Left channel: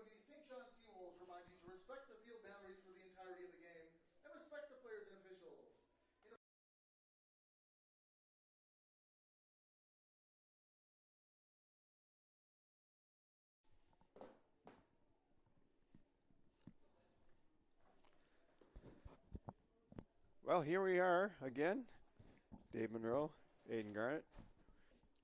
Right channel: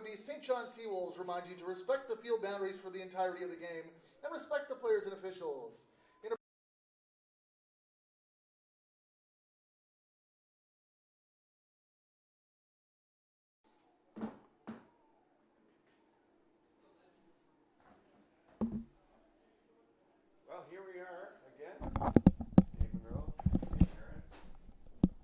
UNB St. John Seawolves remind you to respect the field boundaries for the entirety of the game and respect the players and officials. Well, here we are again. Dave Monroe, Aiden Garnett,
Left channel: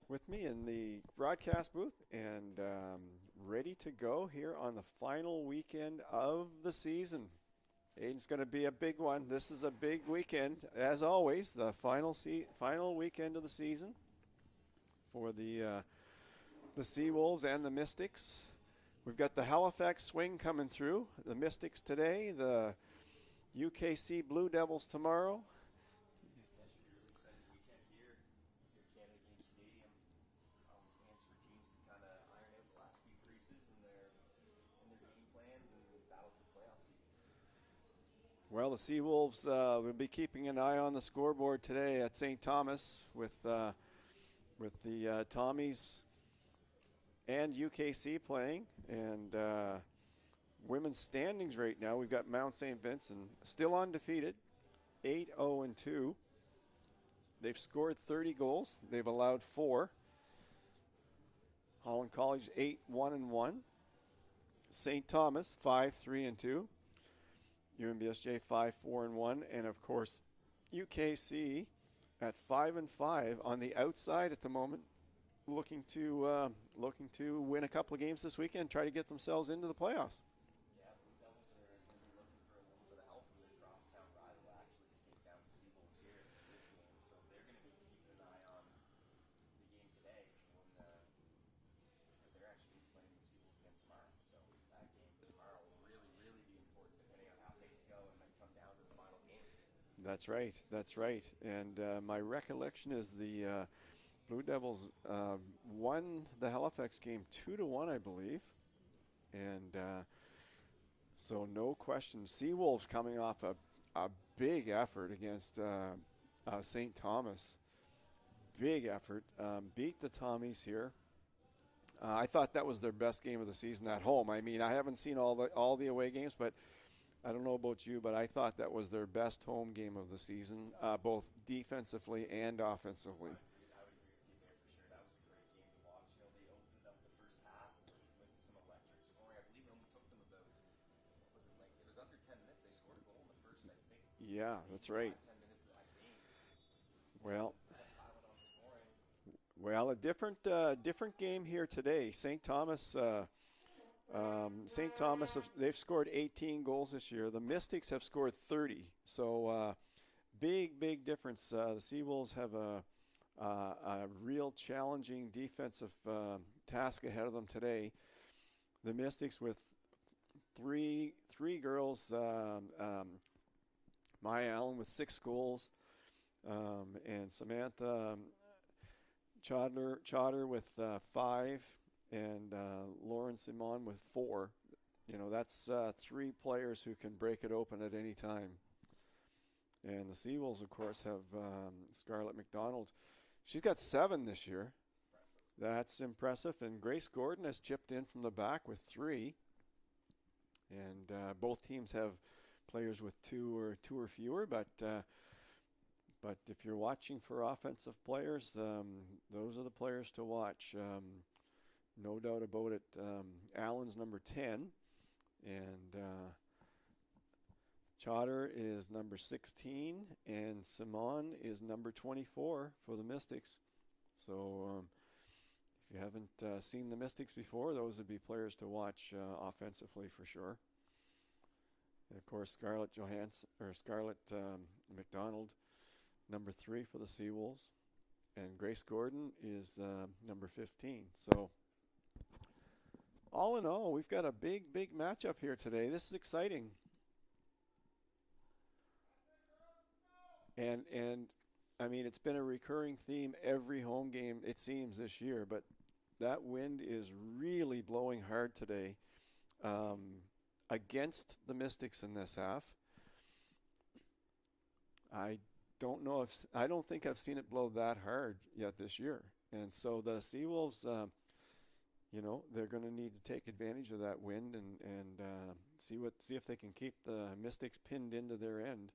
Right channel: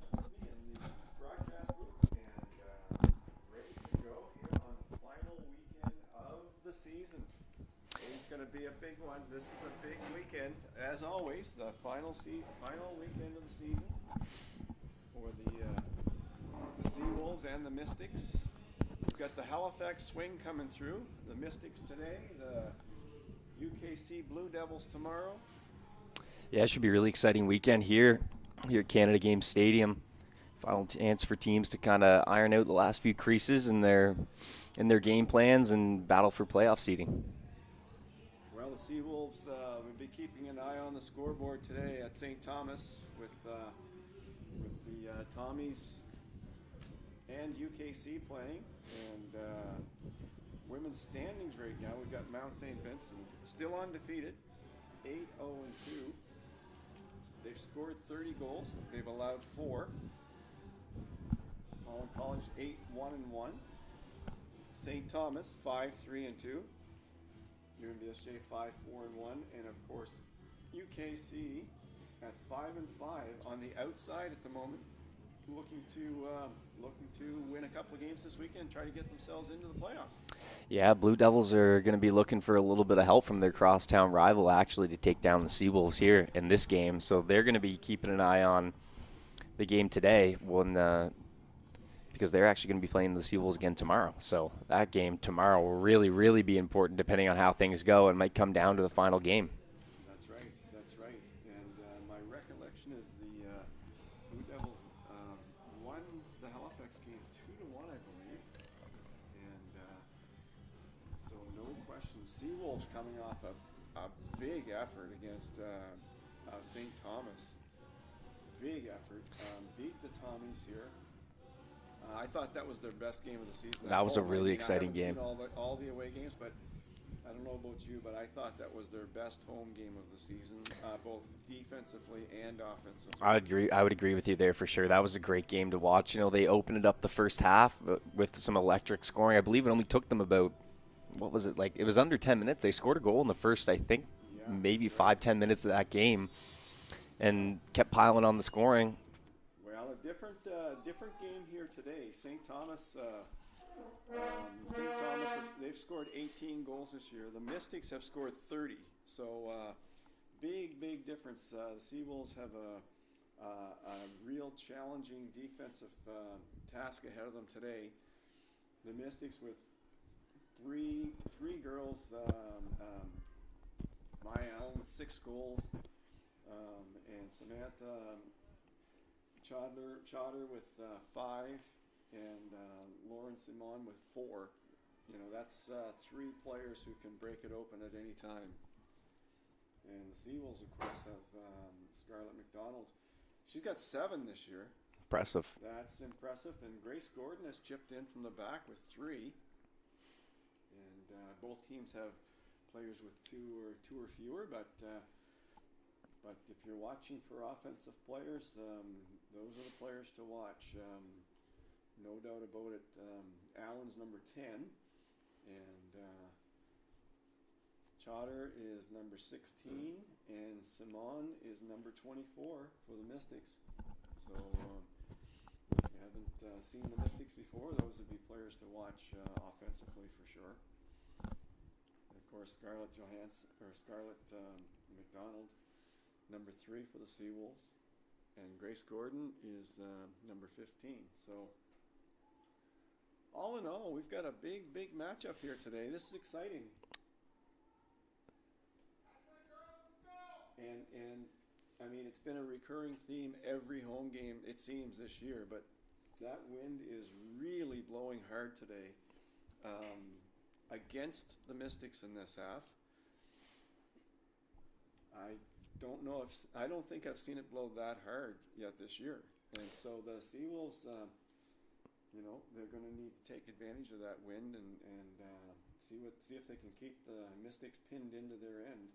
with me in the broadcast booth and ready to go here on the final weekend of the season. It's going to be a big one. This is a big weekend, as always. The final weekend of the season for the Seawolves and the Mystics. We've got the Halifax Swing coming through. The Mystics today. The UKC Blue Devils tomorrow. Yeah, it should be a really exciting weekend here at Canada Games Stadium. Final chance for teams to kind of iron out the last few creases in their game plans and battle for playoff seeding. Well, the Seawolves will be keeping an eye on the scoreboard today at St. Thomas with the Tommies and UKC playing. And women's standings right now, we've got Mount St. Vincent still undefeated, 8-0-2. They've scored 30 goals. They've allowed 4. Holland College 8-1-1. St. Thomas 5-3-2. UNBSJ 5-4-1, and of course UKC at 5-5 on the outside at the moment, looking to win a couple of games this weekend, try to get themselves into the playoffs. Yeah, Blue Devils are going to be looking for a little bit of help from their crosstown rival actually to take down the Seawolves here in this game. So they're going to be keeping an eye on the game today because they're actually going to be playing the Seawolves again tomorrow. So that game tomorrow will really, really be important depending on how things go. It might come down to the final game. That's right. And my recollection is the Blue Devils won the Halifax game 2-1, I believe. And so no question, Seawolves coming off a big effort against St. Thomas. Big effort. Beat the Tommies here. I thought that was their best game of the season. That was a really exciting game. I haven't seen all the away games, but I don't know about you, but I thought that was their best home game of the season, both defensively and offensively. I would agree with you there for sure. That was a great game to watch. You know, they opened it up the first half with some electric scoring. I believe it only took them about, what was it, like it was under 10 minutes. They scored a goal in the first, I think, maybe 5-10 minutes of that game, and kept piling on the scoring. Well, a different game here today. St. Thomas, they've scored 18 goals this year. The Mystics have scored 30. So big difference. The Seawolves have a real challenging defensive task ahead of them today. The Mystics with three girls. Maya Allen with 6 goals, and Samantha Chowder with 5, and Lauren Simon with 4. You know, that's 3 players who can break it open at any time. And the Seawolves, of course, have Scarlett McDonald. She's got 7 this year. Impressive. That's impressive. And Grace Gordon has chipped in from the back with 3. And both teams have players with 2 or fewer, but if you're watching for offensive players, those are the players to watch. No doubt about it. Allen's number 10, and Chowder is number 16, and Simon is number 24 for the Mystics. So if you haven't seen the Mystics before, those would be players to watch offensively for sure. And of course, Scarlett McDonald, number 3 for the Seawolves, and Grace Gordon is number 15. So all in all, we've got a big matchup here today. This is exciting. And I mean, it's been a recurring theme every home game, it seems, this year, but that wind is really blowing hard today against the Mystics in this half. I don't think I've seen it blow that hard yet this year. And so the Seawolves, you know, they're going to need to take advantage of that wind and see if they can keep the Mystics pinned into their end.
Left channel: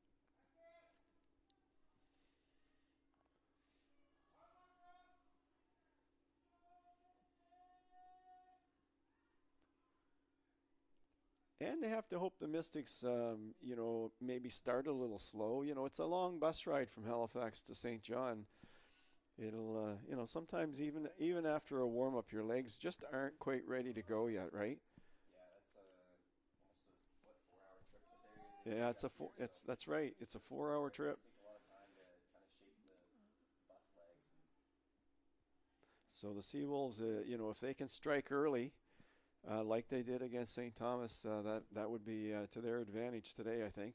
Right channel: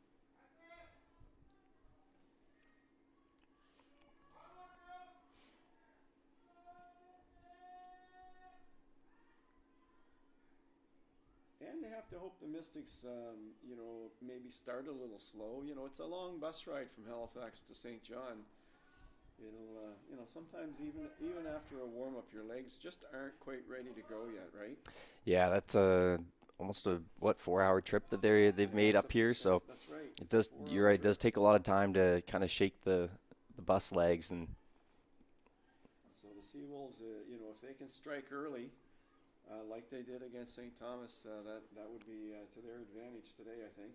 And they have to hope the Mystics, you know, maybe start a little slow. You know, it's a long bus ride from Halifax to St. John. It'll, you know, sometimes even after a warm up, your legs just aren't quite ready to go yet, right? Yeah, that's almost a 4-hour trip that they've made up here. So that's right. It does. You're right. It does take a lot of time to kind of shake the bus legs and. So the Seawolves, you know, if they can strike early, like they did against St. Thomas, that would be to their advantage today, I think.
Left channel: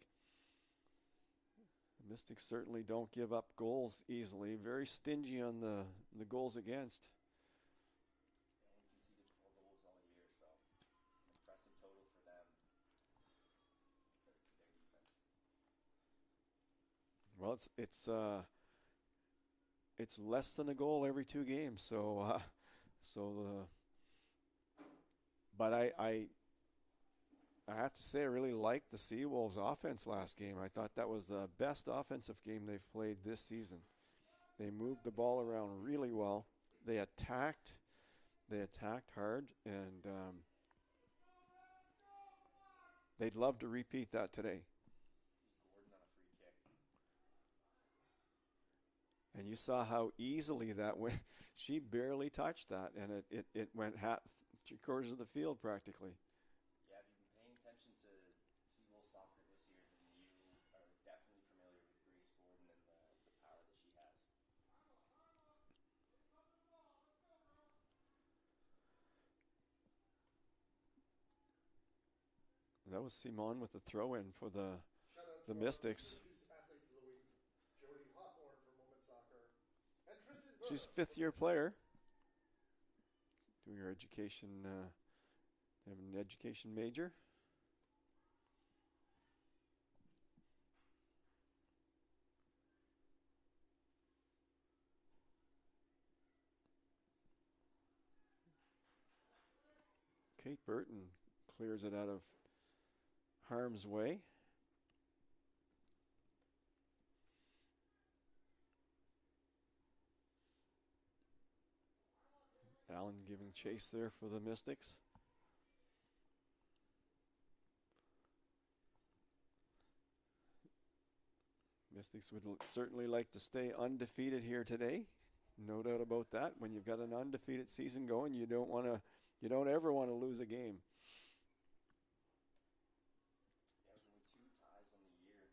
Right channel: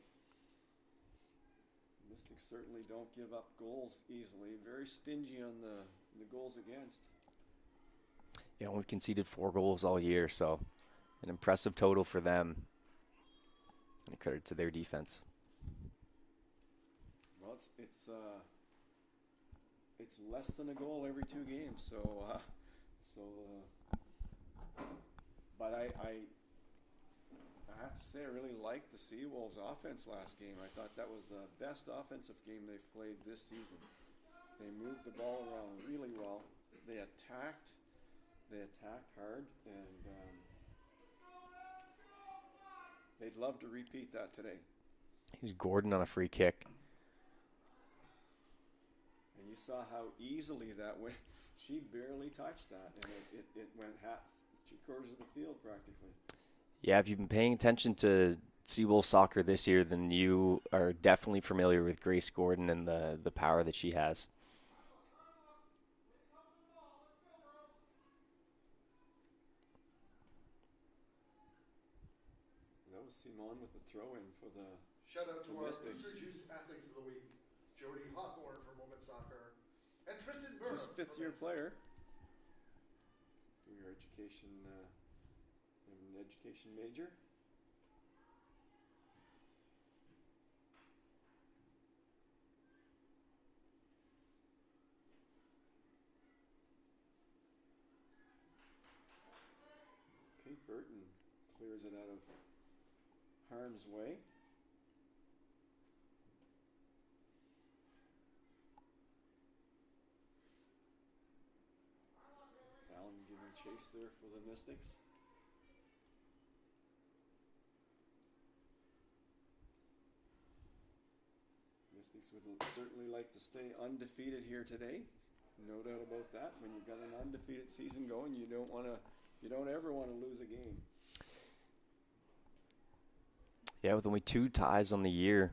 The Mystics certainly don't give up goals easily. Very stingy on the goals against. Yeah, we've conceded 4 goals all year, so an impressive total for them. And credit to their defense. Well, it's less than a goal every 2 games, but I have to say I really liked the Seawolves offense last game. I thought that was the best offensive game they've played this season. They moved the ball around really well. They attacked hard, and they'd love to repeat that today. Here's Gordon on a free kick. And you saw how easily that went. She barely touched that, and it went 3/4 of the field practically. Yeah, if you've been paying attention to Seawolf soccer this year, then you are definitely familiar with Grace Gordon and the power that she has. That was Simon with the throw-in for the Shout out to our Mystics. Juice Athletes of the Week, Jody Hawthorne from Moment Soccer, and Tristan Burr. She's a 5th-year player. Your education, have an education major. Kate Burton clears it out of harm's way. Allen giving chase there for the Mystics. Mystics would certainly like to stay undefeated here today. No doubt about that. When you've got an undefeated season going, you don't ever want to lose a game. Yeah, with only 2 ties on the year,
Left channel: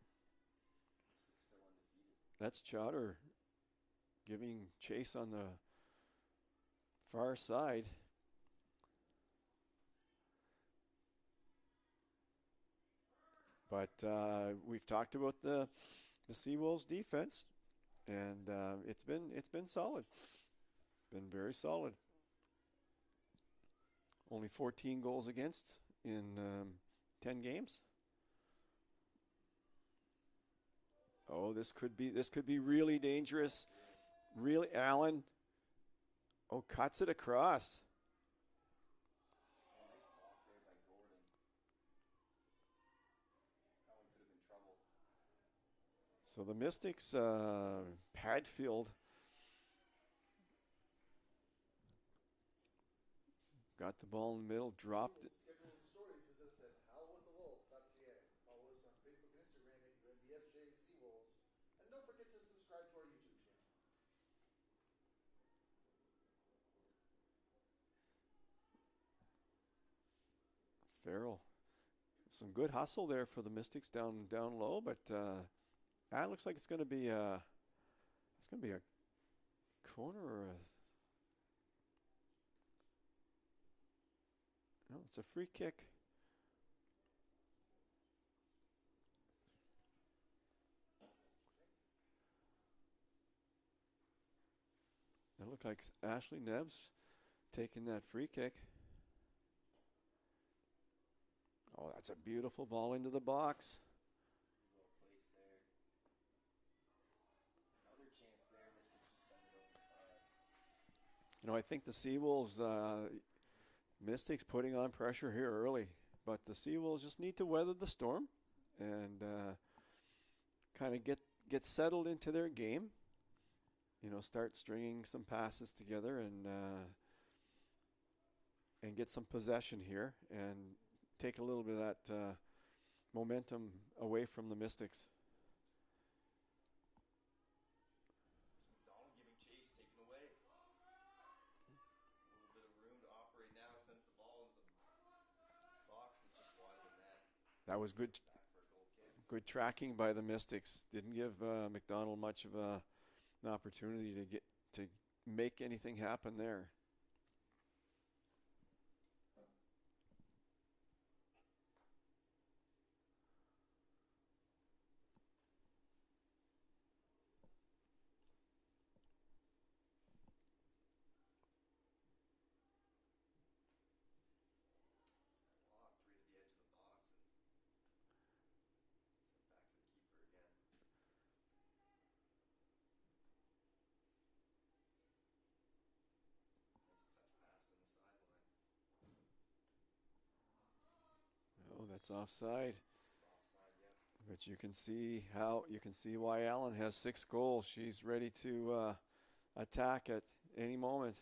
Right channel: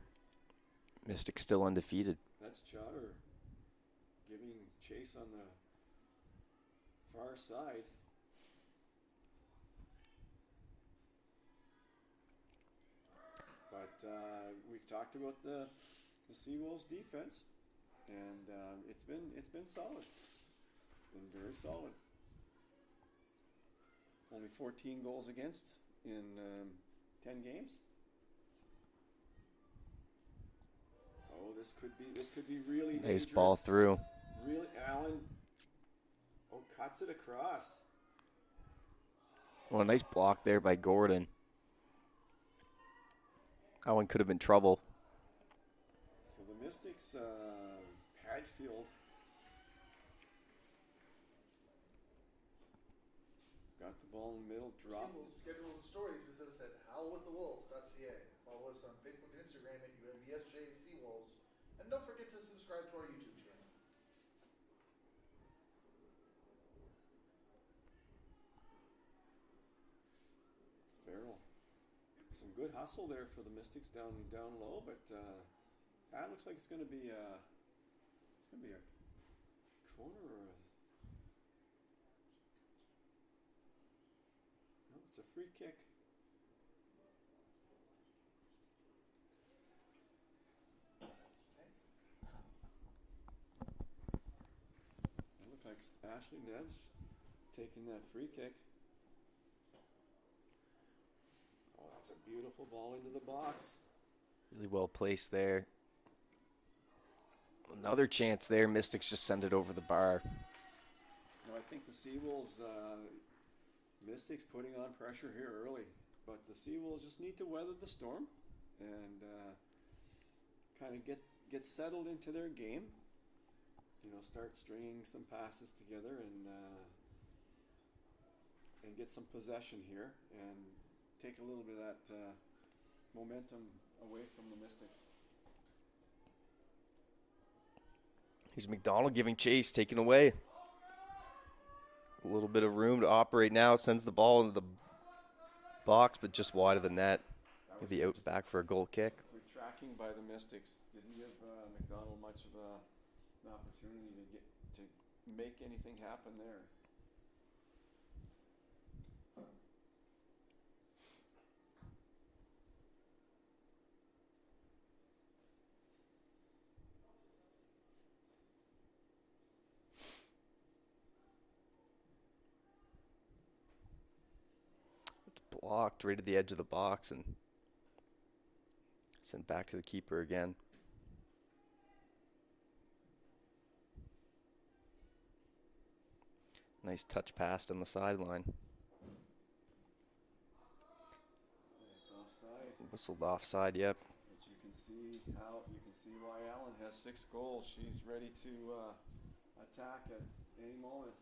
Mystics still undefeated. That's Chowder giving chase on the far side. But we've talked about the Seawolves defense, and it's been solid. Been very solid. Only 14 goals against in 10 games. Oh, this could be really dangerous. Nice ball through. Really, Allen. Oh, cuts it across. Well, a nice block there by Gordon. That one could have been trouble. So the Mystics, Padfield, got the ball in the middle, dropped it. Schedule and stories, visit us at howlwiththewolves.ca. Follow us on Facebook and Instagram at UNBSJ Seawolves. And don't forget to subscribe to our YouTube channel. Farrell. Some good hustle there for the Mystics down low, but it looks like it's going to be a corner or no, it's a free kick. It looked like Ashley Neves taking that free kick. Oh, that's a beautiful ball into the box. Really well placed there. Another chance there. Mystics just send it over the bar. You know, I think the Seawolves, Mystics putting on pressure here early, but the Seawolves just need to weather the storm and kind of get settled into their game. You know, start stringing some passes together and get some possession here and take a little bit of that momentum away from the Mystics. Here's McDonald giving chase, taken away. A little bit of room to operate now. Sends the ball into the box, but just wide of the net. That was Maybe out back for a goal kick. Good tracking by the Mystics. Didn't give McDonald much of an opportunity to make anything happen there. Blocked right at the edge of the box and sent back to the keeper again. Nice touch pass on the sideline. Oh, that's offside. Whistled offside, yep. But you can see why Allen has 6 goals. She's ready to attack at any moment.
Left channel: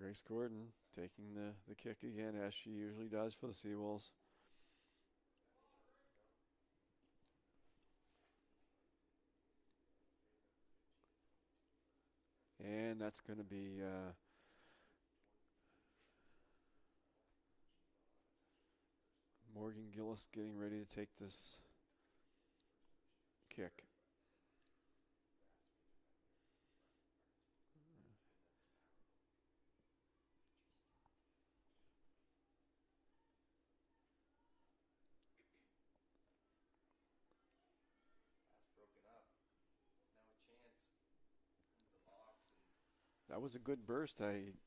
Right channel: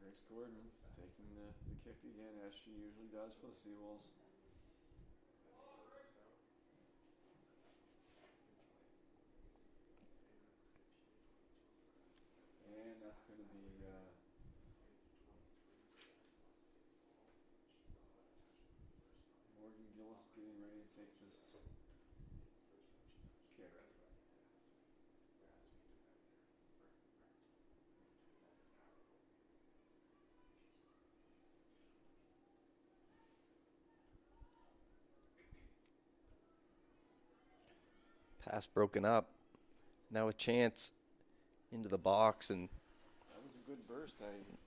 Grace Gordon taking the kick again, as she usually does for the Seawolves. And that's going to be Morgan Gillis getting ready to take this kick. Pass broken up. Now a chance into the box, and that was a good burst. I didn't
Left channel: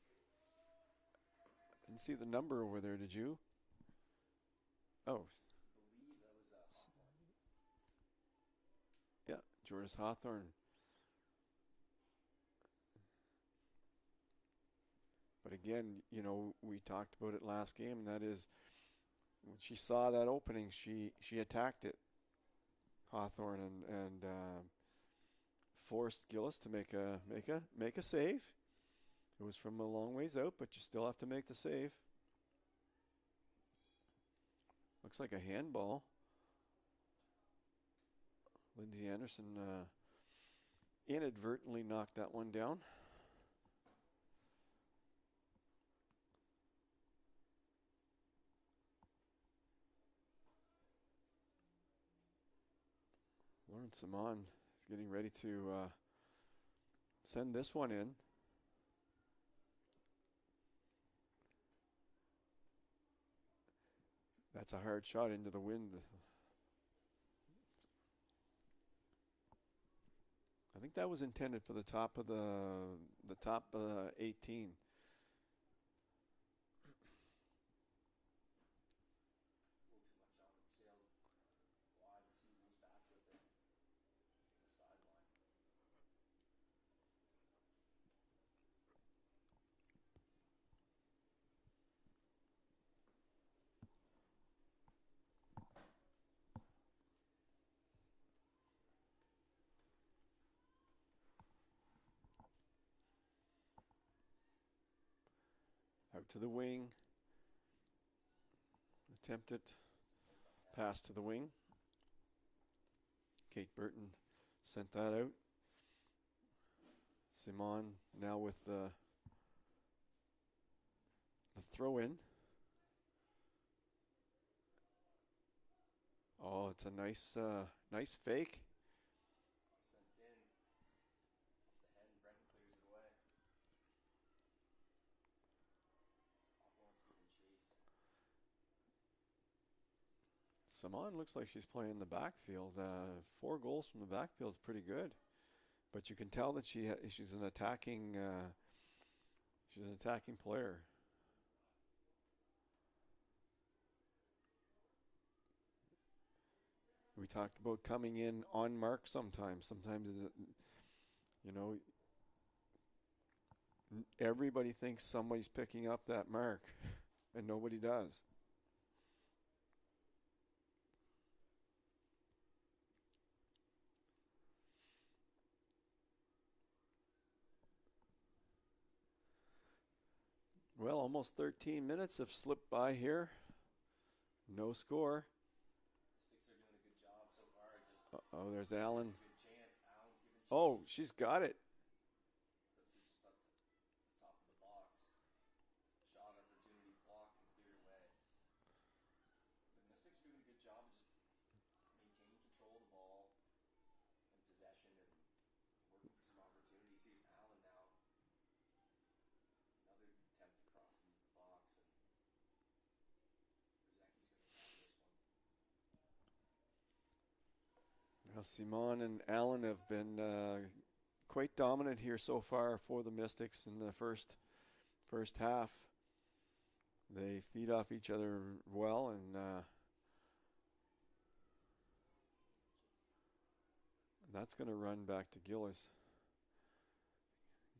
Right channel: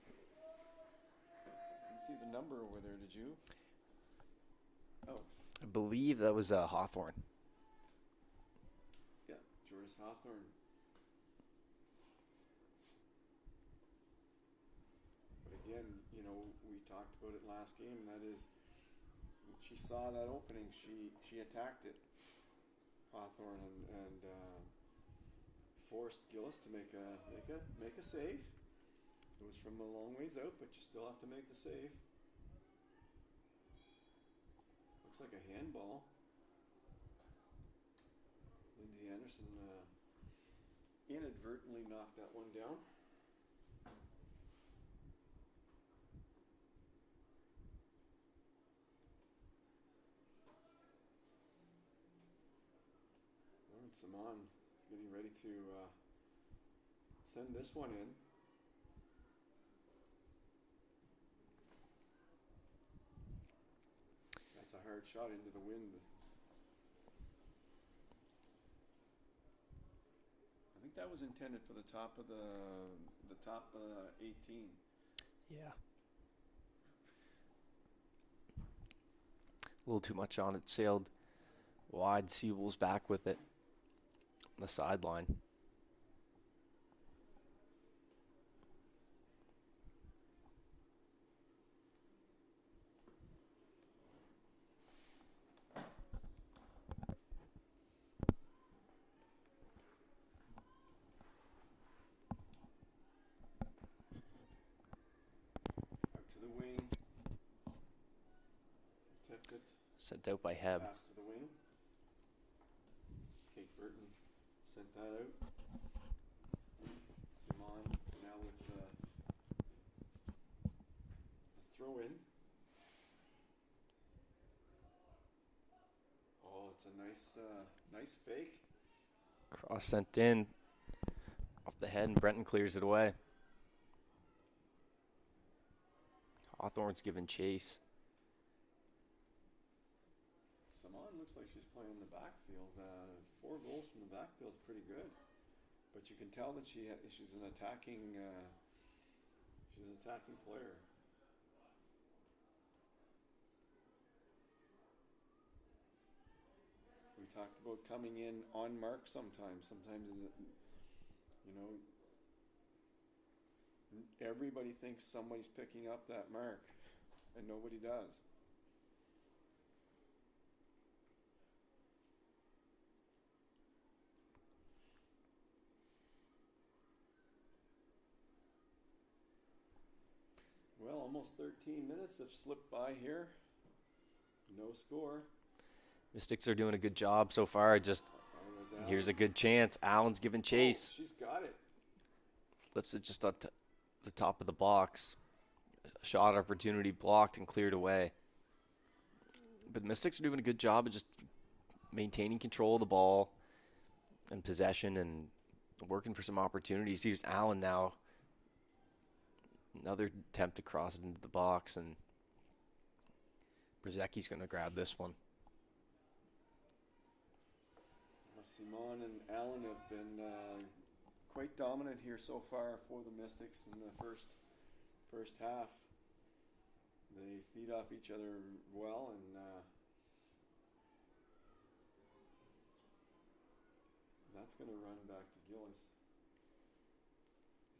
see the number over there, did you? Oh. I believe that was Hawthorne. Yeah, Jordan Hawthorne. But again, you know, we talked about it last game, and that is when she saw that opening, she attacked it, Hawthorne, and forced Gillis to make a save. It was from a long ways out, but you still have to make the save. Looks like a handball. Lindy Anderson inadvertently knocked that one down. Lauren Simon is getting ready to send this one in. That's a hard shot into the wind. I think that was intended for the top of the top 18. Yeah. A little too much on it. Sailed wide. Seawolves back with it on the sideline. To the wing. Attempted. Sent out by Heb. Pass to the wing. Kate Burton sent that out. Simon now with the throw in. Oh, it's a nice fake. Cross sent in off the head, and Brenton clears it away. Hawthorne's given chase. Simon looks like she's playing the backfield. 4 goals from the backfield is pretty good, but you can tell that she's an attacking player. We talked about coming in on mark sometimes. Sometimes, you know, everybody thinks somebody's picking up that mark, and nobody does. Well, almost 13 minutes have slipped by here. No score. Mystics are doing a good job so far. Just there's Allen. Here's a good chance. Allen's giving chase. Oh, she's got it. Flips it just on the top of the box. Shot opportunity blocked and cleared away. But Mystics are doing a good job of just maintaining control of the ball and possession and working for some opportunities. Here's Allen now. Another attempt to cross it into the box, and Brzezicki's going to grab this one. Well, Simon and Allen have been quite dominant here so far for the Mystics in the first half. They feed off each other well, and that's going to run back to Gillis.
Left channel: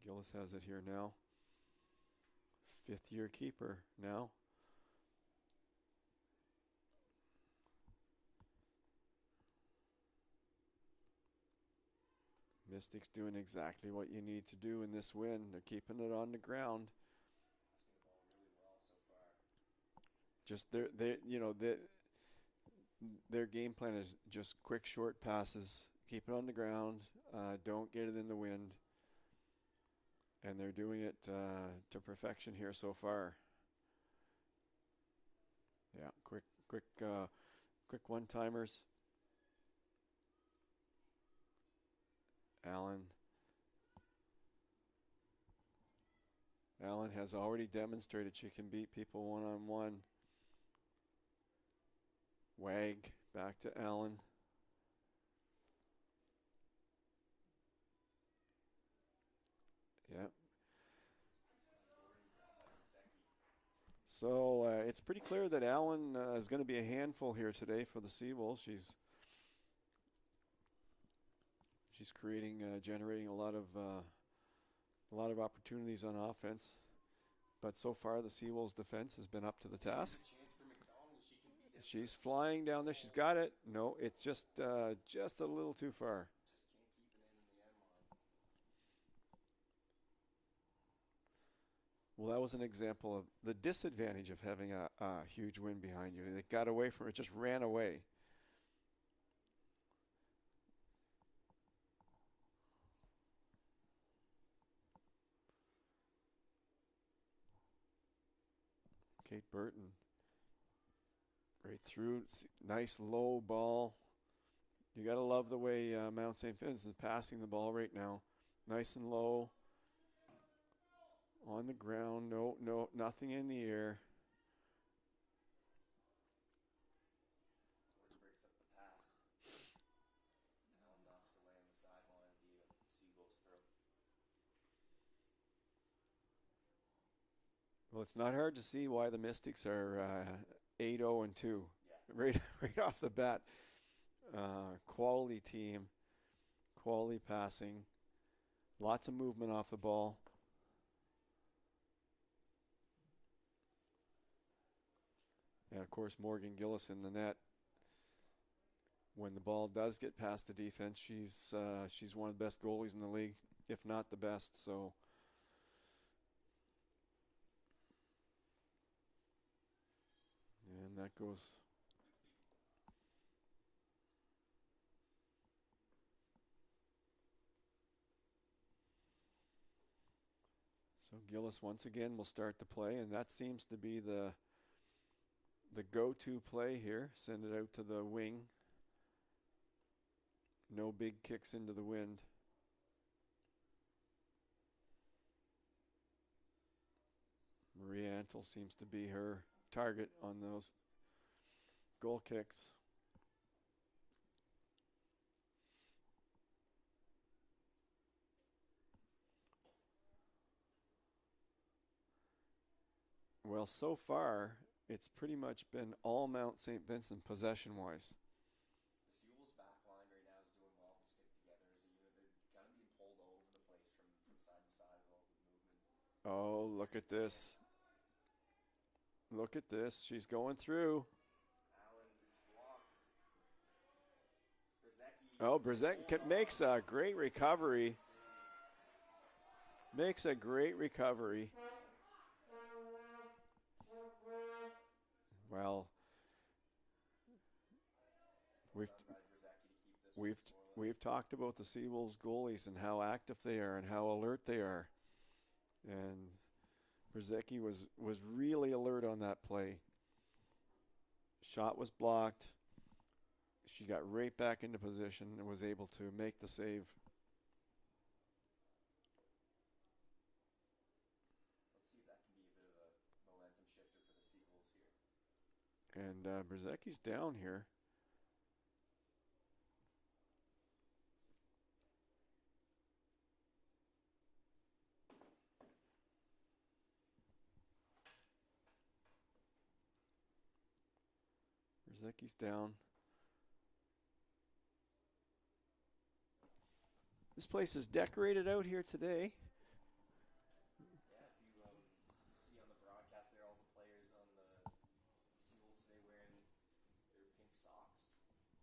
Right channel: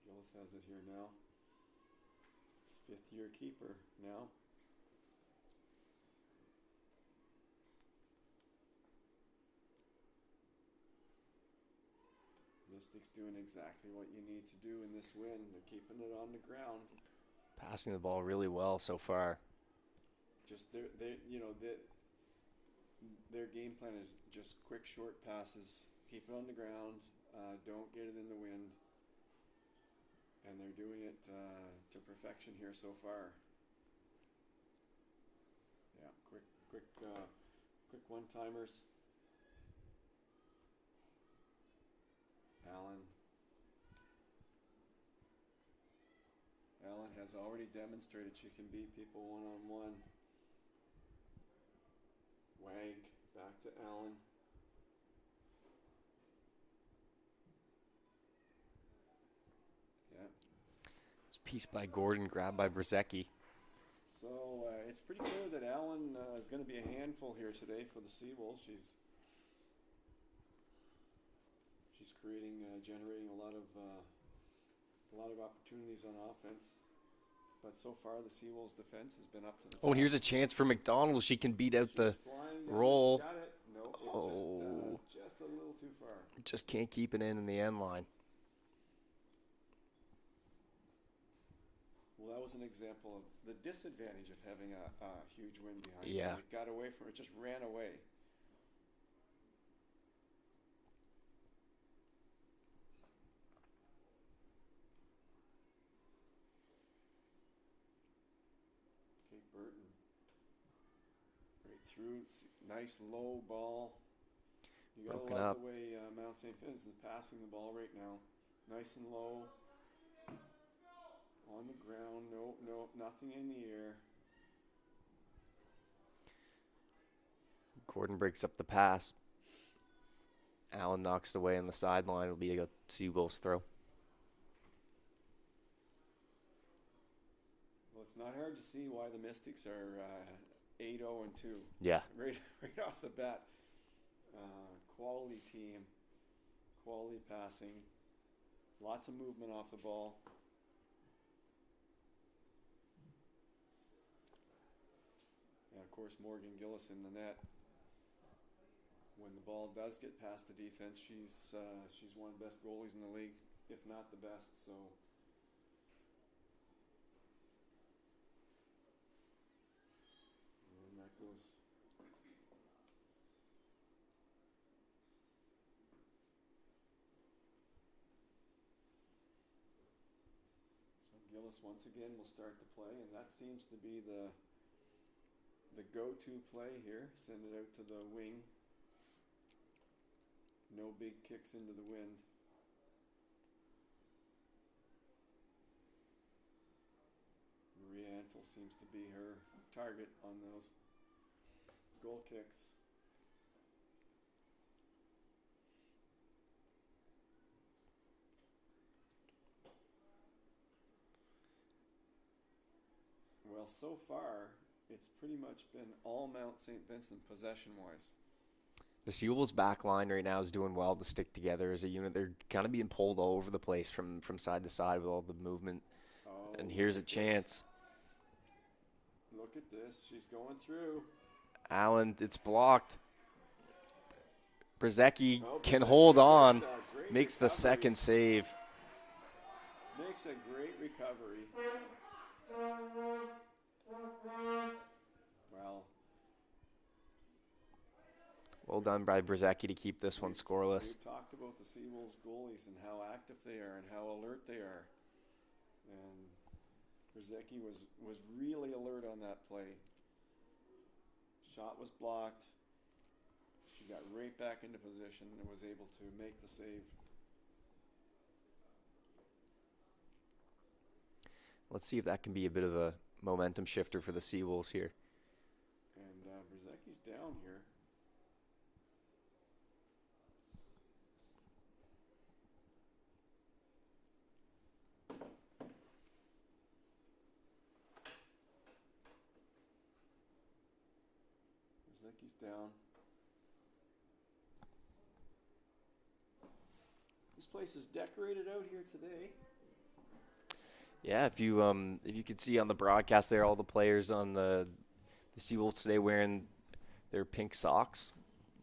Gillis has it here now. Fifth-year keeper now. Mystics doing exactly what you need to do in this win. They're keeping it on the ground. Passing the ball really well so far. Just their game plan is just quick, short passes. Keep it on the ground. Don't get it in the wind. And they're doing it to perfection here so far. Yeah, quick one-timers. Allen has already demonstrated she can beat people one-on-one. Wag back to Allen. Yeah. It's a piece by Gordon, grabbed by Brzezicki. So it's pretty clear that Allen is going to be a handful here today for the Seawolves. She's generating a lot of opportunities on offense. But so far, the Seawolves defense has been up to the task. Oh, and here's a chance for McDonald. She can beat out She's flying down roll. She's got it. No, it's just a little too far. Just can't keep it in the end line. Well, that was an example of the disadvantage of having a huge win behind you. Yeah. It got away from it, just ran away. Kate Burton. Right through. Nice low ball. You got to love the way Mount St. Vincent's passing the ball right now. Nice and low. On the ground. No, nothing in the air. Gordon breaks up the pass. Allen knocks it away on the sideline. It'll be a Seawolves throw. Well, it's not hard to see why the Mystics are 8-0-2. Yeah. Right off the bat. Quality team. Quality passing. Lots of movement off the ball. And, of course, Morgan Gillis in the net. When the ball does get past the defense, she's one of the best goalies in the league, if not the best. So, and that goes. So Gillis once again will start the play, and that seems to be the go-to play here. Send it out to the wing. No big kicks into the wind. Maria Antle seems to be her target on those goal kicks. Well, so far, it's pretty much been all Mount St. Vincent possession-wise. The Seawolves back line right now is doing well to stick together as a unit. They're kind of being pulled all over the place from side to side with all the movement. Oh, and here's a look at chance. this. Look at this. She's going through. Allen, it's blocked. Brzezicki can Brzezicki hold on. Makes a great Makes the recovery. second save. Makes a great recovery. Well done by Brzezicki to keep this one scoreless. We've talked about the Seawolves goalies and how active they are and how alert they are. And Brzezicki was really alert on that play. Shot was blocked. She got right back into position and was able to make the save. Let's see if that can be a bit of a momentum shifter for the Seawolves here. And Brzezicki's down here. Brzezicki's down. This place is decorated out here today. Yeah, if you could see on the broadcast there, all the players on the Seawolves today wearing their pink socks.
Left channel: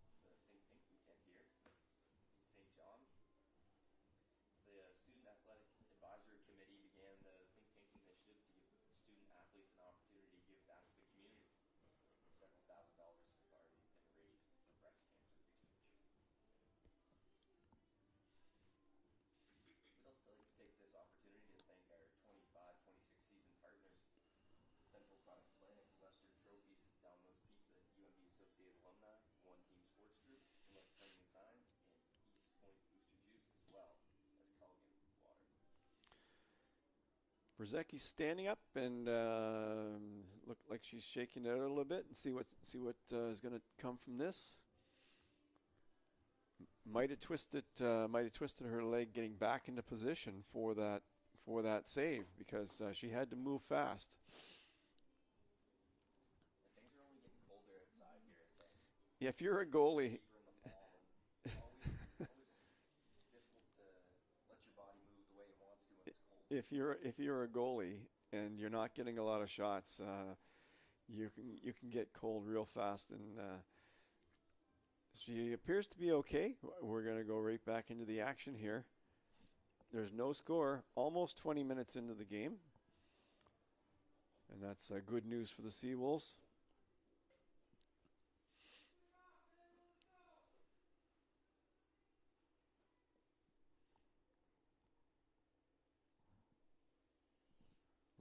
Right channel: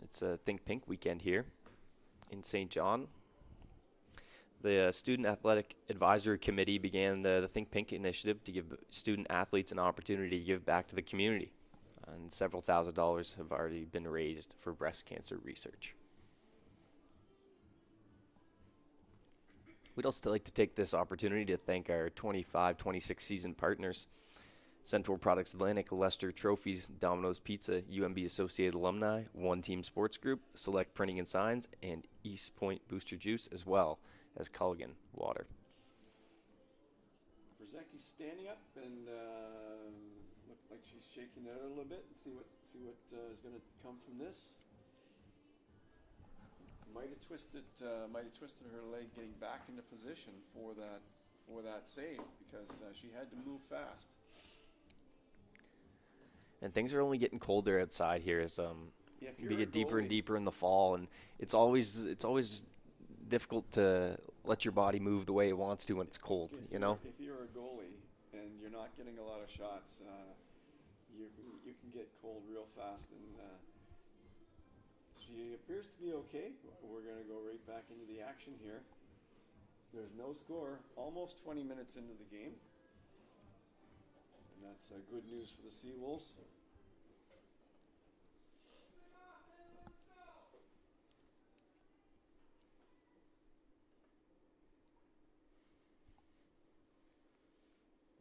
It's a Think Pink weekend here in St. John. The Student Athletic Advisory Committee began the Think Pink initiative to give student athletes an opportunity to give back to the community. And several $1,000s have already been raised for breast cancer research. We'd also like to take this opportunity to thank our 25-26 season partners, Centaur Products Atlantic, Lester Trophies, Domino's Pizza, UMB Associated Alumni, One Team Sports Group, Select Printing and Signs, and East Point Booster Juice, as well as Culligan Water. Brzezicki's standing up and looked like she's shaking it out a little bit and see what is going to come from this. Might have twisted her leg getting back into position for that save because she had to move fast. And things are only getting colder outside here as if we you're get a deeper and goalie- deeper in the fall, and it's always difficult to let your body move the way it wants to when it's cold. If you're a goalie and you're not getting a lot of shots, you can get cold real fast. And she appears to be okay. We're going to go right back into the action here. There's no score. Almost 20 minutes into the game. And that's good news for the Seawolves.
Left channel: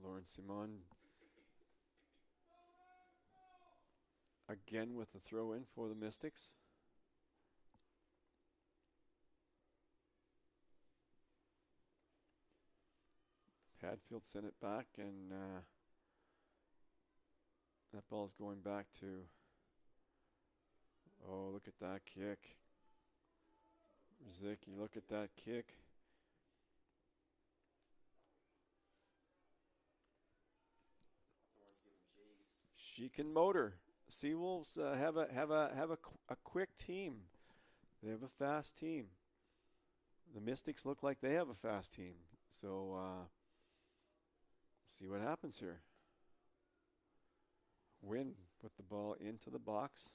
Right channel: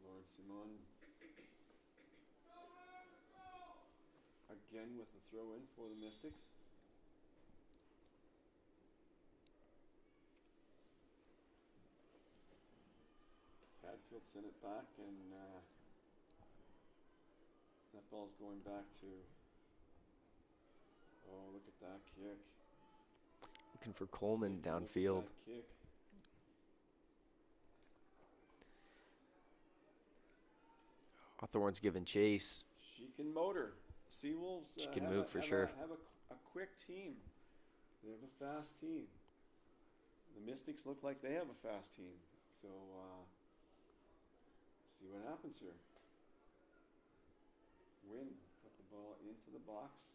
Lauren Simon again with the throw in for the Mystics. Padfield sent it back, and that ball's going back to. Oh, look at that kick! Looking for Coleman Brzezicki, downfield. look at that kick. Hawthorne's giving chase. She can motor. Seawolves She can have move for sure. a quick team. They have a fast team. The Mystics look like they have a fast team. So see what happens here. Wynn put the ball into the box.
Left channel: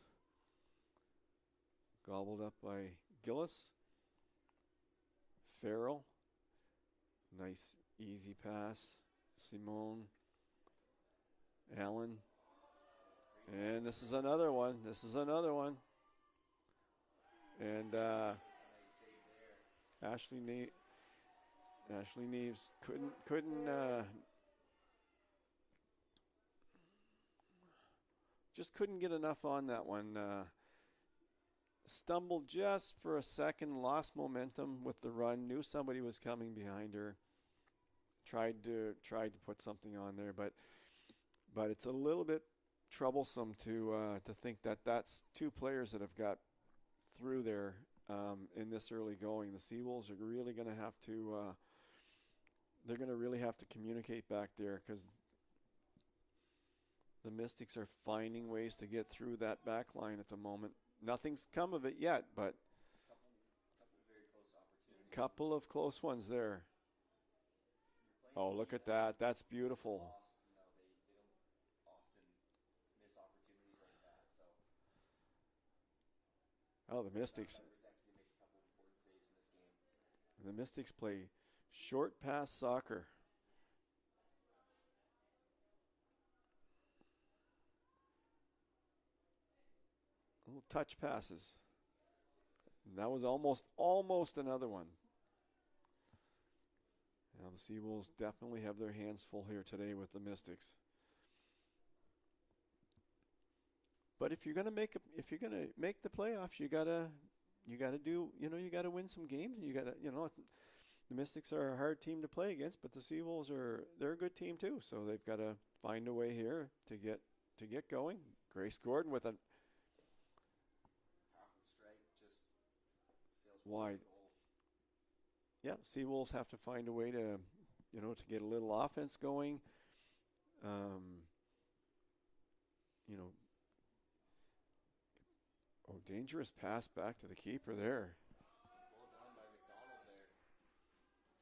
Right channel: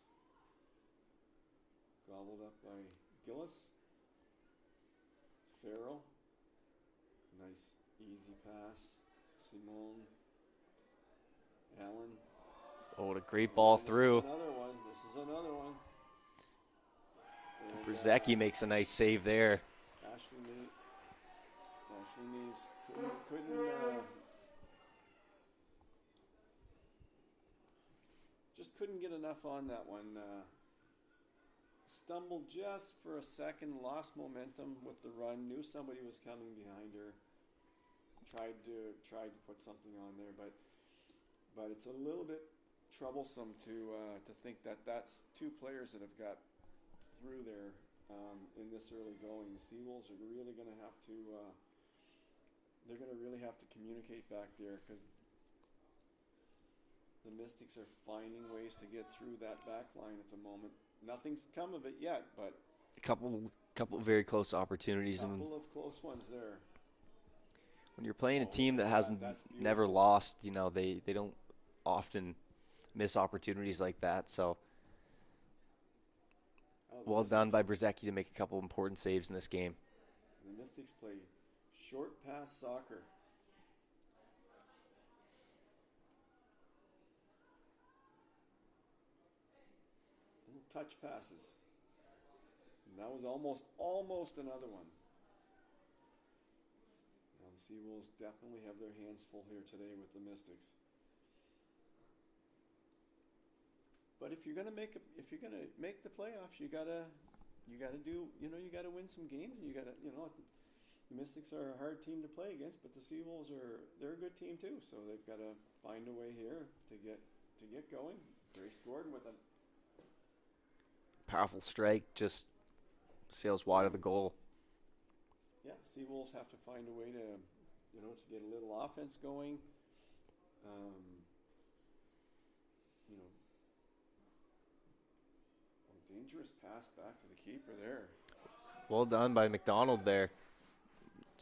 Gobbled up by Gillis. Farrell. Nice easy pass. Simone. Allen. Oh, what a great ball through. This is another one. And Brzezicki makes a nice save there. Ashley Neves couldn't just couldn't get enough on that one. Stumbled just for a second, lost momentum with the run, knew somebody was coming behind her. Tried to put something on there, but it's a little bit troublesome to think that that's two players that have got through there in this early going. The Seawolves are really going to have to they're going to really have to communicate back there because the Mystics are finding ways to get through that back line at the moment. Nothing's come of it yet, but A couple very close opportunities. couple of close ones there. When you're playing Oh, a team look that at that. hasn't That's never beautiful. lost, they don't often miss opportunities like that. So Oh, the well done by Mystics- Brzezicki to make a couple important saves in this game. The Mystics play short pass soccer. Little touch passes. And that was almost another one. Now the Seawolves definitely have their hands full here today with the Mystics. But if you're gonna make the playoffs, you gotta win some games. The Mystics are a hard team to play against, but the Seawolves they're a good team too. So they've got to find a way here to get going. Grace Gordon with a Powerful strike, just sails wide of the Right. goal. Yeah, Seawolves have to find a way to get a little offense going. Dangerous pass back to the keeper there. Well done by McDonald there.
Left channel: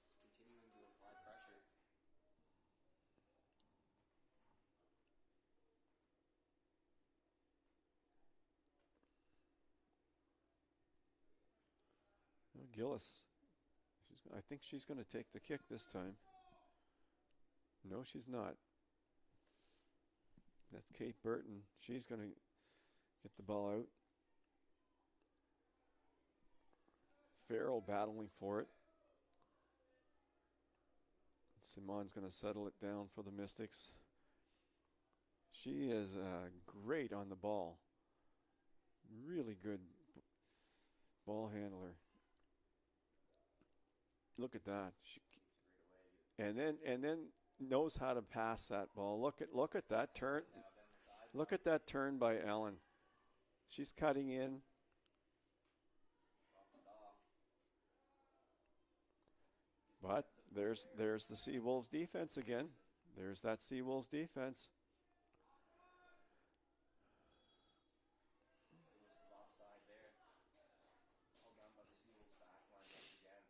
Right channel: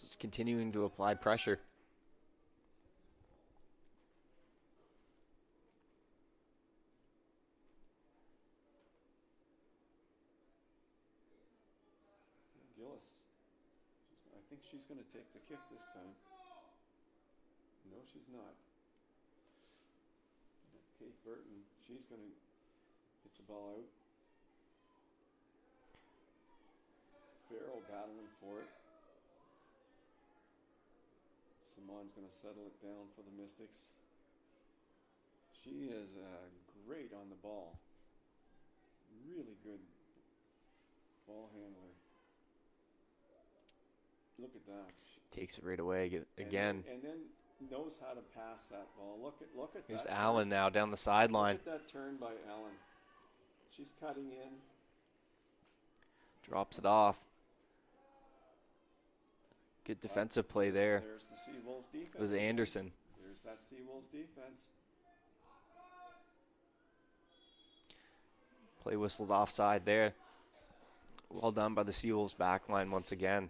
Just continuing to apply pressure. Gillis. I think she's going to take the kick this time. No, she's not. That's Kate Burton. She's going to get the ball out. Farrell battling for it. Simon's going to settle it down for the Mystics. She is great on the ball. Really good ball handler. Look at that. Takes it right away again. And then knows how to pass that ball. Look at There's that. Allen now down the sideline. Look at that turn by Allen. She's cutting in. Drops it off. Good But defensive play there. There's the Seawolves defense. It was again. Anderson. There's that Seawolves defense. Play whistled offside there. Well done by the Seawolves back line once again.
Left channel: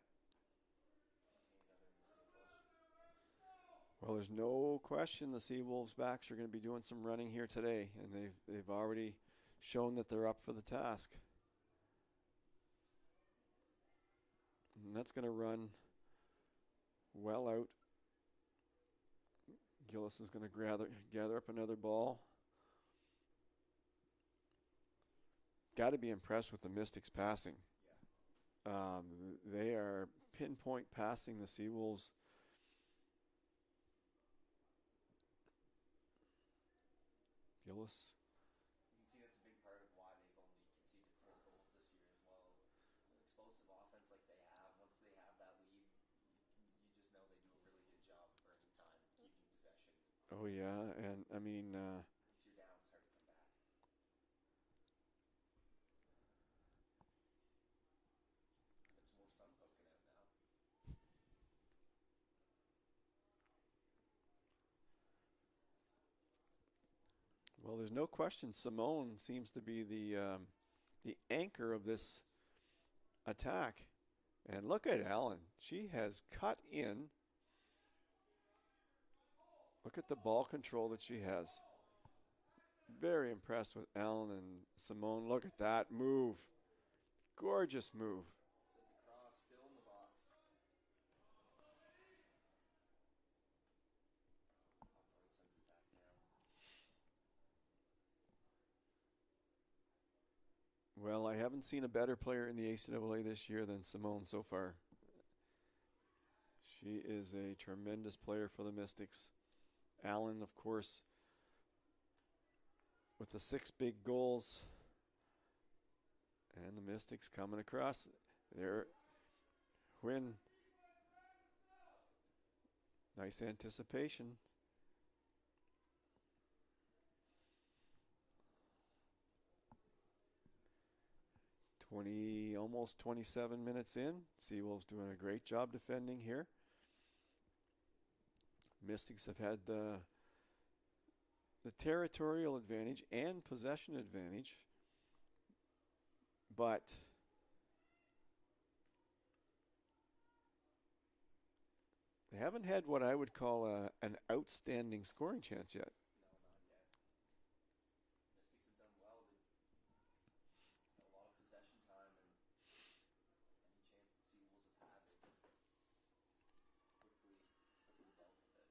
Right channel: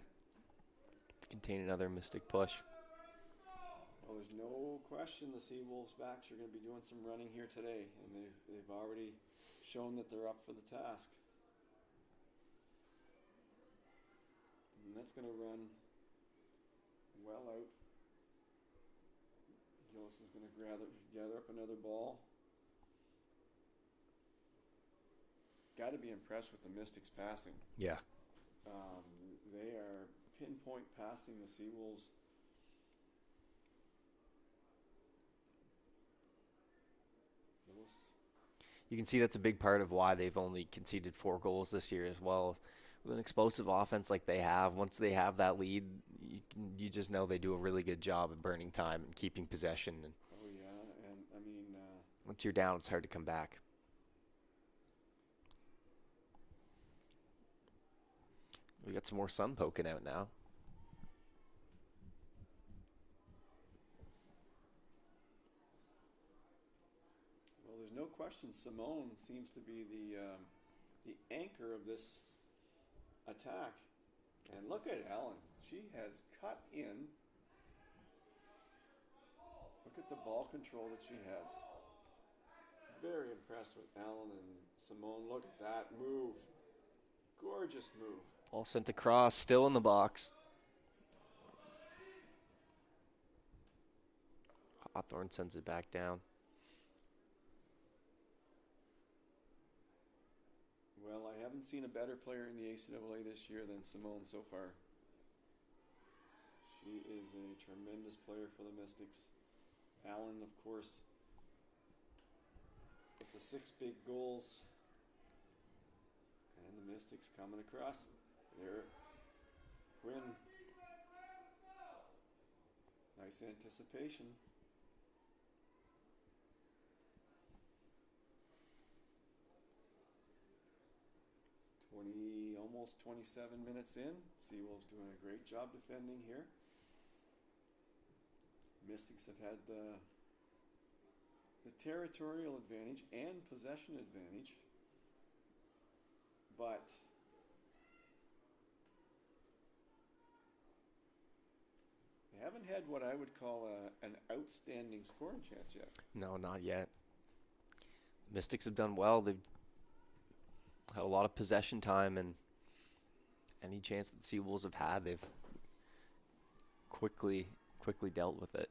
To contain another Mystic push. Well, there's no question the Seawolves backs are going to be doing some running here today, and they've already shown that they're up for the task. And that's going to run well out. Gillis is going to gather up another ball. Got to be impressed with the Mystics passing. Yeah. They are pinpoint passing the Seawolves. Gillis. You can see that's a big part of why they've only conceded 4 goals this year as well. With an explosive offense like they have, once they have that lead, you just know they do a really good job of burning time and keeping possession. And Oh, yeah. And, I mean, once you're down, it's hard to come back. We got some more sun poking out now. well, there's no question Simone seems to be the anchor of this attack. And look at Allen. She has cut in. Look at the ball control that she has. Very impressed with Allen and Simone. Look at that move. Gorgeous move. All sent across, still in the box. Hawthorne sends it back down. Well, I haven't seen a better player in the ACAA this year than Simone so far. She is a tremendous player for the Mystics. Allen, of course, with the 6 big goals. And the Mystics coming across. There. Quinn. Nice anticipation. Almost 27 minutes in. Seawolves doing a great job defending here. Mystics have had the territorial advantage and possession advantage, but they haven't had what I would call an outstanding scoring chance yet. No, not yet. Mystics have done well. They've had a lot of possession time, and any chance that the Seawolves have had, they've quickly dealt with it.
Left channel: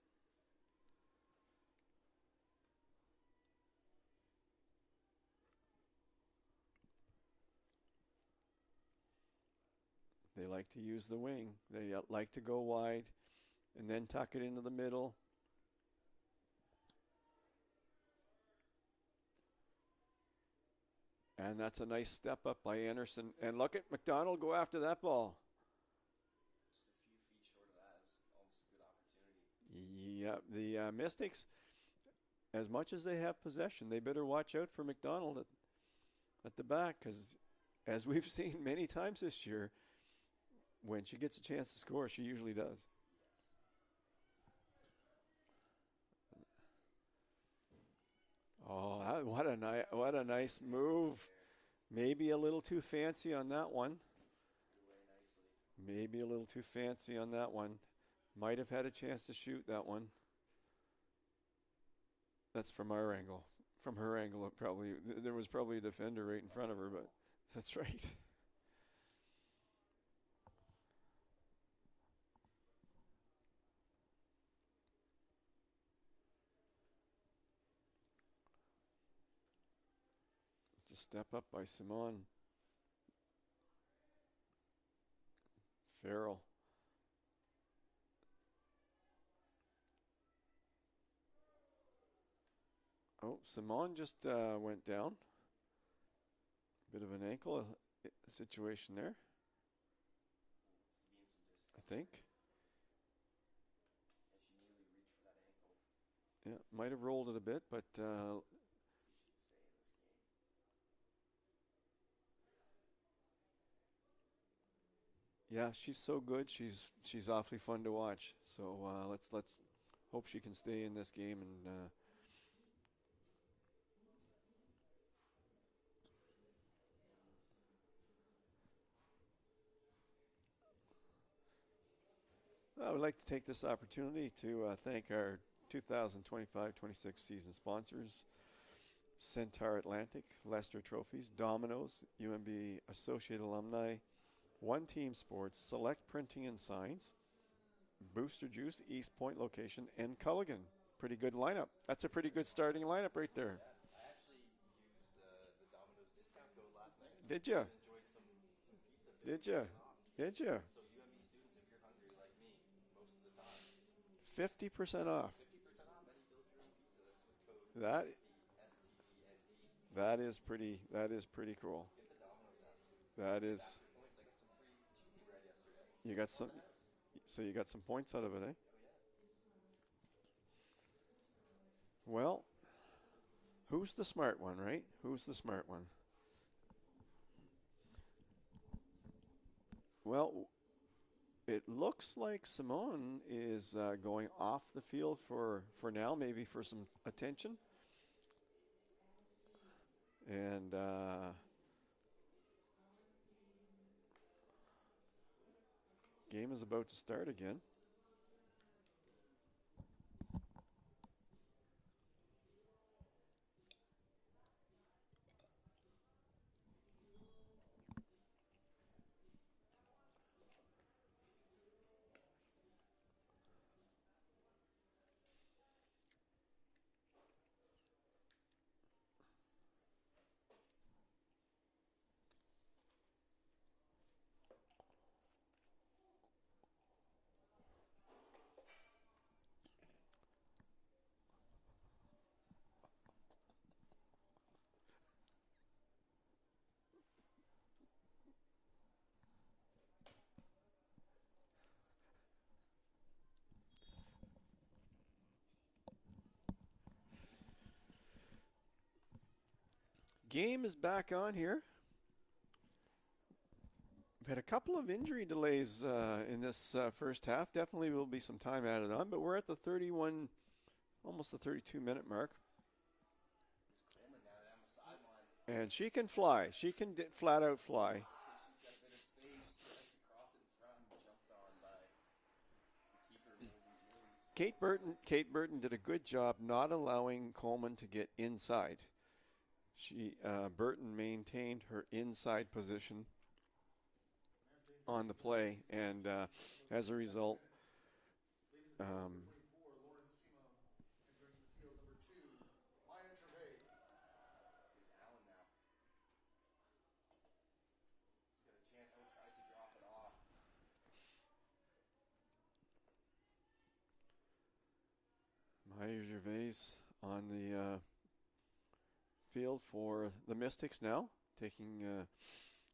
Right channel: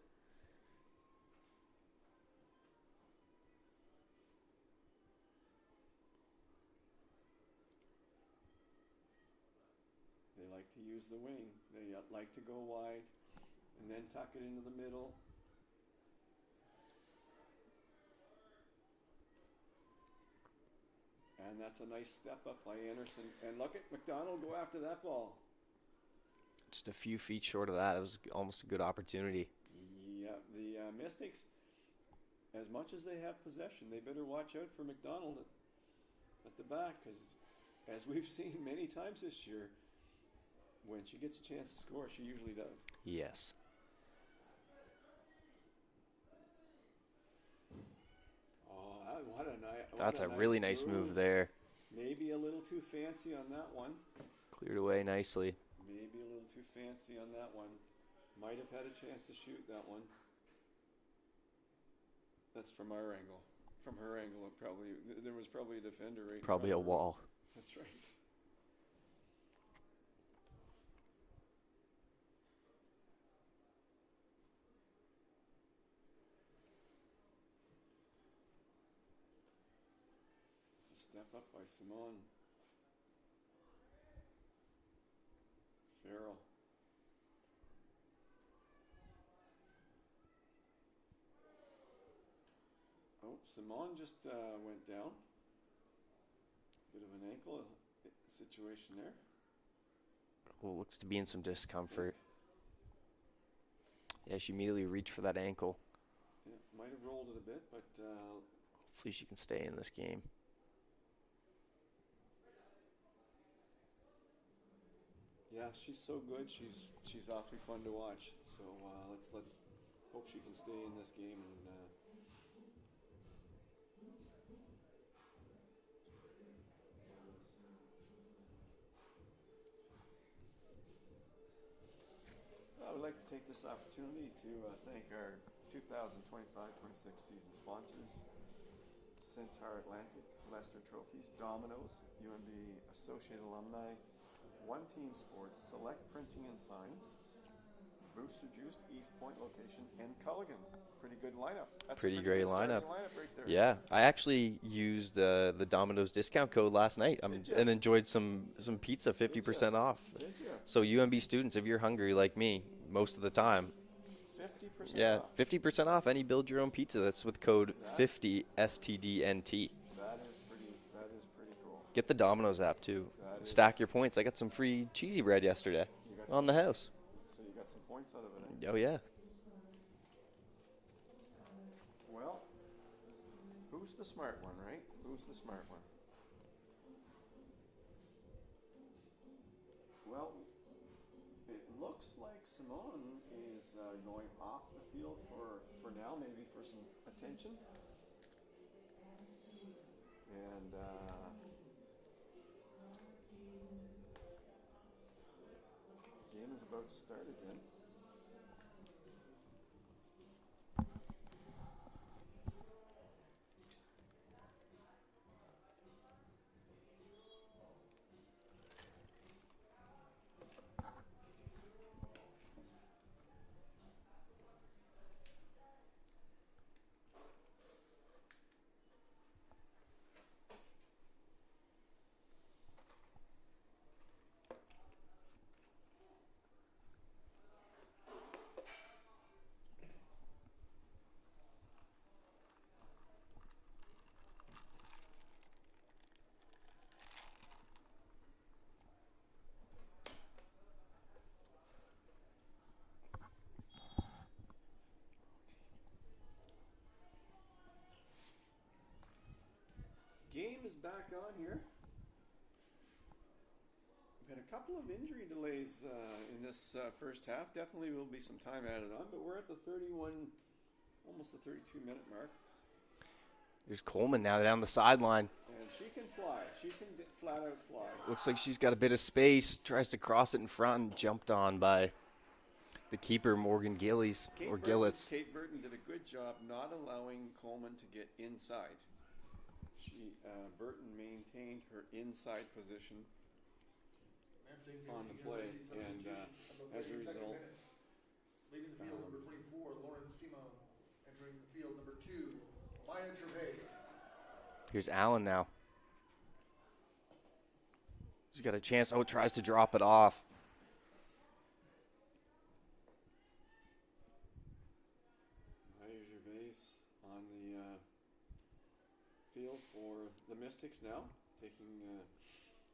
They like to use the wing. They like to go wide and then tuck it into the middle. And that's a nice step up by Anderson. And look at McDonald go after that ball. Just a few feet short of that. It was almost a good opportunity. Yeah, the Mystics, as much as they have possession, they better watch out for McDonald at the back, because as we've seen many times this year, when she gets a chance to score, she usually does. Yes. Oh, what a nice That's a really nice move there. Maybe a little too fancy on that one. Cleared away nicely. Maybe a little too fancy on that one. Might have had a chance to shoot that one. That's from our angle. From her angle, there was probably a defender right in front Probably a of her. wall. That's right. It's a step up by Simone. Farrell. Oh, Simone just went down. Bit of an ankle situation there. Well, looks to be in some discomfort. Yeah, she immediately reached for that ankle. Yeah, might have rolled it a bit, but hopefully she can stay in this game. Yeah, she's so good. She's awfully fun to watch. So let's hope she can stay in this game and. I would like to take this opportunity to thank our 2025-26 season sponsors: Centaur Atlantic, Lester Trophies, Domino's, UNB Associate Alumni, One Team Sports, Select Printing and Signs, Booster Juice, East Point location, and Culligan. Pretty good lineup. That's Pretty a pretty great good starting lineup. lineup right there. Yeah, I actually used the Domino's discount code last night and enjoyed some pizza, 50% off. Did you? So UNB students, if you're hungry like me, most of the time, 50% off. 50% off any build your own pizza. That's with code 50 STDNT. That is pretty cool. Get the Domino's app too. Stack your points. I got some free cheesy bread yesterday on the house. So you got some points out of it, eh? Oh yeah. Well, who's the smart one, right? Who's the smart one? Well, it looks like Simone is going off the field for now, maybe for some attention. And game is about to start again. Game is back on here. We've had a couple of injury delays in this first half. Definitely will be some time added on, but we're at the 31, almost the 32-minute mark. There's Coleman now down the sideline. And she can fly. She can flat out fly. Looks like she's got a bit of space. Tries to cross it in front and jumped on by the keeper, Morgan Gillies. Gillis. Kate Burton did a good job not allowing Coleman to get inside. Burton maintained her inside position on the play, and as a result, leading the field, number 24, Lauren Simon, entering the field, number 2, Maya Gervais. Here's Allen now. She's got a chance. Oh, tries to drop it off. Maya Gervais on the field for the Mystics now, taking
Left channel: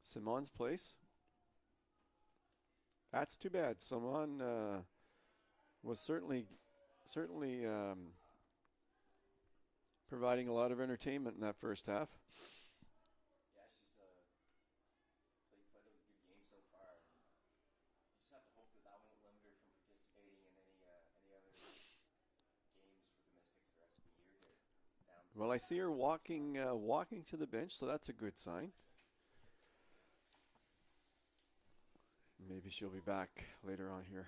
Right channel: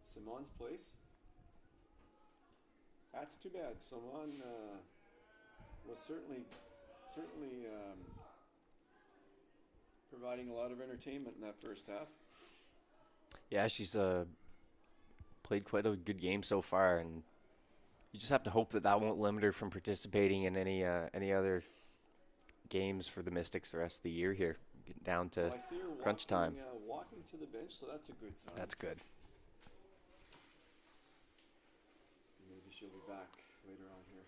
Simon's place. That's too bad. Simon was certainly providing a lot of entertainment in that first half. Yeah, she's played quite a good game so far, and you just have to hope that won't limit her from participating in any other games for the Mystics the rest of the year here. Getting down to well, I see her crunch time. Walking to the bench, so that's a good sign. That's good. Maybe she'll be back later on here.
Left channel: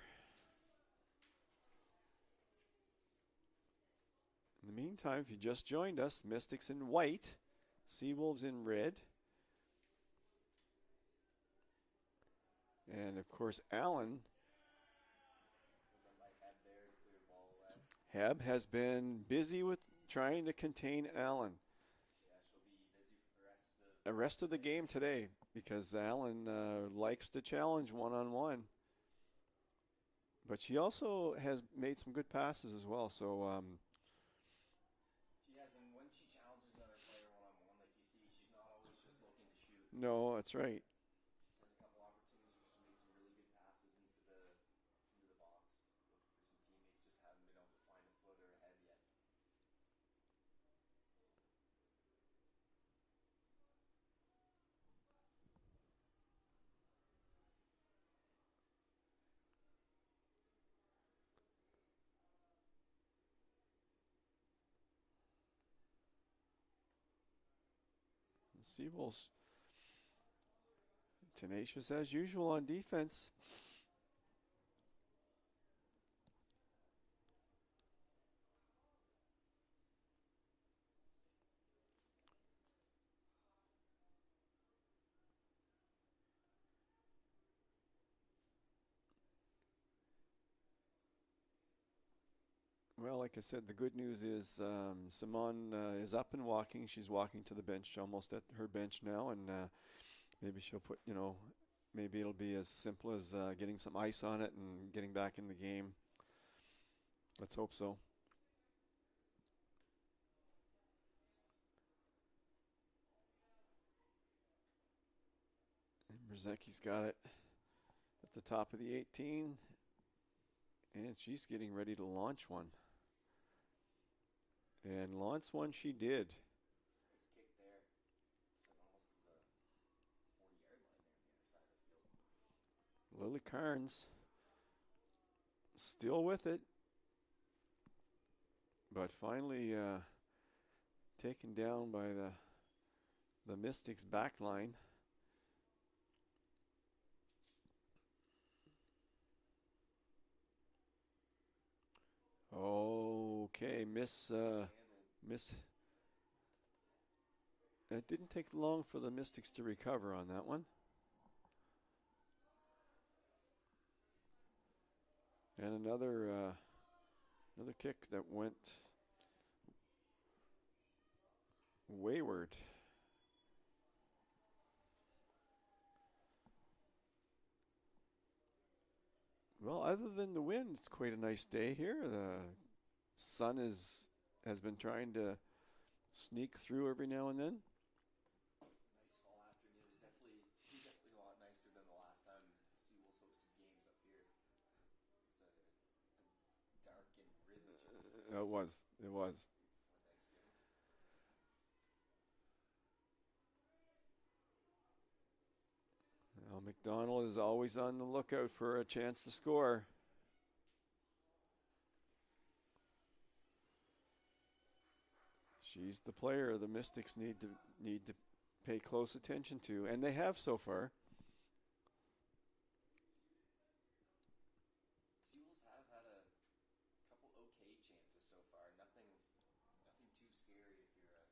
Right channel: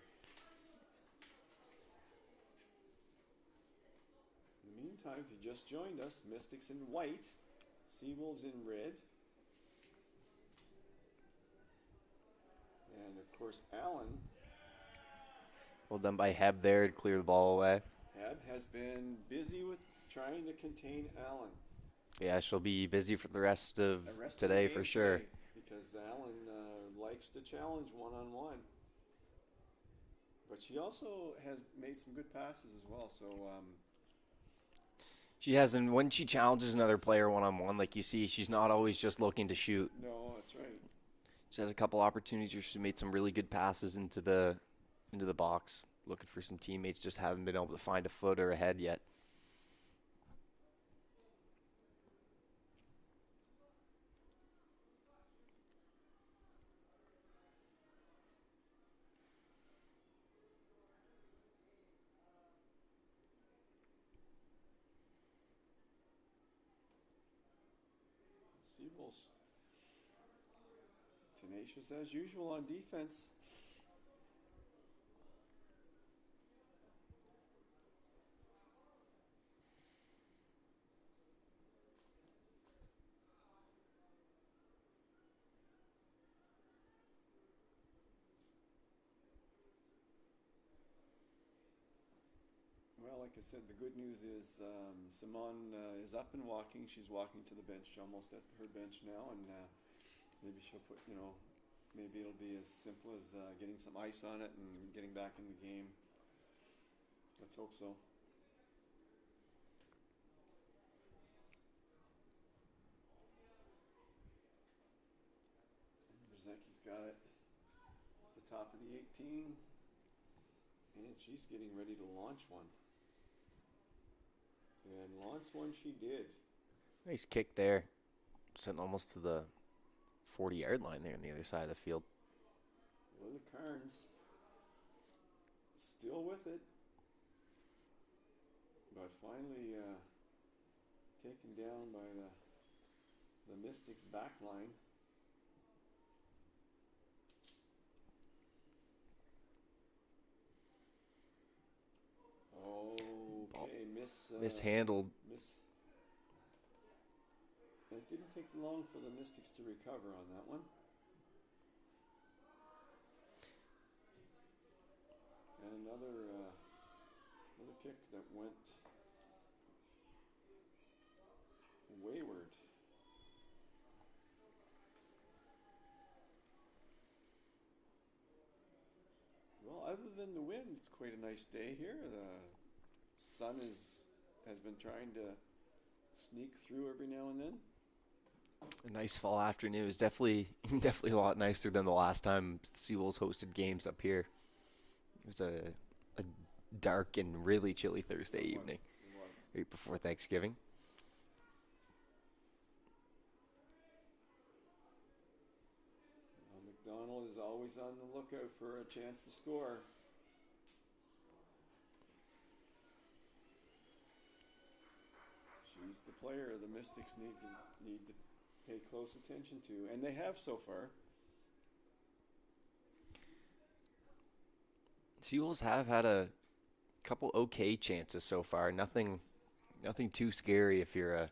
In the meantime, if you just joined us, Mystics in white, Seawolves in red. And of course, Allen. Well done by Heb there to clear the ball away. Heb has been busy with trying to contain Allen. Yeah, she'll be busy for the rest of today for sure. Today, because Allen likes to challenge one-on-one. But she also has made some good passes as well. So she has, and when she challenges another player one-on-one, like you see, she's not always just looking to shoot. No, that's right. She has a couple opportunities where she made some really good passes into the box, looking for some teammates, just haven't been able to find a foot or a head yet. Seawolves tenacious as usual on defense. Well, like I said, the good news is Simone is up and walking. She's walking to the bench, almost at her bench now, and maybe she'll put, maybe it'll be as simple as getting some ice on it and getting back in the game. Let's hope so. And Brzezicki's got it at the top of the 18, and she's getting ready to launch one. And launch one she did. Nice kick there. Sent almost to the 40-yard line there on the other side of the field. Lily Carnes still with it. But finally taken down by the Mystics back line. Okay, mishandled. It didn't take long for the Mystics to recover on that one. And another kick that went wayward. Well, other than the wind, it's quite a nice day here. The sun has been trying to sneak through every now and then. A nice fall afternoon. It was definitely a lot nicer than the last time the Seawolves hosted games up here. It was a dark and really chilly Thursday evening. It was. Right before Thanksgiving. Well, McDonald is always on the lookout for a chance to score. She He's the player the Mystics need to pay close attention to, and they have so far. Seawolves have had a couple okay chances so far. Nothing too scary if you're a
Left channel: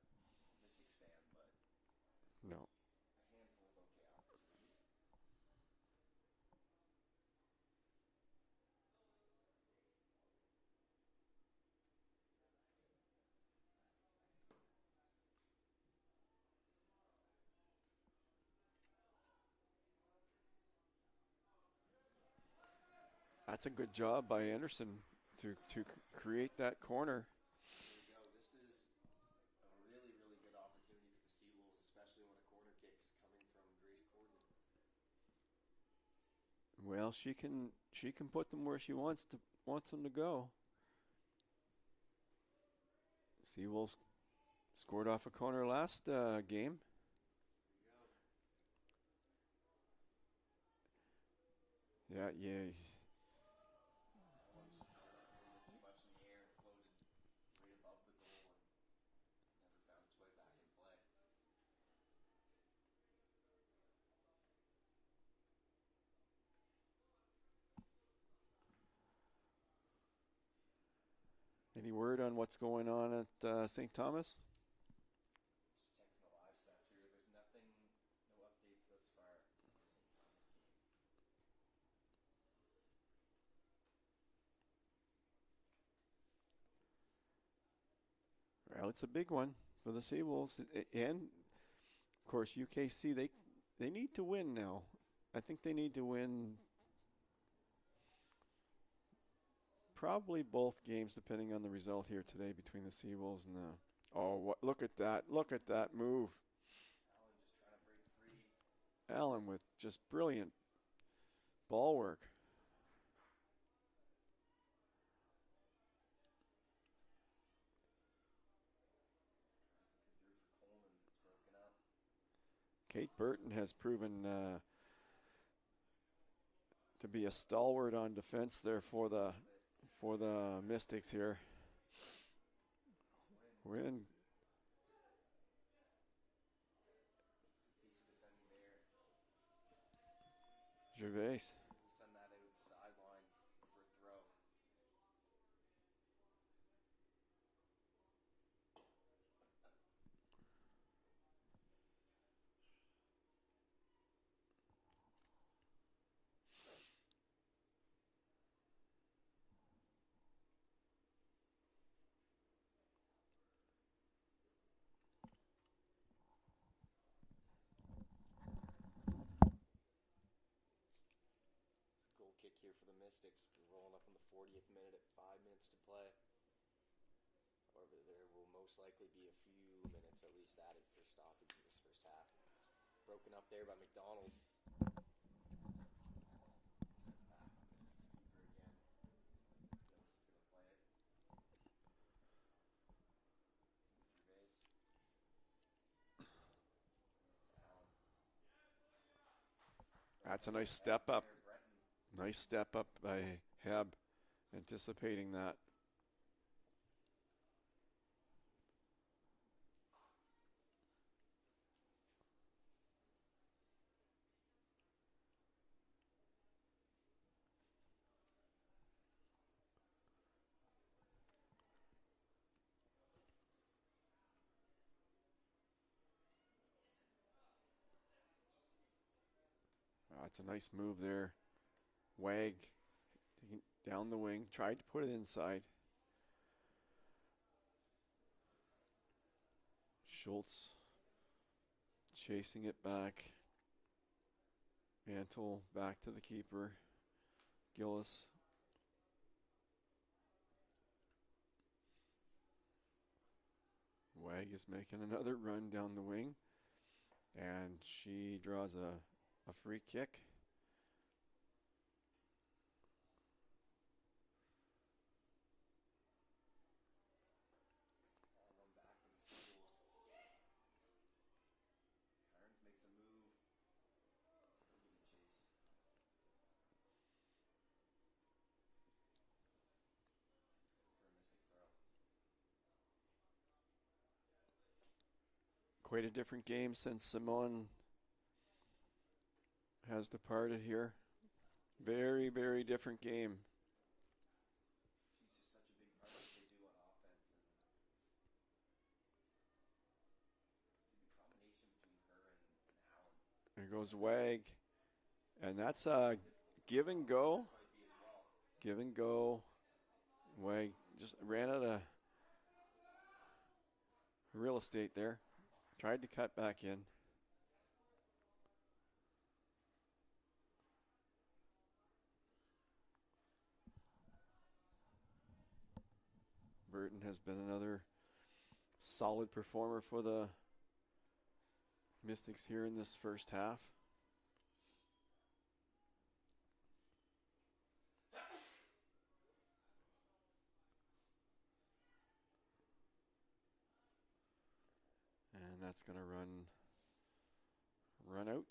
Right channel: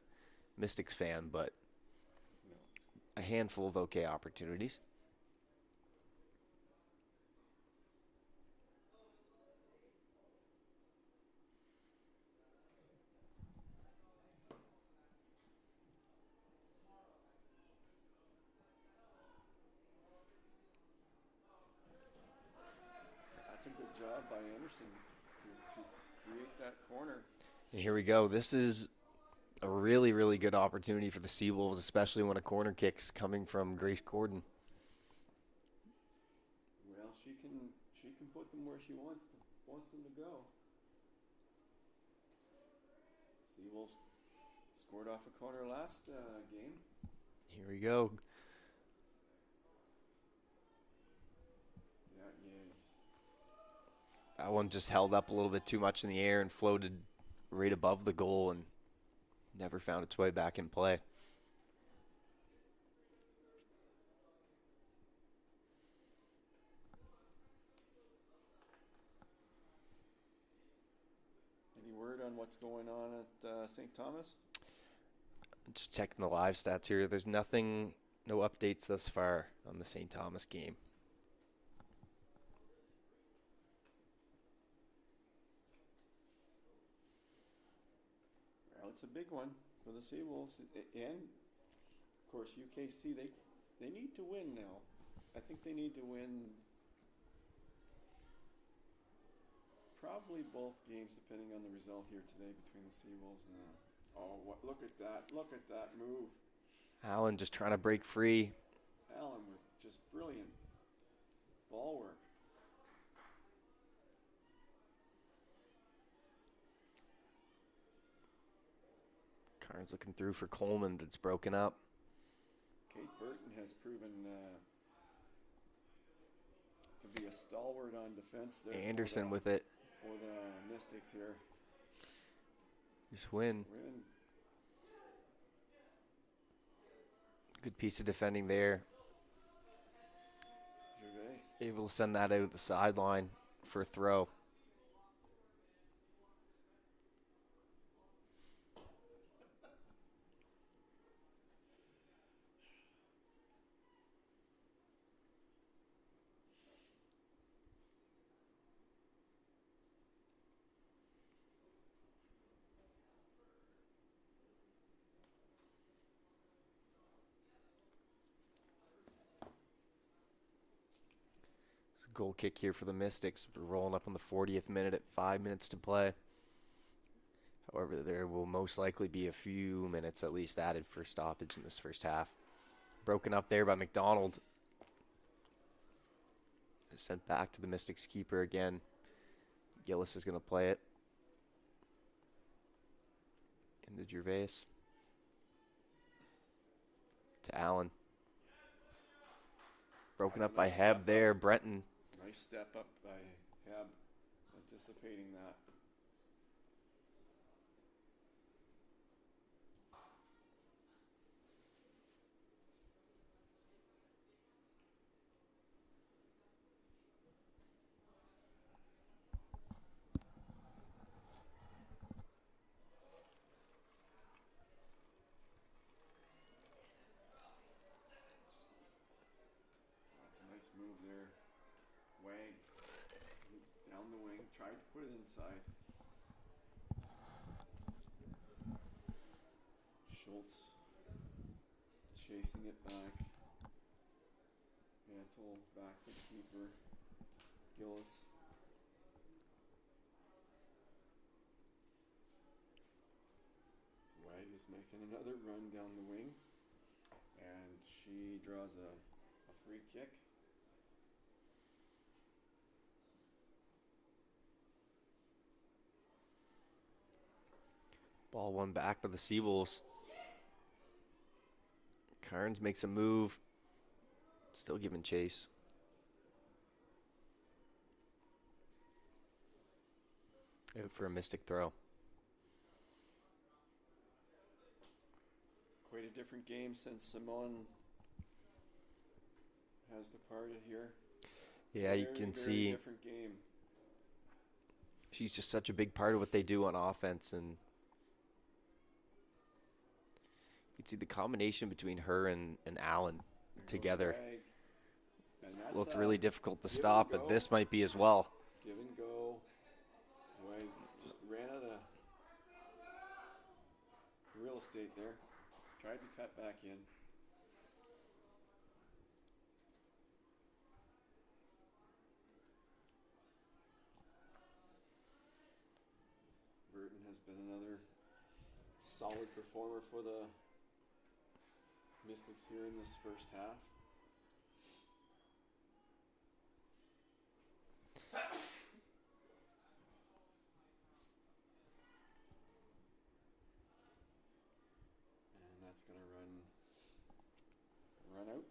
Mystics fan, but No. a handful of okay opportunities. That's a good job by Anderson to create that corner. And here we go. This is a really, really good opportunity for the Seawolves, especially when a corner kick's coming from Grace Gordon. Well, she can put them where she wants them to go. Seawolves scored off a corner last game. Here we go. Yeah. That one just held up a little bit too much in the air and floated right above the goal and never found its way back in play. Any word on what's going on at St. Thomas? Just checking the live stats here. There's no updates thus far on the St. Thomas game. Well, it's a big one for the Seawolves, and of course UKC. They need to win now. I think they need to win probably both games, depending on the result here today between the Seawolves and the. Oh, look at that! Look at that move. Allen just trying to break free. Allen with just brilliant ball work. Carnes looking through for Coleman, but it's broken up. Kate Burton has proven to be a stalwart on defense there. Anderson with it. For the Mystics here. Just win. Good piece of defending there. Gervais. Able to send that out of the sideline for a throw. Goal kick here for the Mystics. We're rolling up on the 40th minute at 5 minutes to play. However, there will most likely be a few minutes at least added for stoppage in this first half. Broken up there by McDonald. Sent back to the Mystics keeper again. Gillis is going to play it. Into Gervais. To Allen. Broken up by Heb there. Brenton. Nice step up by Heb, anticipating that. That's a nice move there. Wag down the wing, tried to put it inside. Schultz chasing it back. Mantle back to the keeper. Gillis. Wag is making another run down the wing. And she draws a free kick. Ball one back by the Seawolves. Carnes makes a move. Still giving chase. Out for a Mystic throw. Quite a different game since Simone has departed here. Yeah, very, you can very see different game. she's just such a big part of what they do on offense, and you can see the combination between her and Allen There together. goes Wag. And that's Looked really difficult to give and stop, but go. this might be as well. Give and go. Wag just ran out of real estate there. Tried to cut back in. Burton has been another solid performer for the Mystics here in this first half. And that's going to run out.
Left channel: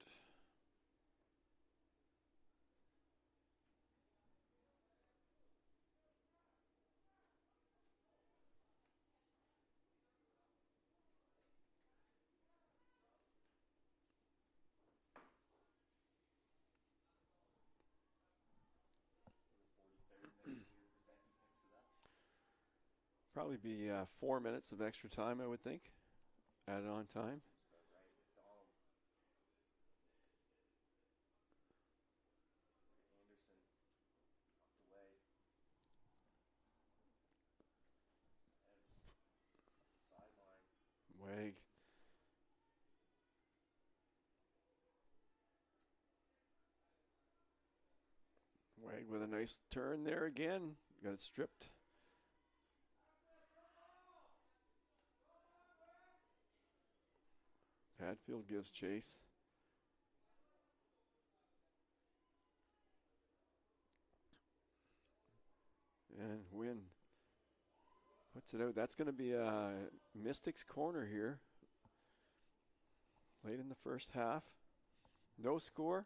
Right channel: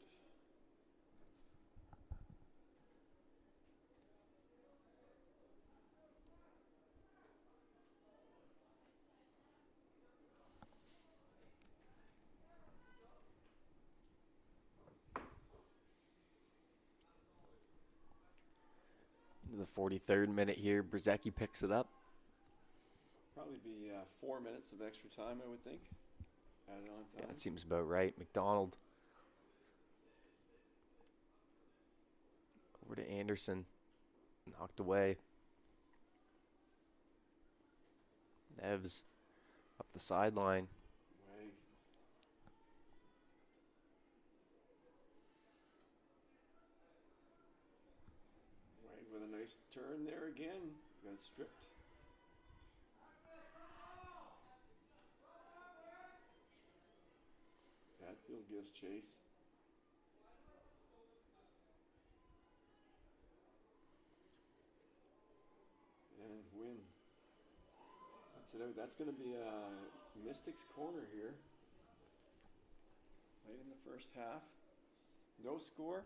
Into the 43rd minute here, Brzezicki picks it up. Probably be 4 minutes of extra time, I would think. Added on time. That seems about right. McDonald. Over to Anderson. Knocked away. Nevs up the sideline. Wag. Wag with a nice turn there again. Got it stripped. Padfield gives chase. And Wynn puts it out. That's going to be a Mystics corner here. Late in the first half. No score.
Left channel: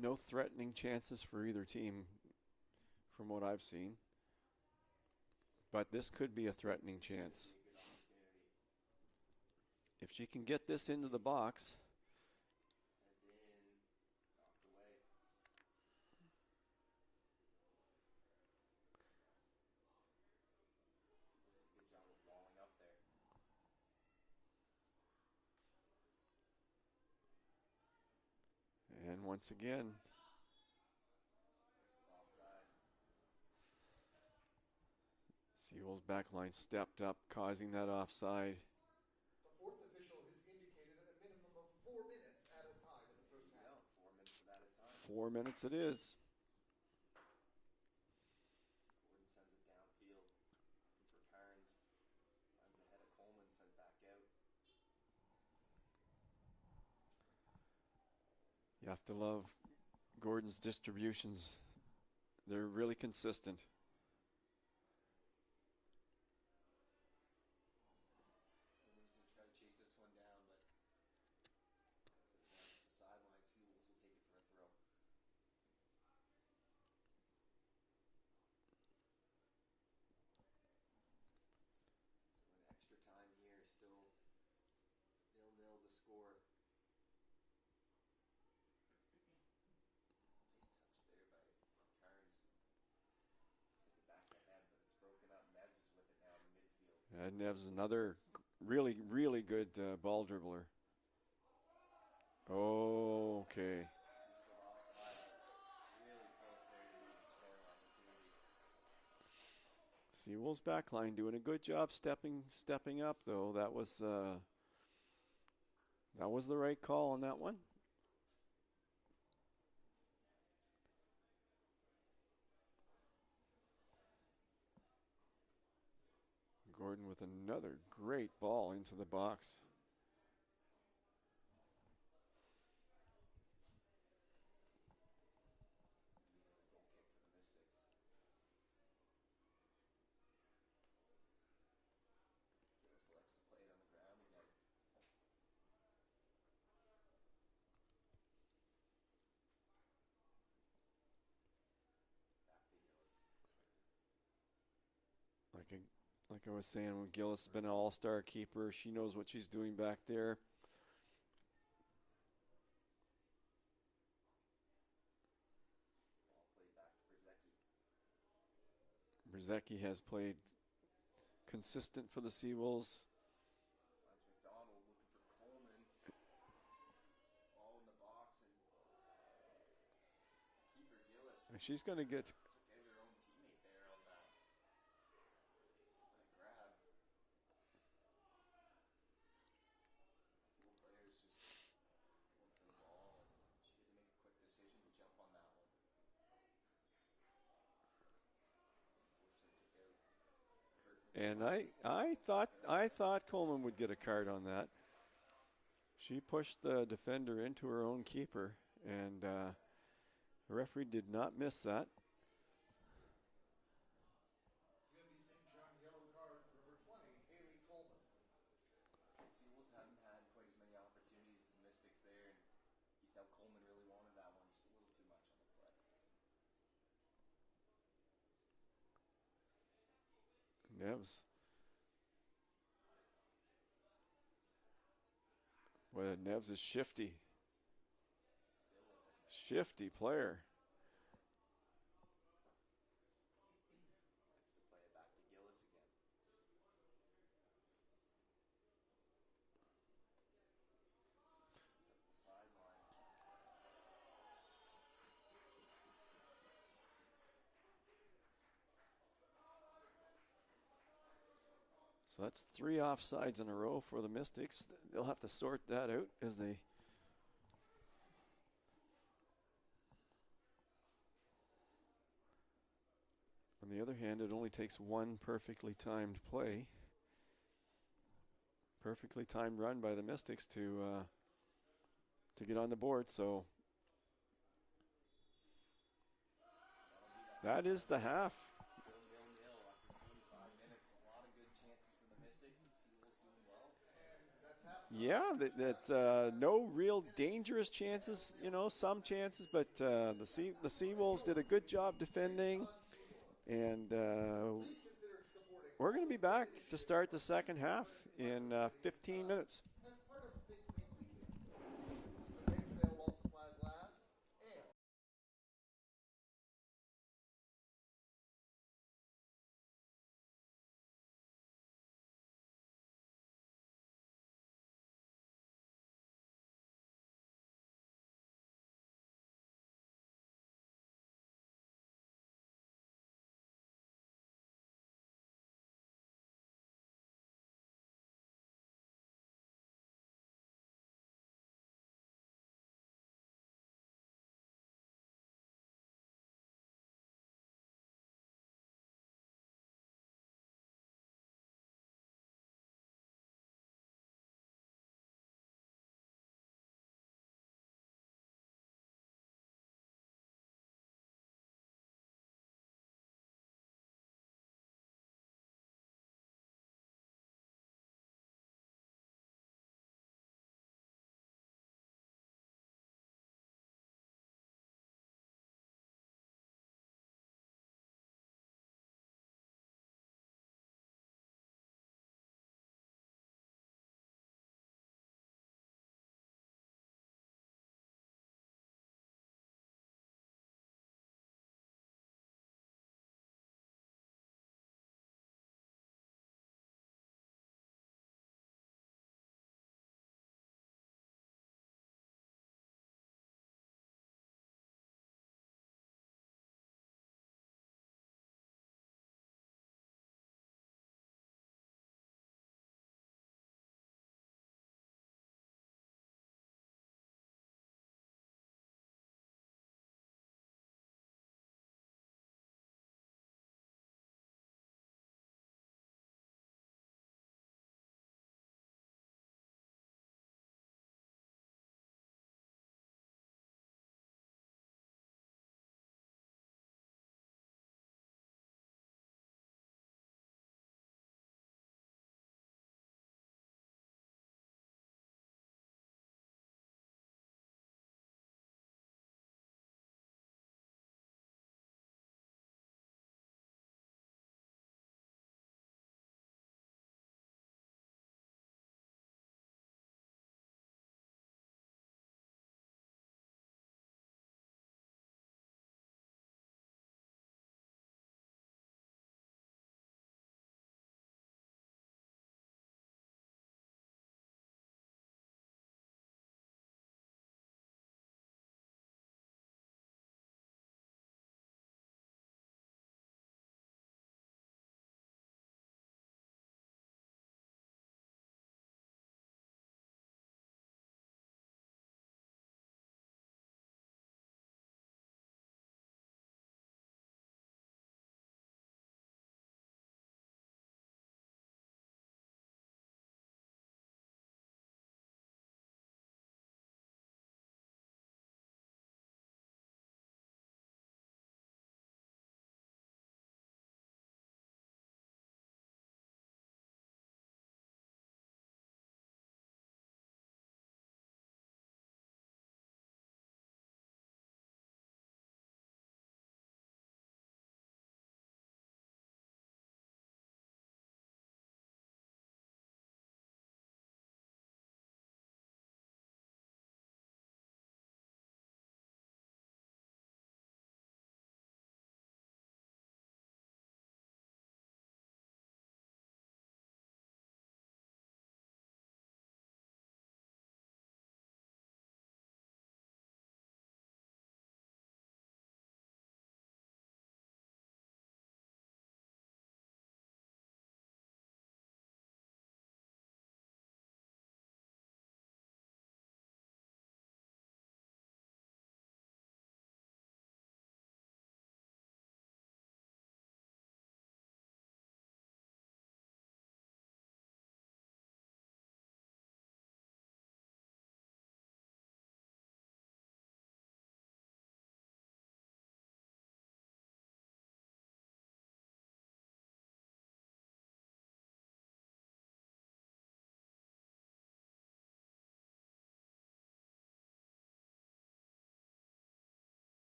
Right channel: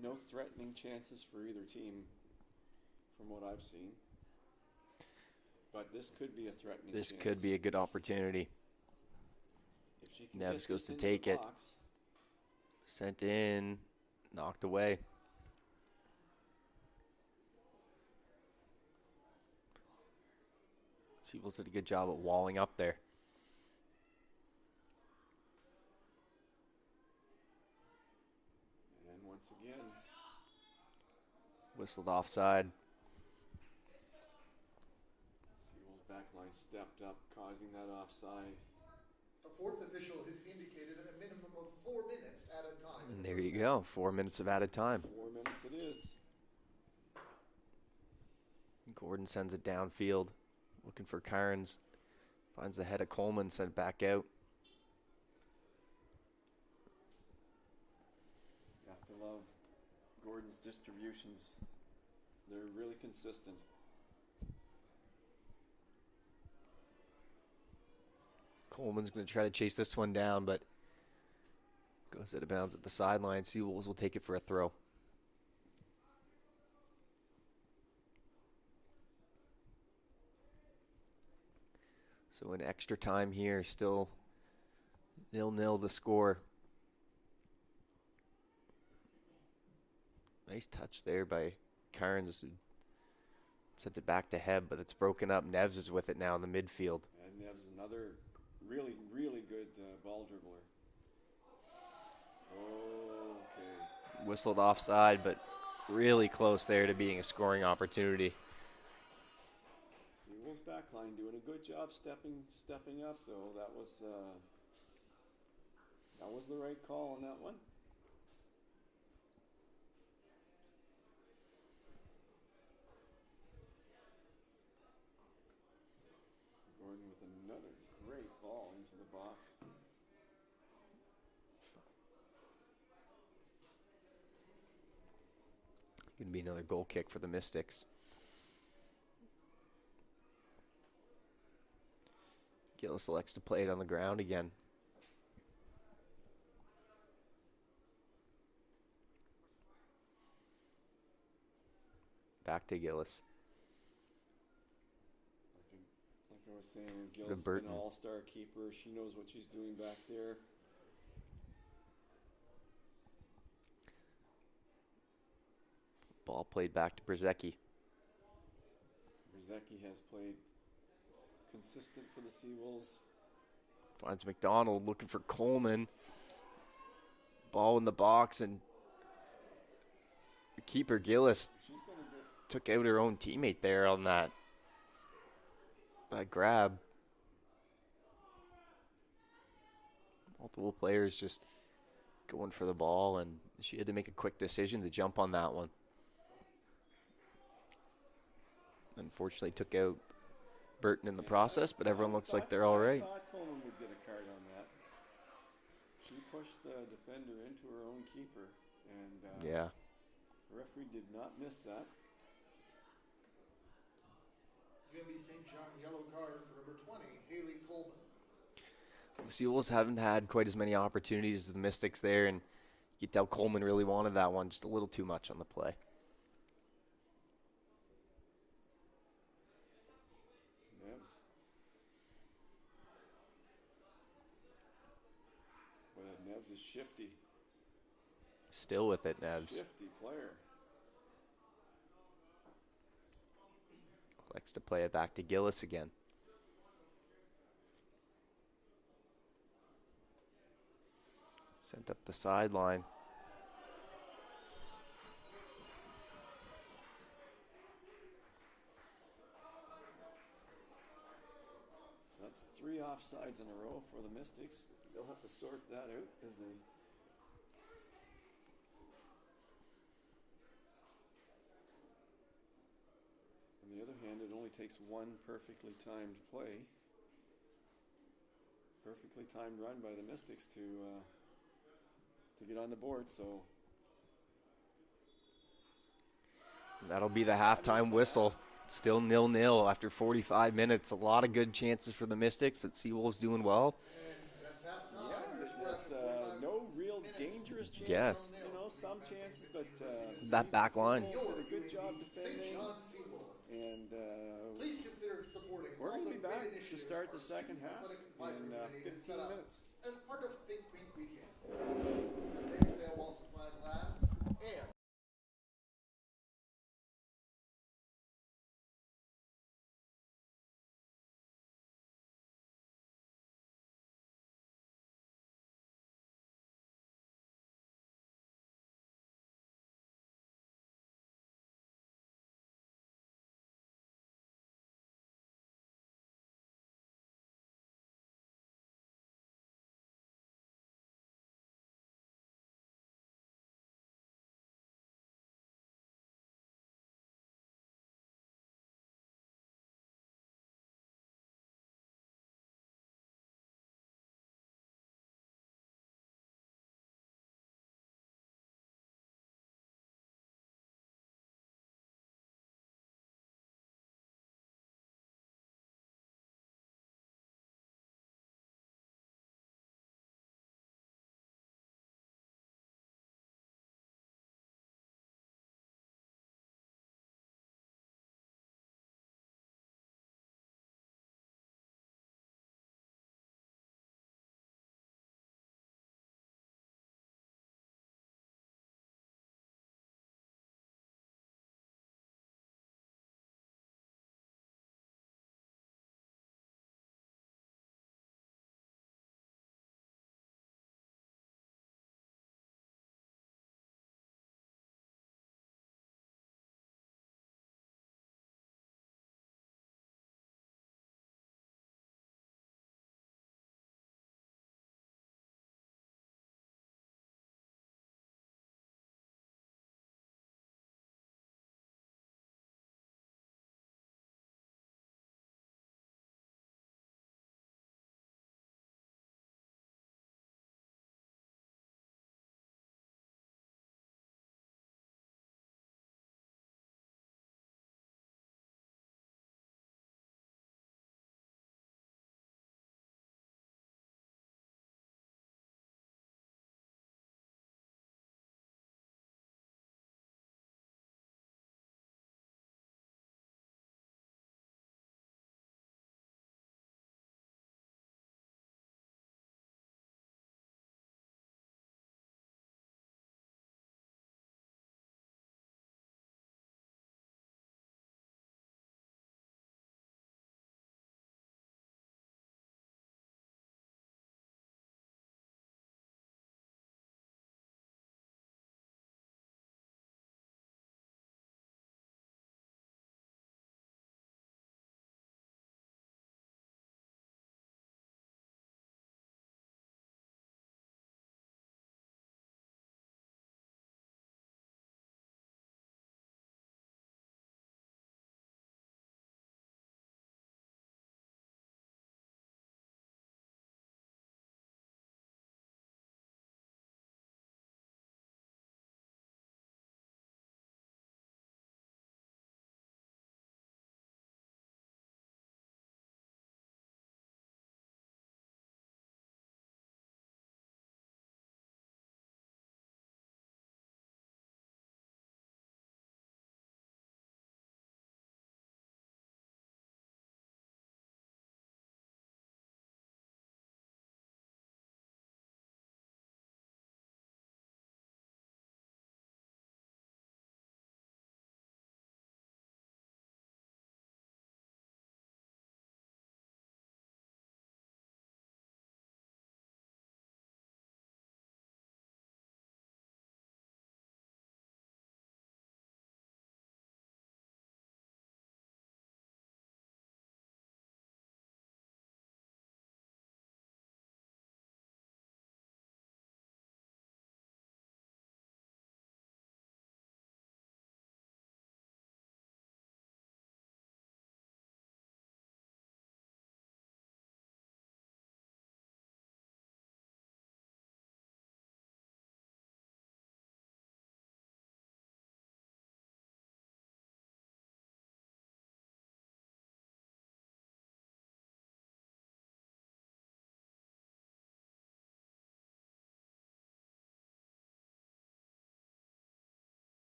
No threatening chances for either team from what I've seen. But this could be a threatening chance. This could be a good opportunity. If she can Nevs get goes this to into take the it. box. Sent in. Knocked away. Siebels did a good job at walling up there. And once again, Whistled offside. Seawolves backline stepped up, causing that offside. A fourth official has indicated a minimum of 4 minutes at a time. And there you go. 4 minutes of added time. 4 minutes it is. Gordon sends it downfield. Looking for Carnes. Finds the head of Coleman, sent back out. You have to love Gordon's distributions. They're really consistent. Coleman's going to try to chase this one down, but goes out of bounds at the sideline. Seawolves will take it for a throw. So in extra time here, still 0-0 the score. Nice touch there by Carnes, who sent it back to Heb, but it's broken up. Nevs is with it now in the midfield. And Nev's another really, really good ball dribbler. Okay. Whistled offside, but really close there to being a scoring opportunity. Seawolves backline doing a good job stepping up, though. That was the right call on that one. Gordon with another great ball into the box. Going to be another goal kick for the Mystics. Gillis selects to play it on the ground again. Back to Gillis. Like Like I was saying, Gill's been an all-star keeper. She knows what she's doing back there. Ball played back to Brzezicki. Brzezicki has played consistent for the Seawolves. Finds McDonald looking for Coleman. Ball in the box, and keeper Gillis She's going to get took out her own teammate there on that grab. Multiple players just going for the ball, and she had to make a quick decision to jump on that one. Unfortunately, took out Burton in the process, but everyone looks like they're all right. I thought Coleman would get a card on that. She pushed the defender into her own keeper, and yeah, the referee did not miss that. UNB St. John yellow card for number 20, Haley Coleman. The Seawolves haven't had quite as many opportunities as the Mystics there, and you could tell Coleman really wanted that one just a little too much on the play. Nevs. Well, Nevs is shifty. Still with it, Nevs. Shifty player. Likes to play it back to Gillis again. Sent up the sideline. So that's 3 offsides in a row for the Mystics. They'll have to sort that out as they... On the other hand, it only takes one perfectly timed play. Perfectly timed run by the Mystics to get on the board, so... That'll be the halftime whistle. Still 0-0 after 45 minutes. A lot of good chances for the Mystics, but Seawolves doing well. Yeah, no real dangerous chances. Yes. You know, some chances, but that back line. Seawolves did a good job defending. And we're going to be back to start the second half in 15 minutes. As part of Think Week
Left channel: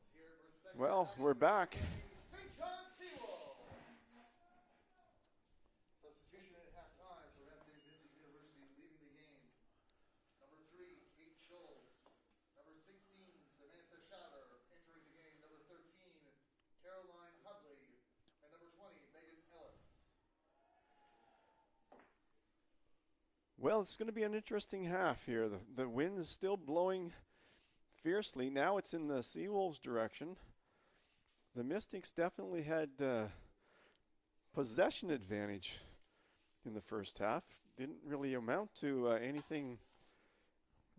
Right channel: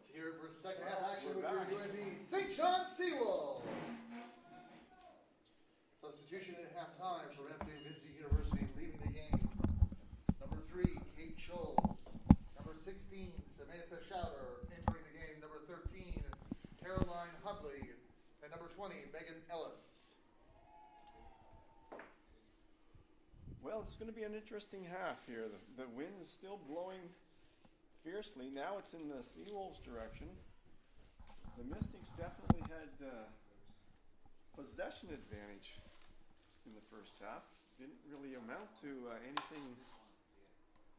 Let's hear it for a second Well, half action we're with back. your UNB St. John Seawolves. Substitution at halftime for MSVU University leaving the game. Number 3, Kate Schultz. Number 16, Samantha Schauder entering the game. Number 13, Caroline Hubley. And number 20, Megan Ellis. Well, it's going to be an interesting half here. The wind is still blowing fiercely. Now it's in the Seawolves' direction. The Mystics definitely had possession advantage in the first half. Didn't really amount to anything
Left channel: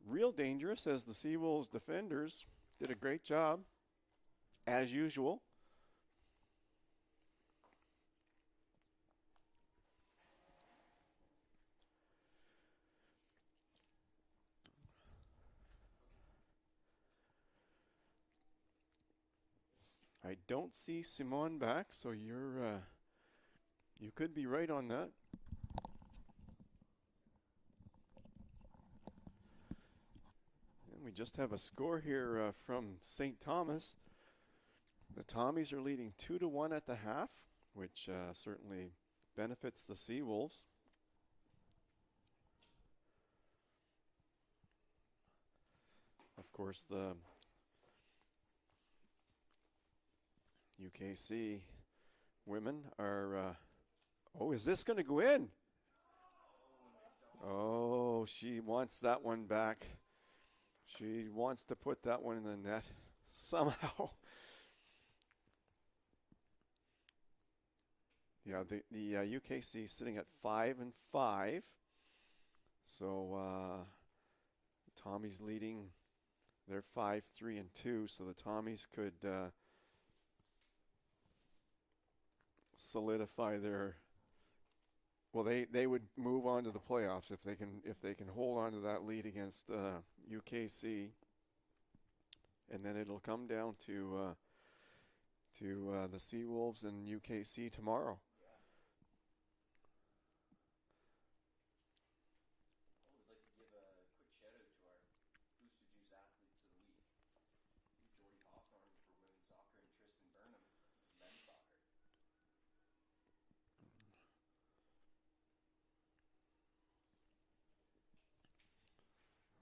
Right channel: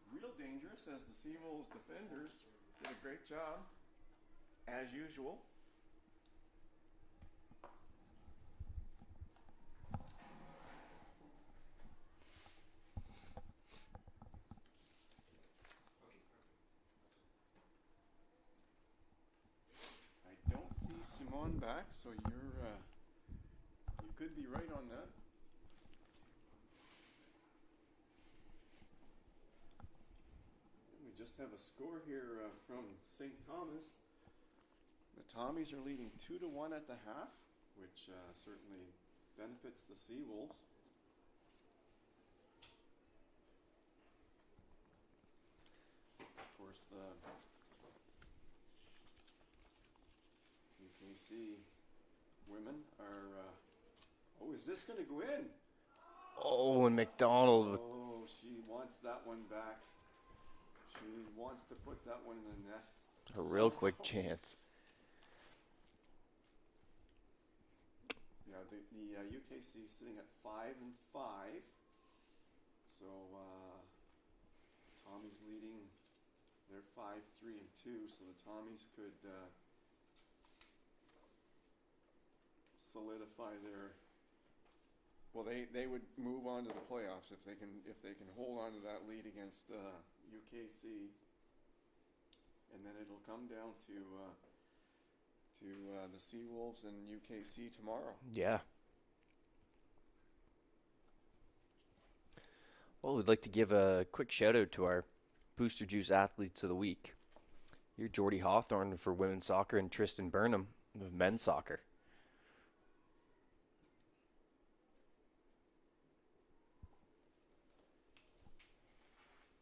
real dangerous, as the Seawolves defenders did a great job, as usual. I don't see Simone back, so you could be right on that. And we just have a score here from St. Thomas. The Tommies are leading 2-1 at the half, which certainly benefits the Seawolves. Of course, the UKC women are, oh, is this going to go in? Oh, and McDonald. Oh, she wants that one back. She wants to put that one in the net. A real quick chance. Yeah, the UKC sitting at 5-5. So Tommy's leading. They're 5-3-2. So the Tommies could solidify their. Well, they would move on to the playoffs if they can hold on to that lead against UKC, and then it'll come down to the Seawolves and UKC tomorrow. Yeah. Well, we'd like to give a quick shout out to our Booster Juice Athletes of the Week. You're Jordy Hawthorne for women's soccer and Tristan Burnham of men's soccer.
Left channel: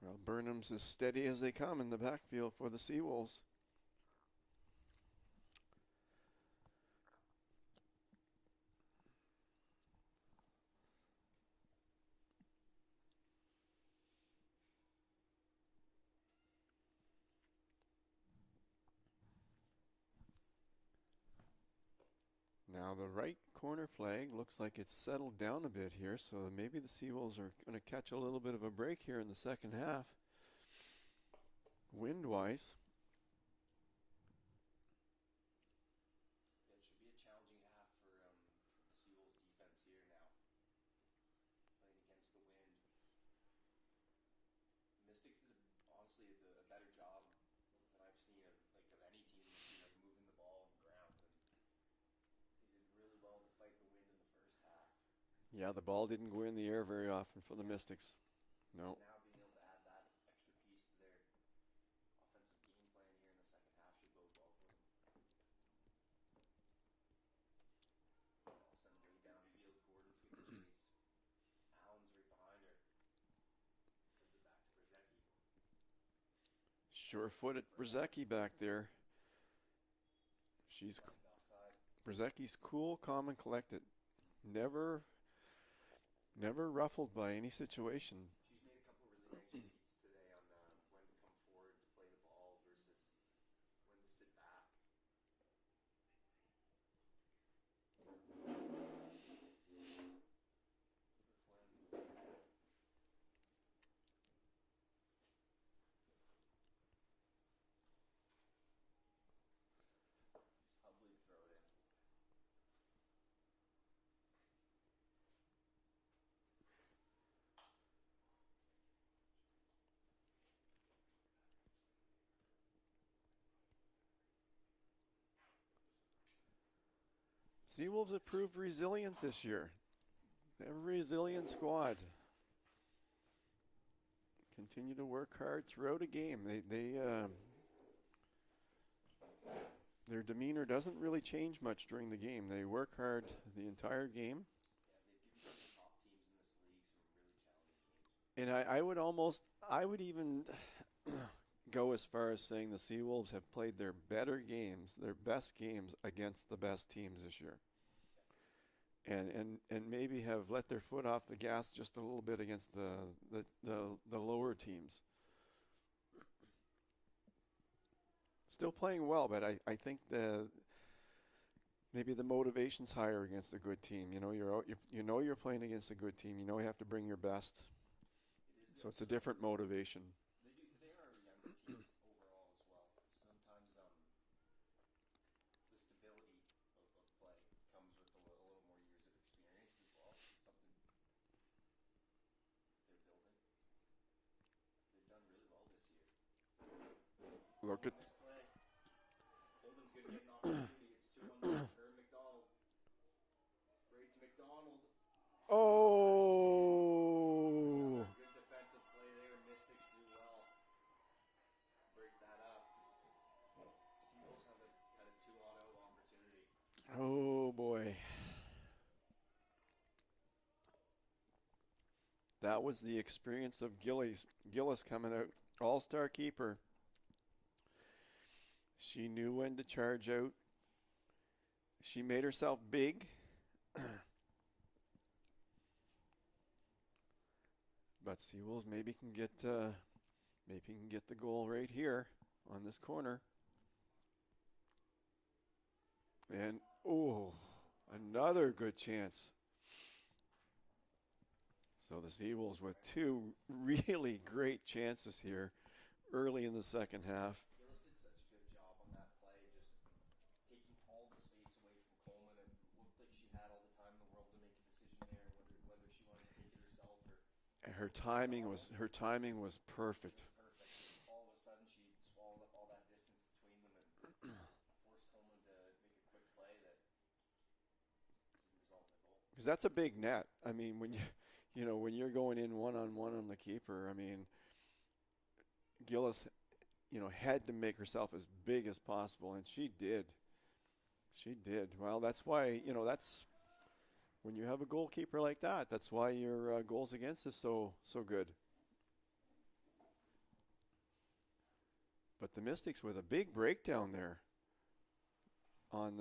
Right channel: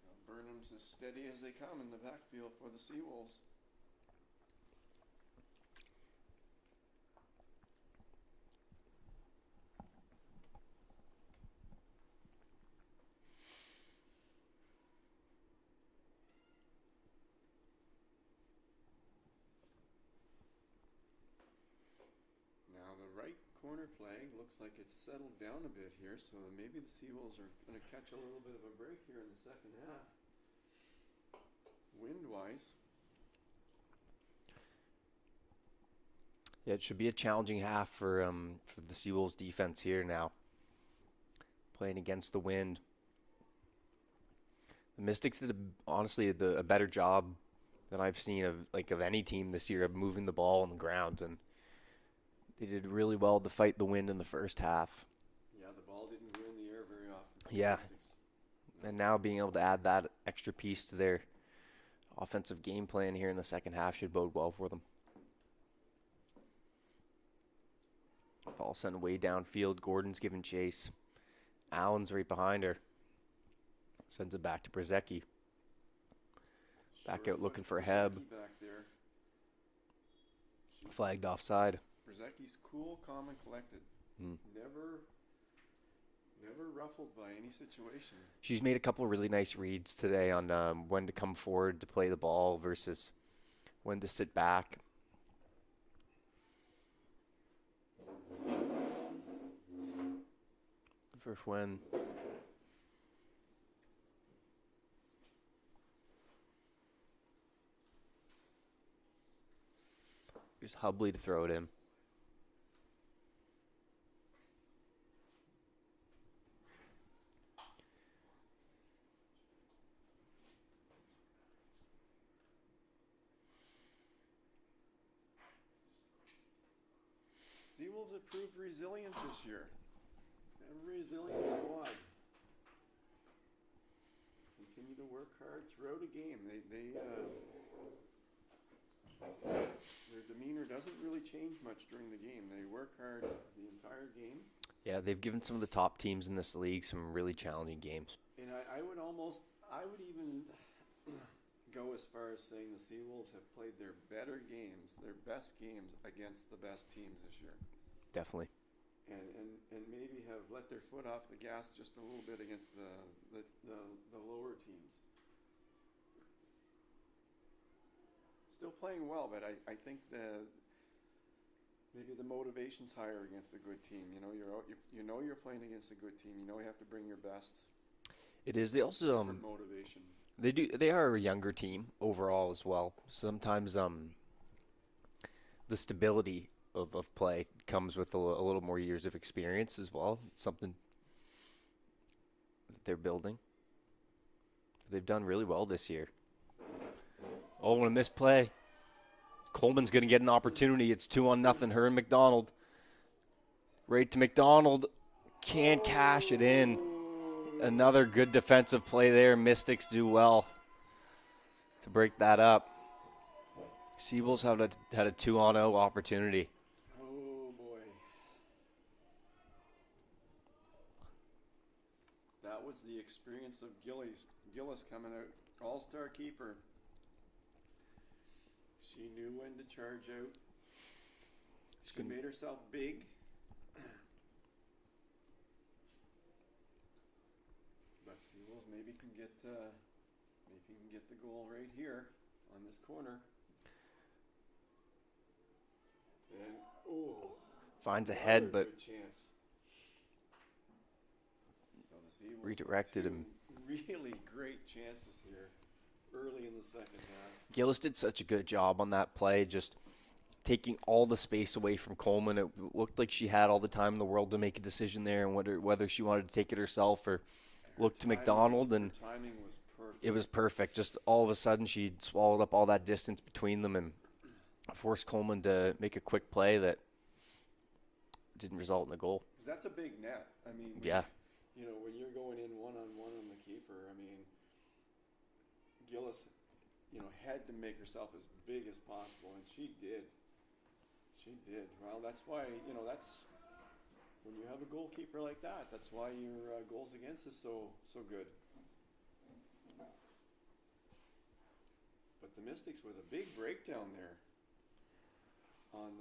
Well, Burnham's as steady as they come in the backfield for the Seawolves. Now the right corner flag looks like it's settled down a bit here, so maybe the Seawolves are going to catch a little bit of a break here in the second half, wind-wise. Yeah, it should be a challenging half for the Seawolves defense here now, playing against the wind. The Mystics did honestly a better job than I've seen of any team this year of moving the ball on the ground, and they did really well to fight the wind in the first half. Yeah, the ball didn't go in the air very often for Yeah. the Mystics. No. And now being able to add that extra piece to their offensive game plan here in the second half should bode well for them. Ball sent way downfield. Gordon's giving chase. Allen's right behind her. Sends it back to Brzezicki. Back out looking for Heb. Brzezicki back there. She's Flagged offside. Brzezicki's cool, calm, and collected. Never ruffled by any situation. She's made a couple of really nice reads today on when to come forward to play the ball versus when to sit back. For when. Here's Hubley to throw it in. Seawolves have proved resilient this year. They're a resilient squad. Continue to work hard throughout a game. demeanor doesn't really change much during the game. They work hard the entire game. Yeah, they've given some of the top teams in this league some really challenging games. And I would even go as far as saying the Seawolves have played their better games, their best games against the best teams this year. Definitely. And maybe have let their foot off the gas just a little bit against the lower teams. Still playing well, but I think maybe the motivation's higher against a good team. You're playing against a good team. You have to bring your best. It is. They It's a also different motivation. They are a younger team overall as well. Sometimes the stability of play comes with a little more years of experience as well. It's something that they're building. They've done really well this year. Oh, and a missed play. Coleman's going to get an opportunity. It's 2-0. Her and McDonald. Right to McDonald. Can't cash it in. Another good defensive play there. Mystics do well to break that up. Seawolves had a 2-0 opportunity. Oh, boy. That was the experience of Gillis coming out. All-star keeper. She knew when to charge out. She made herself big. But Seawolves maybe can get the goal right here on this corner. And Finds a another head, but good chance. So the Seawolves redirected with him. two really great chances here early in the second half. Gillis did such a good job on that play, just taking all the space away from Coleman. It looked like she had all the time in the world to make a decision there, and whether she wanted to take it herself or look to McDonald. And her timing was perfect. it was perfect. Just all of a sudden, she swallowed up all that distance between them and forced Coleman to make a quick play that didn't result in a goal. Because that's a big net. I mean, Yeah. When you're going in one-on-one on the keeper, I mean, Gillis, had to make herself as big as possible, and she did. She did. Well, that's why, that's when you have a goalkeeper like that, that's why your goals against is so good. But the Mystics with a big breakdown there on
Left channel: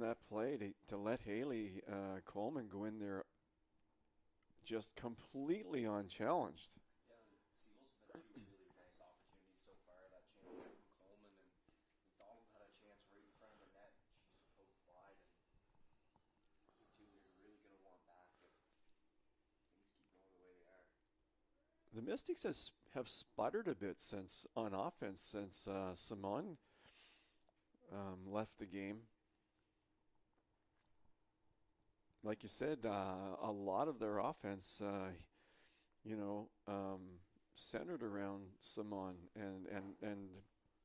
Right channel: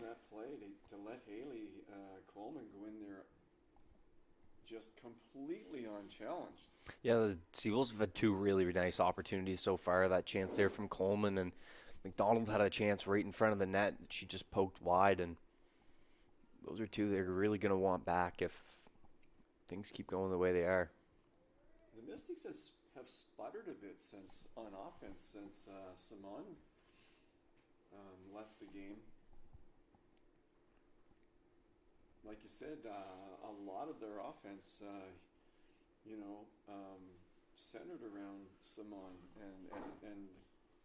that play to let Haley Coleman go in there just completely unchallenged. Yeah, the Seawolves have had two really nice opportunities so far. That chance there from Coleman, and McDonald had a chance right in front of the net. She just poked wide, and those are two they're really going to want back if things keep going the way they are. The Mystics have sputtered a bit on offense since Simon left the game. Like you said, a lot of their offense, centered around Simon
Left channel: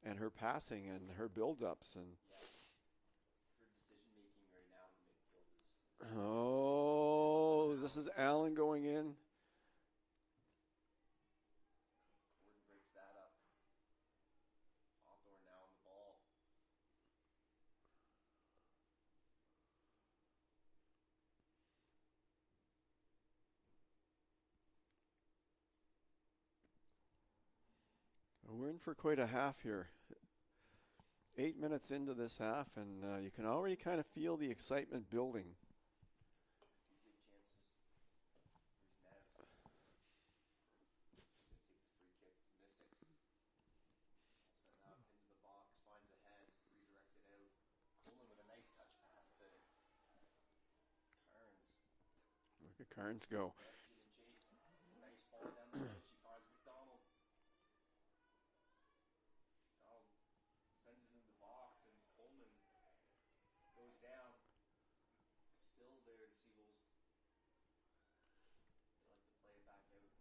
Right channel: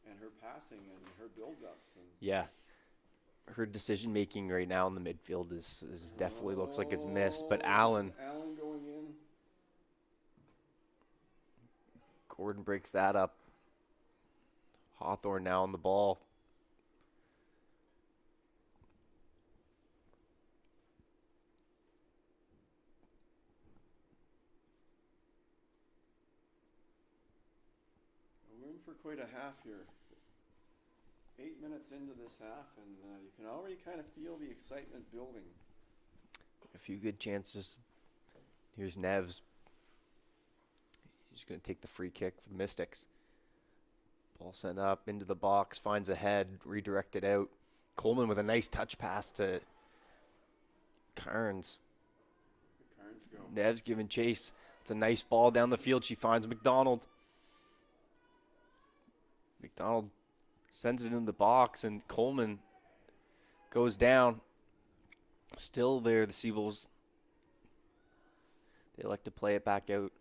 and her passing and her build-ups. And Yeah. Her decision making right now in the midfield is definitely looks like it's missed. But Allen going in. Gordon breaks that up. Hawthorne now on the ball. We're in for quite a half here. 8 minutes into this half, and you can already kind of feel the excitement building. A few good chances. Here's Neves. He's going to take the free kick for the Mystics. Ball sent up into the box, finds a head, redirected out. Coleman with a nice touch pass to Carnes. Look at Carnes go. Neves giving chase. It's a nice ball down the field. She finds McDonald. McDonald sends it in the box, and Coleman goes down. Still there, the Seawolves. They like to play it back out.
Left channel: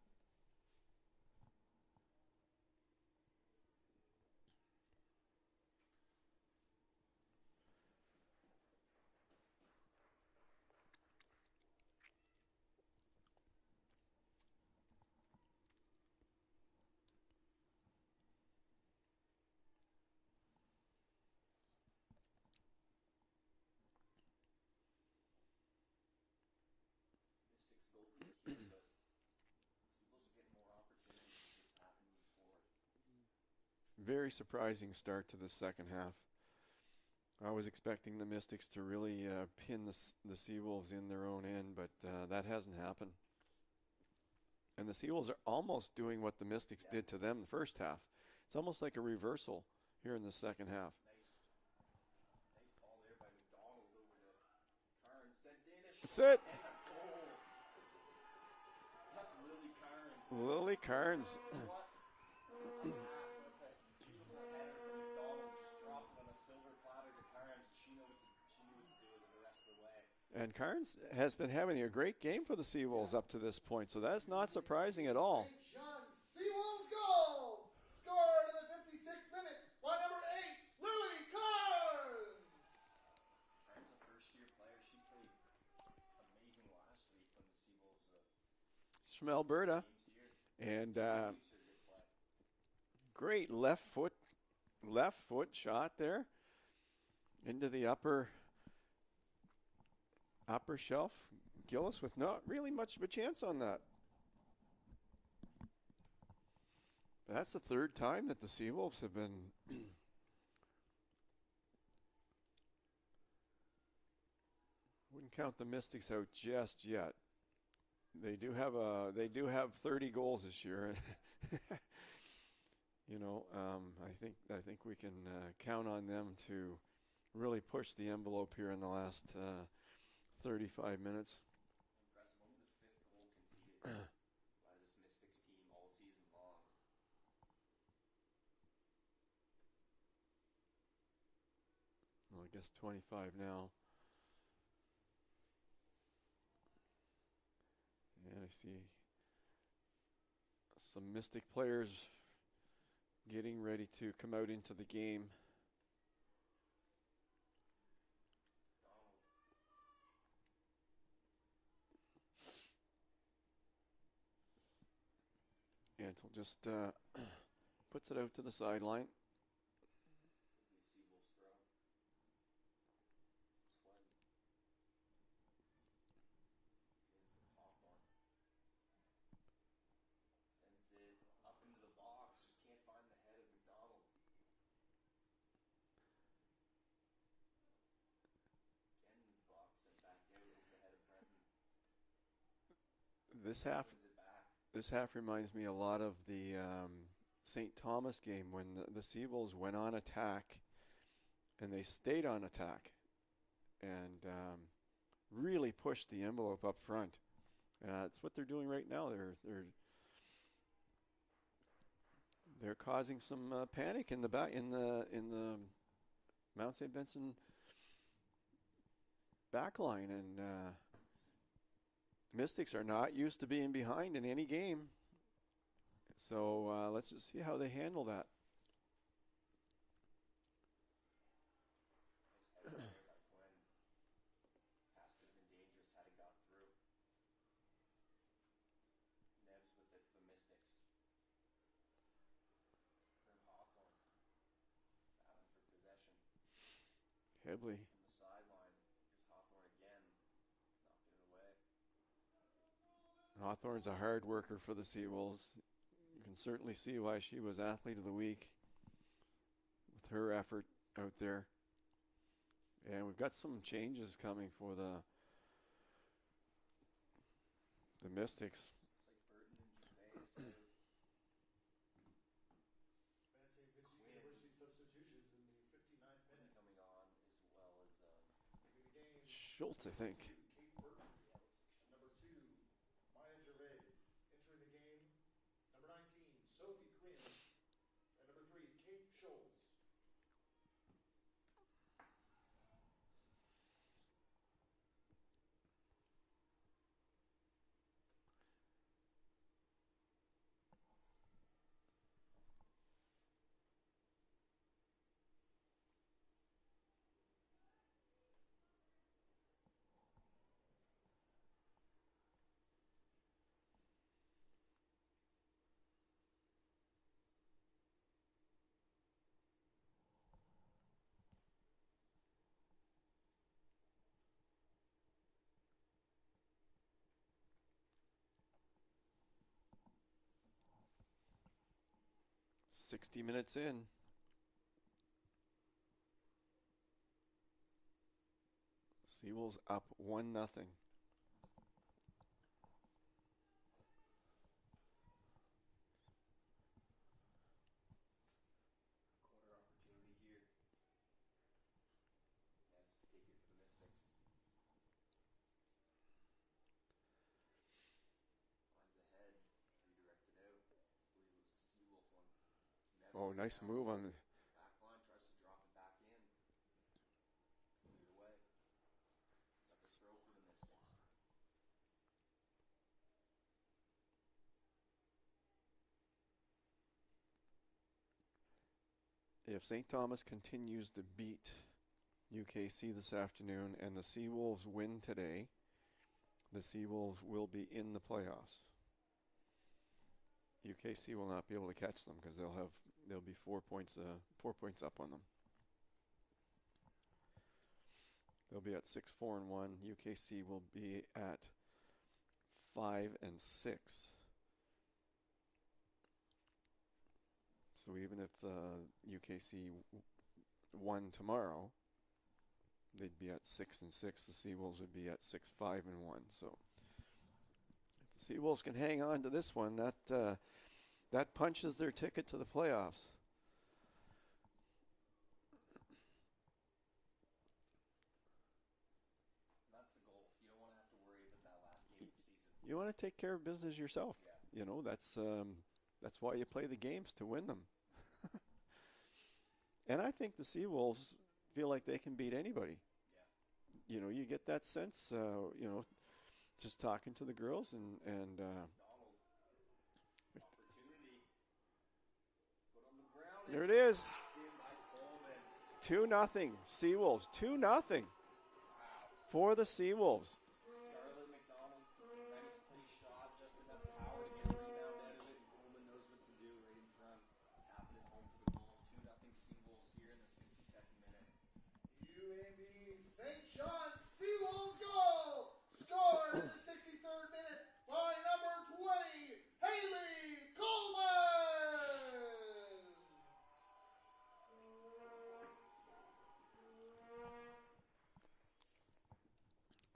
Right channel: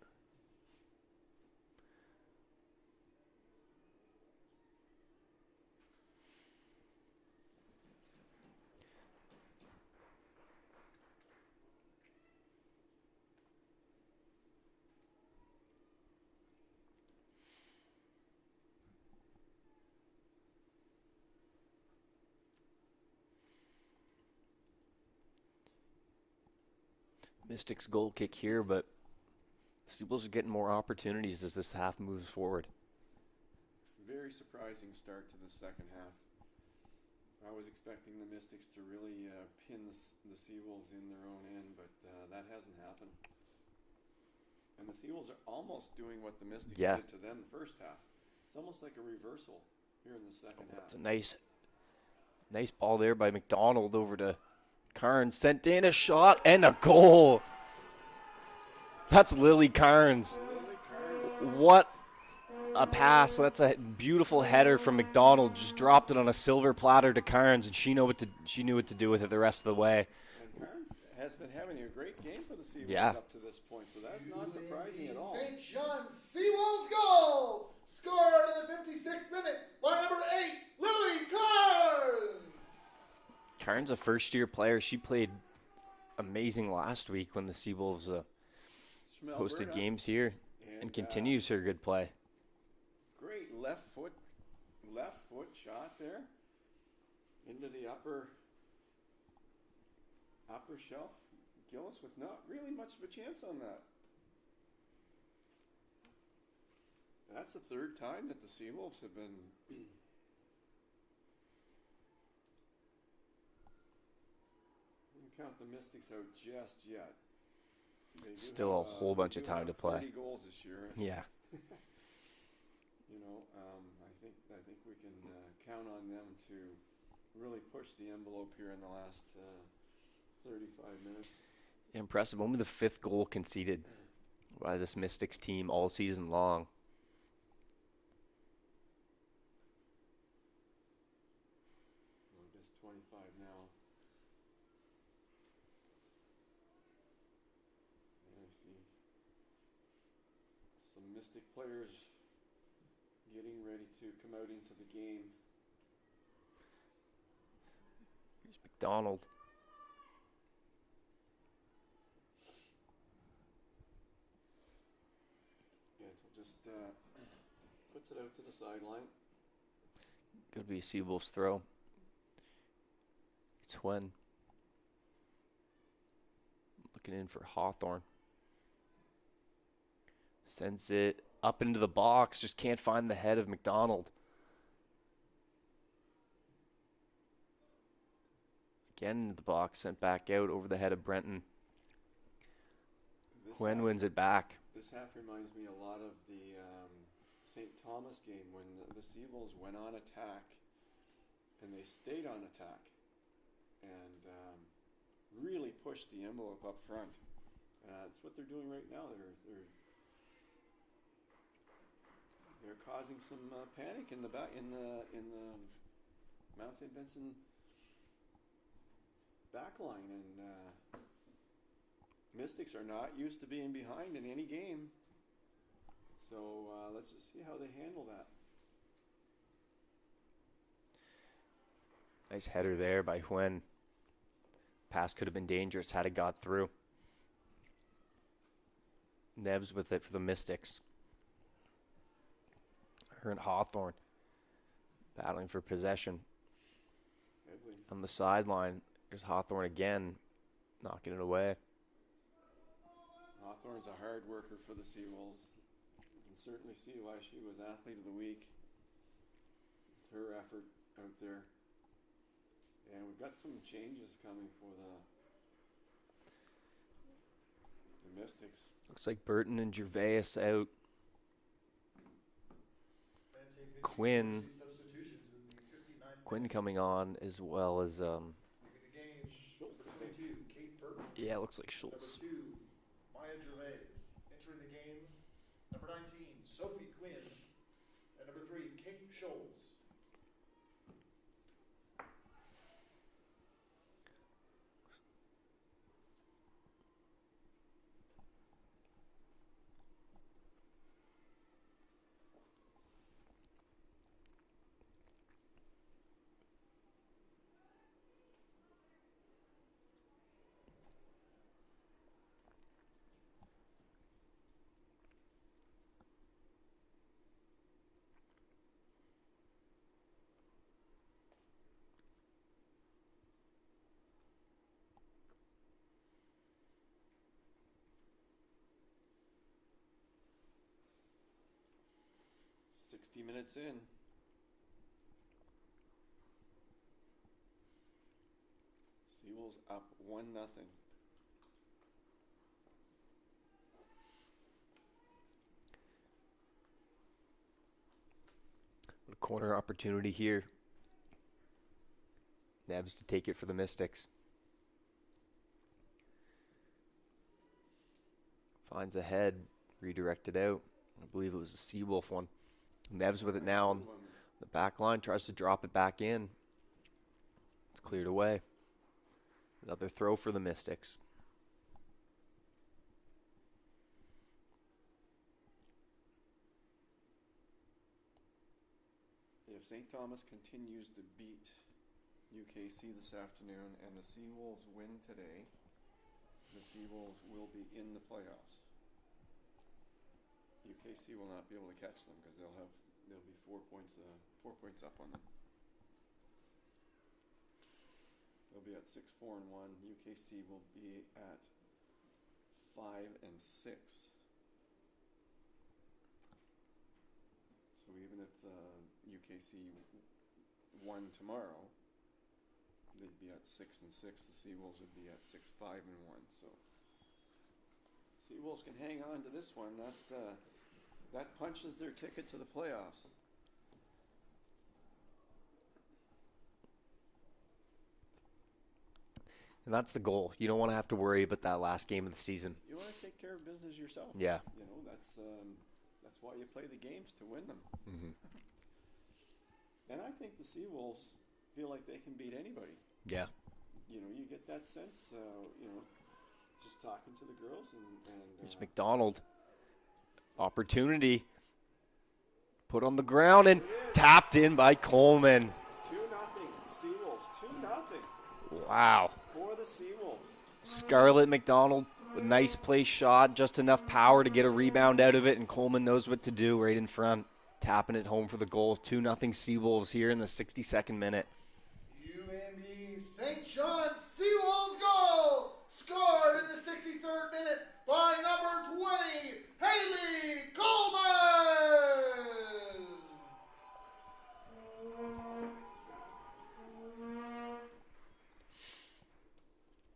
Mystics goal kick here, but the Seawolves are getting more opportunities as this half moves forward. Very surprising start to the second half. I was expecting the Mystics to really pin the Seawolves in their own end, but that hasn't happened. And the Seawolves are almost doing what the Mystics did to them the first half. It's almost like a reversal here in the second half. It's a nice ball there by McDonald over to Carnes. Sent in a shot and a goal. That's Lily Carnes. Lily Carnes. What a pass. That's a beautiful header from McDonald. Just dropped it on a silver platter to Carnes, and she knew what to do with it the rest of the way. And Carnes has been having a great game for the Seawolves up to this point, so that's not surprising at all. St. John's Seawolves goal! Scored in the 56th minute by number 8, Lily Carnes! Carnes, a first-year player. She played amazing last week when the Seawolves hosted games here and continues her good play. Great left foot shot there into the upper shelf. Gillis with not really much of a chance on that. That's the third time that the Seawolves have been wouldn't count the Mystics out just yet. They do Still have a whole bunch of time to play. 30 goals this year. Yeah. You know, I think we can count on them to really push the envelope here in the last 35 minutes. Impressive. Only the 5th goal conceded by this Mystics team all season long. Well, I guess 25 now. And I see some Mystic players getting ready to come out into the game. Here's McDonald. Antle just puts it out to the sideline. Could be a Seawolves throw. It's when looking in for Hawthorne. Sends it up into the box. Just can't find the head of McDonald. Again into the box. Sent back out over the head of Brenton. Quinn wins it back. This half reminds me a lot of the St. Thomas game when the Seawolves went on attack and they stayed on attack and really pushed the envelope up front. It's what they're doing right now. They're causing some panic in the Mount St. Vincent back line, and Mystics are not used to being behind in any game. So let's just see how they handle that. Nice header there by Huen. Pass could have been dangerous had it got through. Nebs with it for the Mystics. Her and Hawthorne battling for possession. Heavily. On the sideline, there's Hawthorne again, knocking it away. Hawthorne's a hard worker for the Seawolves. You can certainly see why she was Athlete of the Week with her effort out there. And we've got some changes coming for the Mystics. Looks like Burton and Gervais out. Quinn coming on as well as Schultz, I think. Yeah, it looks like Schultz. Number 2, Maya Gervais. Entering the game, number 19, Sophie Quinn. And number 3, Kate Schultz. 60 minutes in. Seawolves up 1-0. A corner opportunity here. Nebs to take it for the Mystics. Finds a head, redirected out. I believe it was the Seawolf one. Nebs with it Nice now on move on the back line, tries to drop it back in. It's cleared away. Another throw for the Mystics. If St. Thomas continues to beat UKC this afternoon and the Seawolves win today, the Seawolves will be in the playoffs. UKC will not be able to catch them because they'll be 4 points up on them. They'll be at 6-4-1. UKC will be at 5-6. So even if UKC won tomorrow, they'd be at 6-6. The Seawolves would be at 6-5-1. So the Seawolves can hang on to this one. That punches their ticket to the playoffs. And that's the goal. You don't want to have to worry about that last game of the season. You want to take care of business yourself. Yeah. You know, that's why you play the games, to win them. Mm-hmm. And I think the Seawolves feel like they can beat anybody. Yeah. You know, you get that sense, just talking to the girls and It's McDonald. Opportunity. Put on the ground and There it is. tapped in by Coleman. 2-0 Seawolves. 2-0 Wow. for the Seawolves. Scarlett McDonald, a nice play shot, just enough power to get a rebound out of it, and Coleman knows what to do right in front, tapping it home for the goal. 2-0 Seawolves here in the 62nd minute. UNB St. John Seawolves goal scored in the 63rd minute by number 20, Haley Coleman.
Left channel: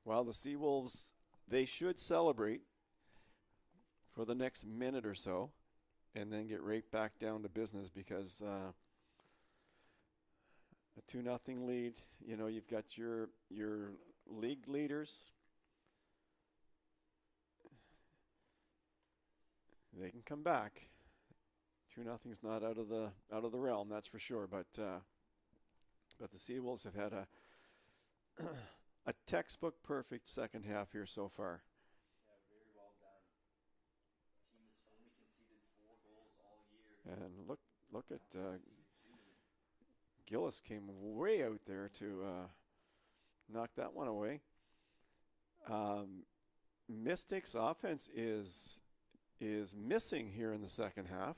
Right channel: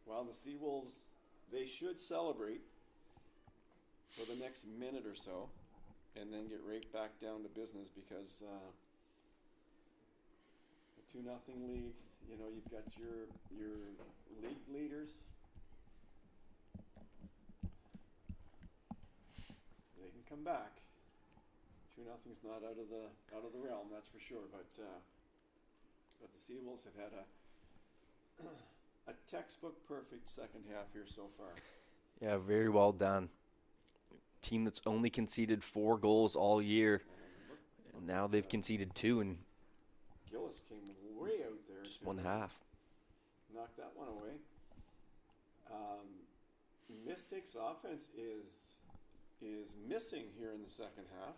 Well, the Seawolves, they should celebrate for the next minute or so and then get right back down to business because a 2-0 lead, you know, you've got your league leaders. They can come back. 2-0's not out of the realm, that's for sure. But the Seawolves have had a textbook perfect second half here so far. Yeah, very well done. Team that's only conceded 4 goals all year. And look Now at, they've conceded 2 in Gillis came way out there just to one half. knock that one away. Mystics offense is missing here in the second half.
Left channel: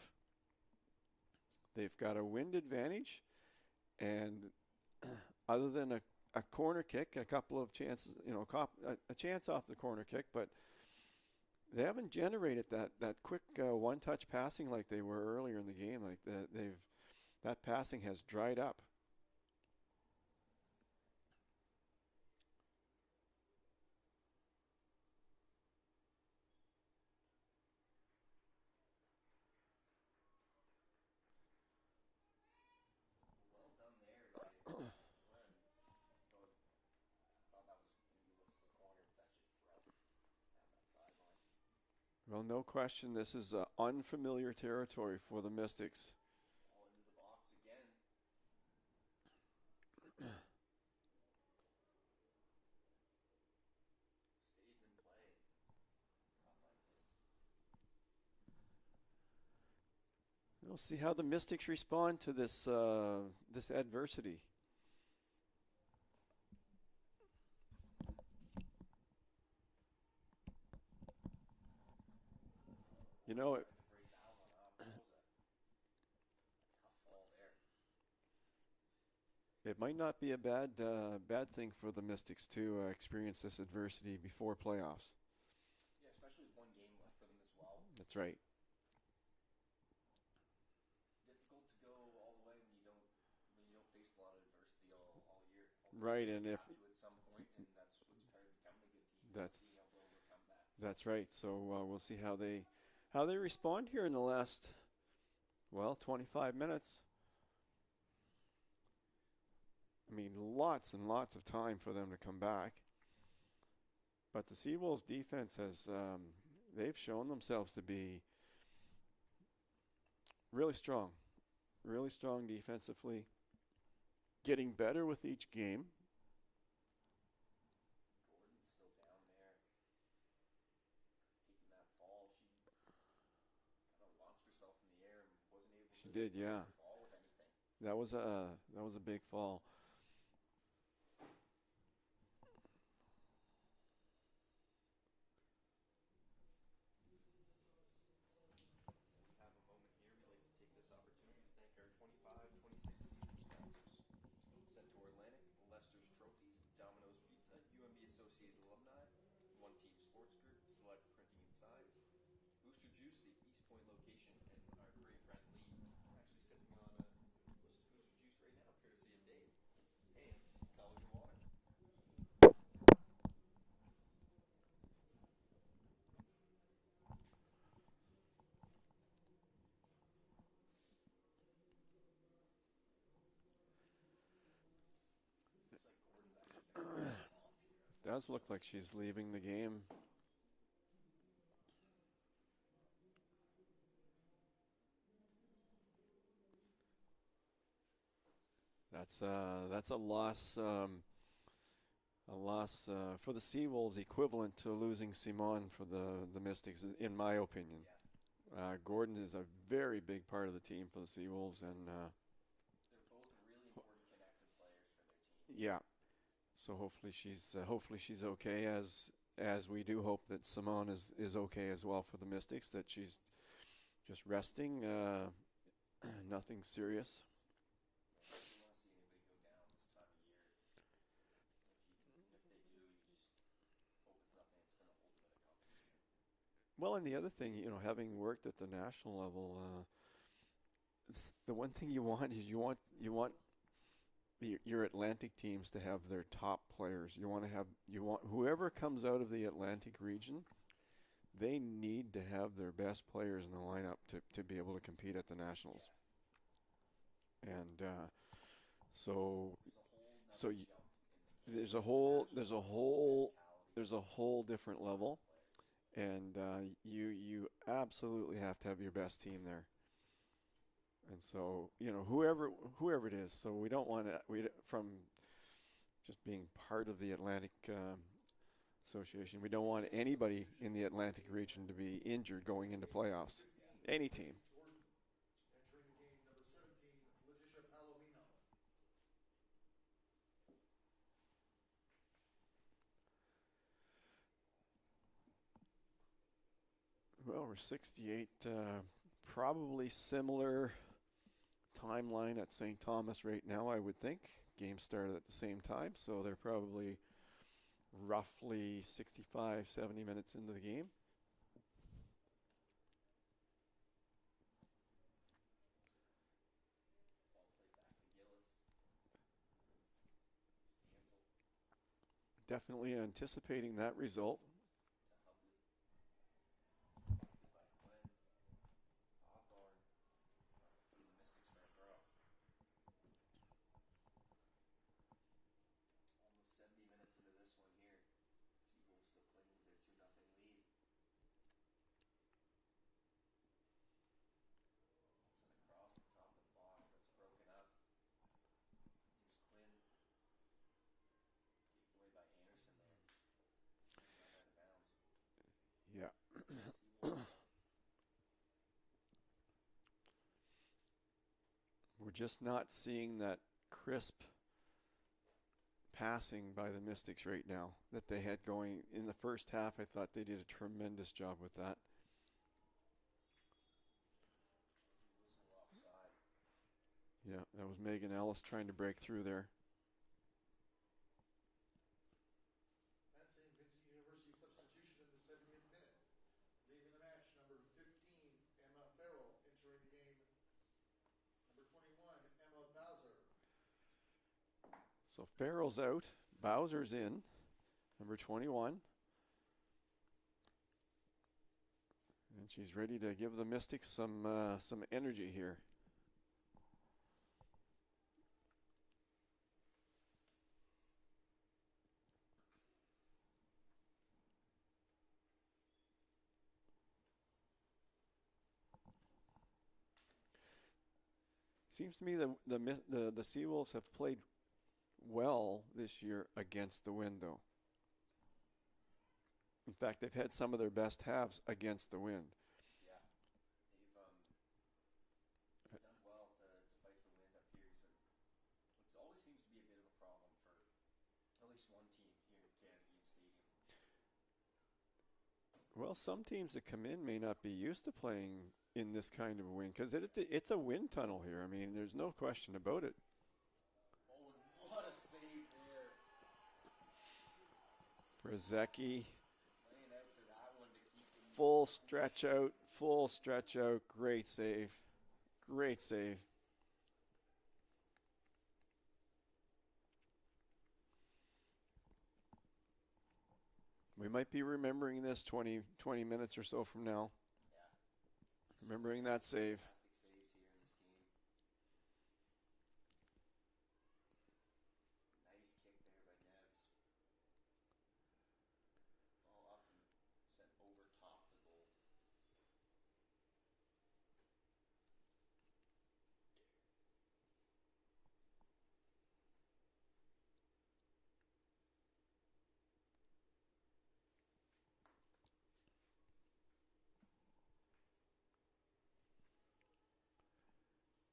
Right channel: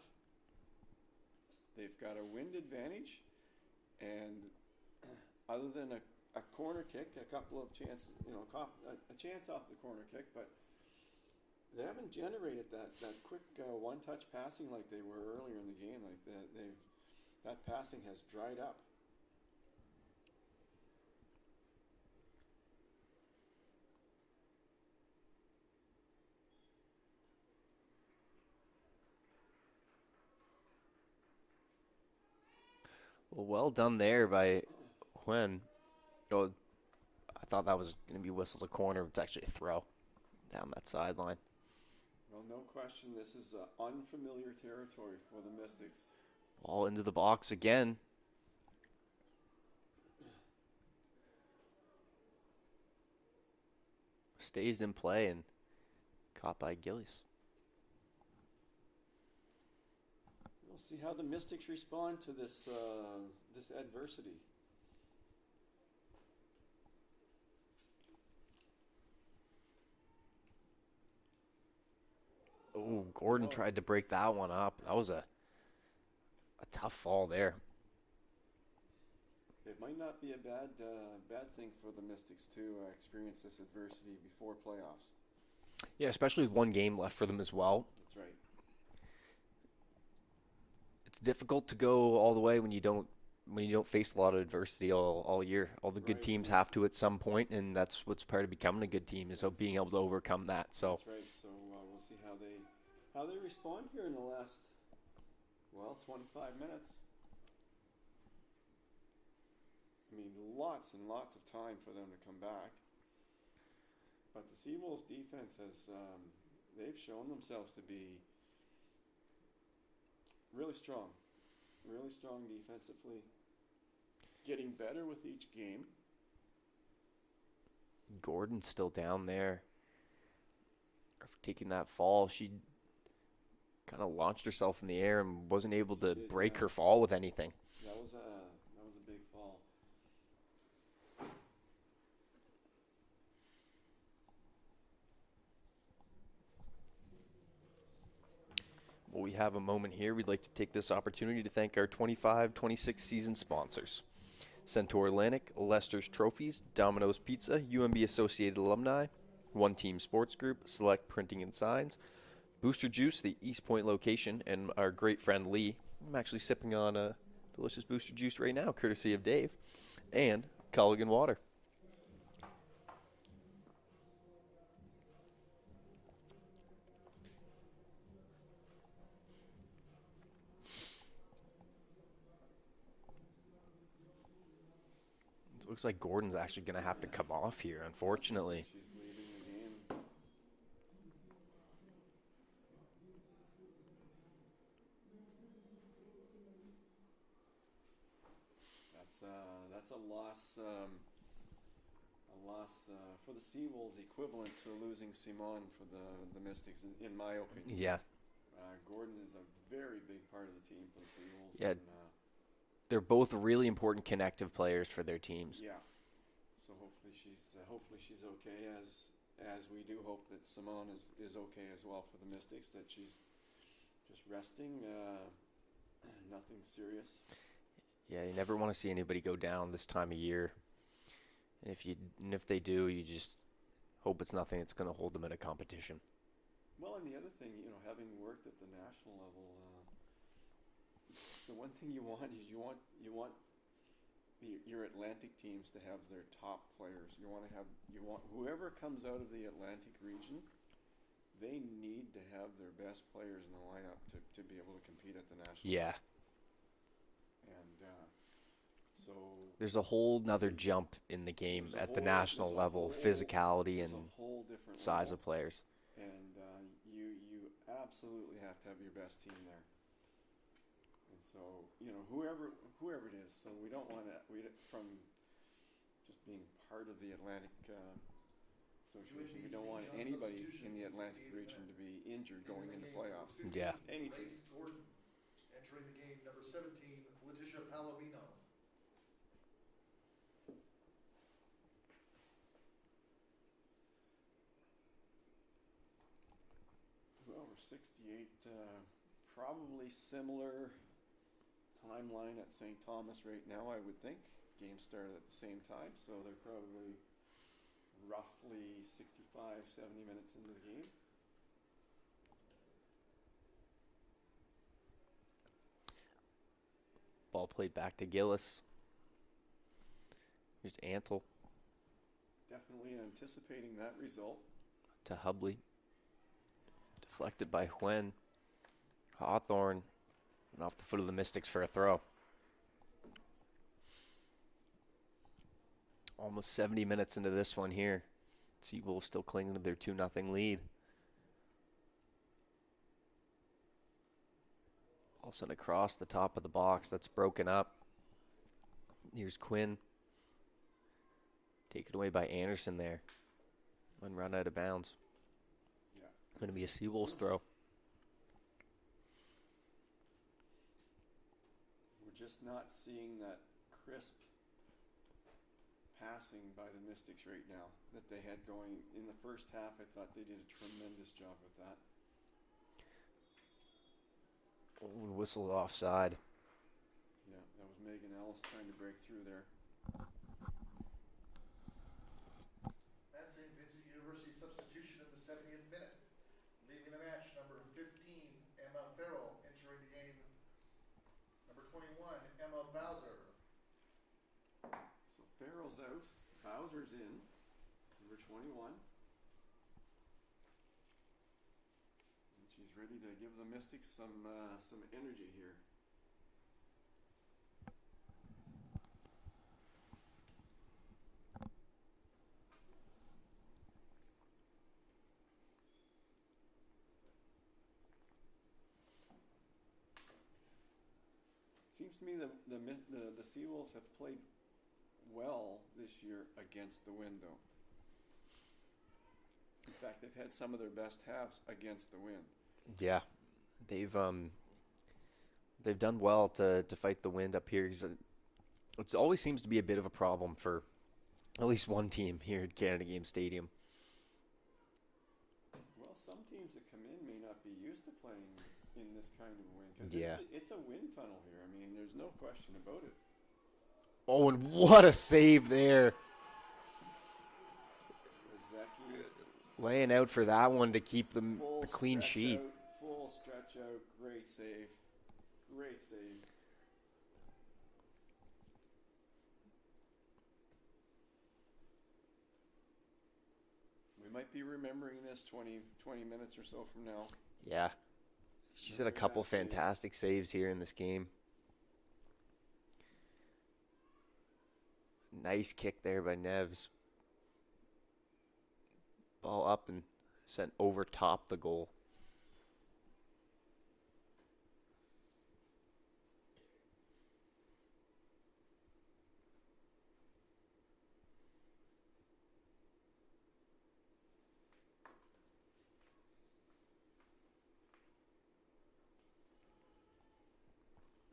They've got a wind advantage, and other than a corner kick, a couple of chances, a chance off the corner kick, but they haven't generated that quick one-touch passing like they were earlier in the game. Like that passing has dried up. Well done there by Huen. Oh, I thought that was going to be whistled a corner. It's actually a throw down that sideline. Well, no question, this is unfamiliar territory for the Mystics. Ball into the box again. Stays in play and caught by Gillies. We'll see how the Mystics respond to this this adversity. Oh, Gordon You know, tried to break that one up. That was a tough fall there. It might not be a bad thing for the Mystics to experience this adversity before playoffs. Yeah, especially with one game left for them as well. That's right. it's difficult to go all the way when you don't face a lot of adversity all year. All the good Right, teams and have to at some point, and that's what's part of becoming a good team is being able to overcome that. So that's right. So we'll see how they respond here in the last 25 minutes. I mean, lots and lots of time for them to come back. But the Seawolves defense has they've shown themselves to be really strong defensively, getting better with each game. Gordon's still down there for taking that fall. She kind of launched herself in the air and wasn't able to break her fall with anything. That was a big fall. Well, we have a moment here. We'd like to take this opportunity to thank our 25-26 season sponsors: Centaur Atlantic, Lester's Trophies, Domino's Pizza, UNB Associated Alumni, One Team Sports Group, Select Printing and Signs, Booster Juice, the East Point location, and our great friend Lee. I'm actually sipping on a delicious Booster Juice right now, courtesy of Dave, and Culligan Water. It looks like Gordon's actually going to have to come off here, unfortunately. Like she's leaving the game. That's a loss. A loss for the Seawolves, equivalent to losing Simon for the Mystics, in my opinion. Yeah. Gordon is a very big part of the team for the Seawolves. Yeah. And, they're both really important connective players for their teams. yeah. So hopefully she's okay, as we do hope that Simon is okay as well for the Mystics, that she's just resting, nothing serious. Yeah, you never want to see anybody go down this time of year. And if they do, you just hope it's nothing that's going to hold them in a competition. Well, and the other thing, having worked at the national level, the one thing you want is you want your Atlantic teams to have their top players. You want whoever comes out of the Atlantic region, they need to have their best players in the lineup to be able to compete at the nationals. Yeah. And so there's a whole nother jump in the game at the national level, physicality and a whole different size level. of players. And you absolutely have to have your best team there. And so, whoever it is, so we don't want to, from just being part of the Atlantic Association, we don't want anybody in the Atlantic region to be injured going into playoffs. Yeah. Any team. Gordon entering the game, number 17, Letitia Palomino. Well, we're 68, probably similar timeline at St. Thomas right now, I would think. Games started at the same time, so they're probably roughly 65, 70 minutes into the game. Ball played back to Gillis. Here's Antle. Definitely anticipating that result. To Hubley. Deflected by Huen. Hawthorne. And off the foot of the Mystics for a throw. Almost 70 minutes into this one here. Seawolves still clinging to their 2-0 lead. All sent across the top of the box. That's broken up. Here's Quinn. Taken away by Anderson there. And run out of bounds. Yeah. Going to be a Seawolves throw. We're just not seeing that crisp passing by the Mystics right now that they had going in the first half. I thought they did a tremendous job with that. Whistled offside. Yeah, that was Megan Ellis trying to break through there. And St. Vincent University substitution in the 70th minute. Leaving the match, number 15, Emma Farrell, entering the game. 21, Emma Bowser. So Farrell's out. Bowser's in. Number 21. And she's ready to give the Mystics some energy here. Seems to me the Seawolves have played well this year against the wind, though. In fact, they've had some of their best halves against the wind. Yeah, they've done well to fight the wind up here. It always seems to be a bit of a problem for at least one team here at Canada Game Stadium. Well, some teams that come in may not be used to playing in this kind of wind because Yeah. it's a wind tunnel here. I mean, there's no question about it. Oh, and what a save there. Brzezicki, Laying out for that one to keep the full clean stretch sheet. out, full stretch out. Great save. Great save. We might be remembering this 20 minutes or so from now. Yeah. She's had a Remembering couple that save. fantastic saves here in this game. Nice kick there by Neves. Ball up and sent over top the goal.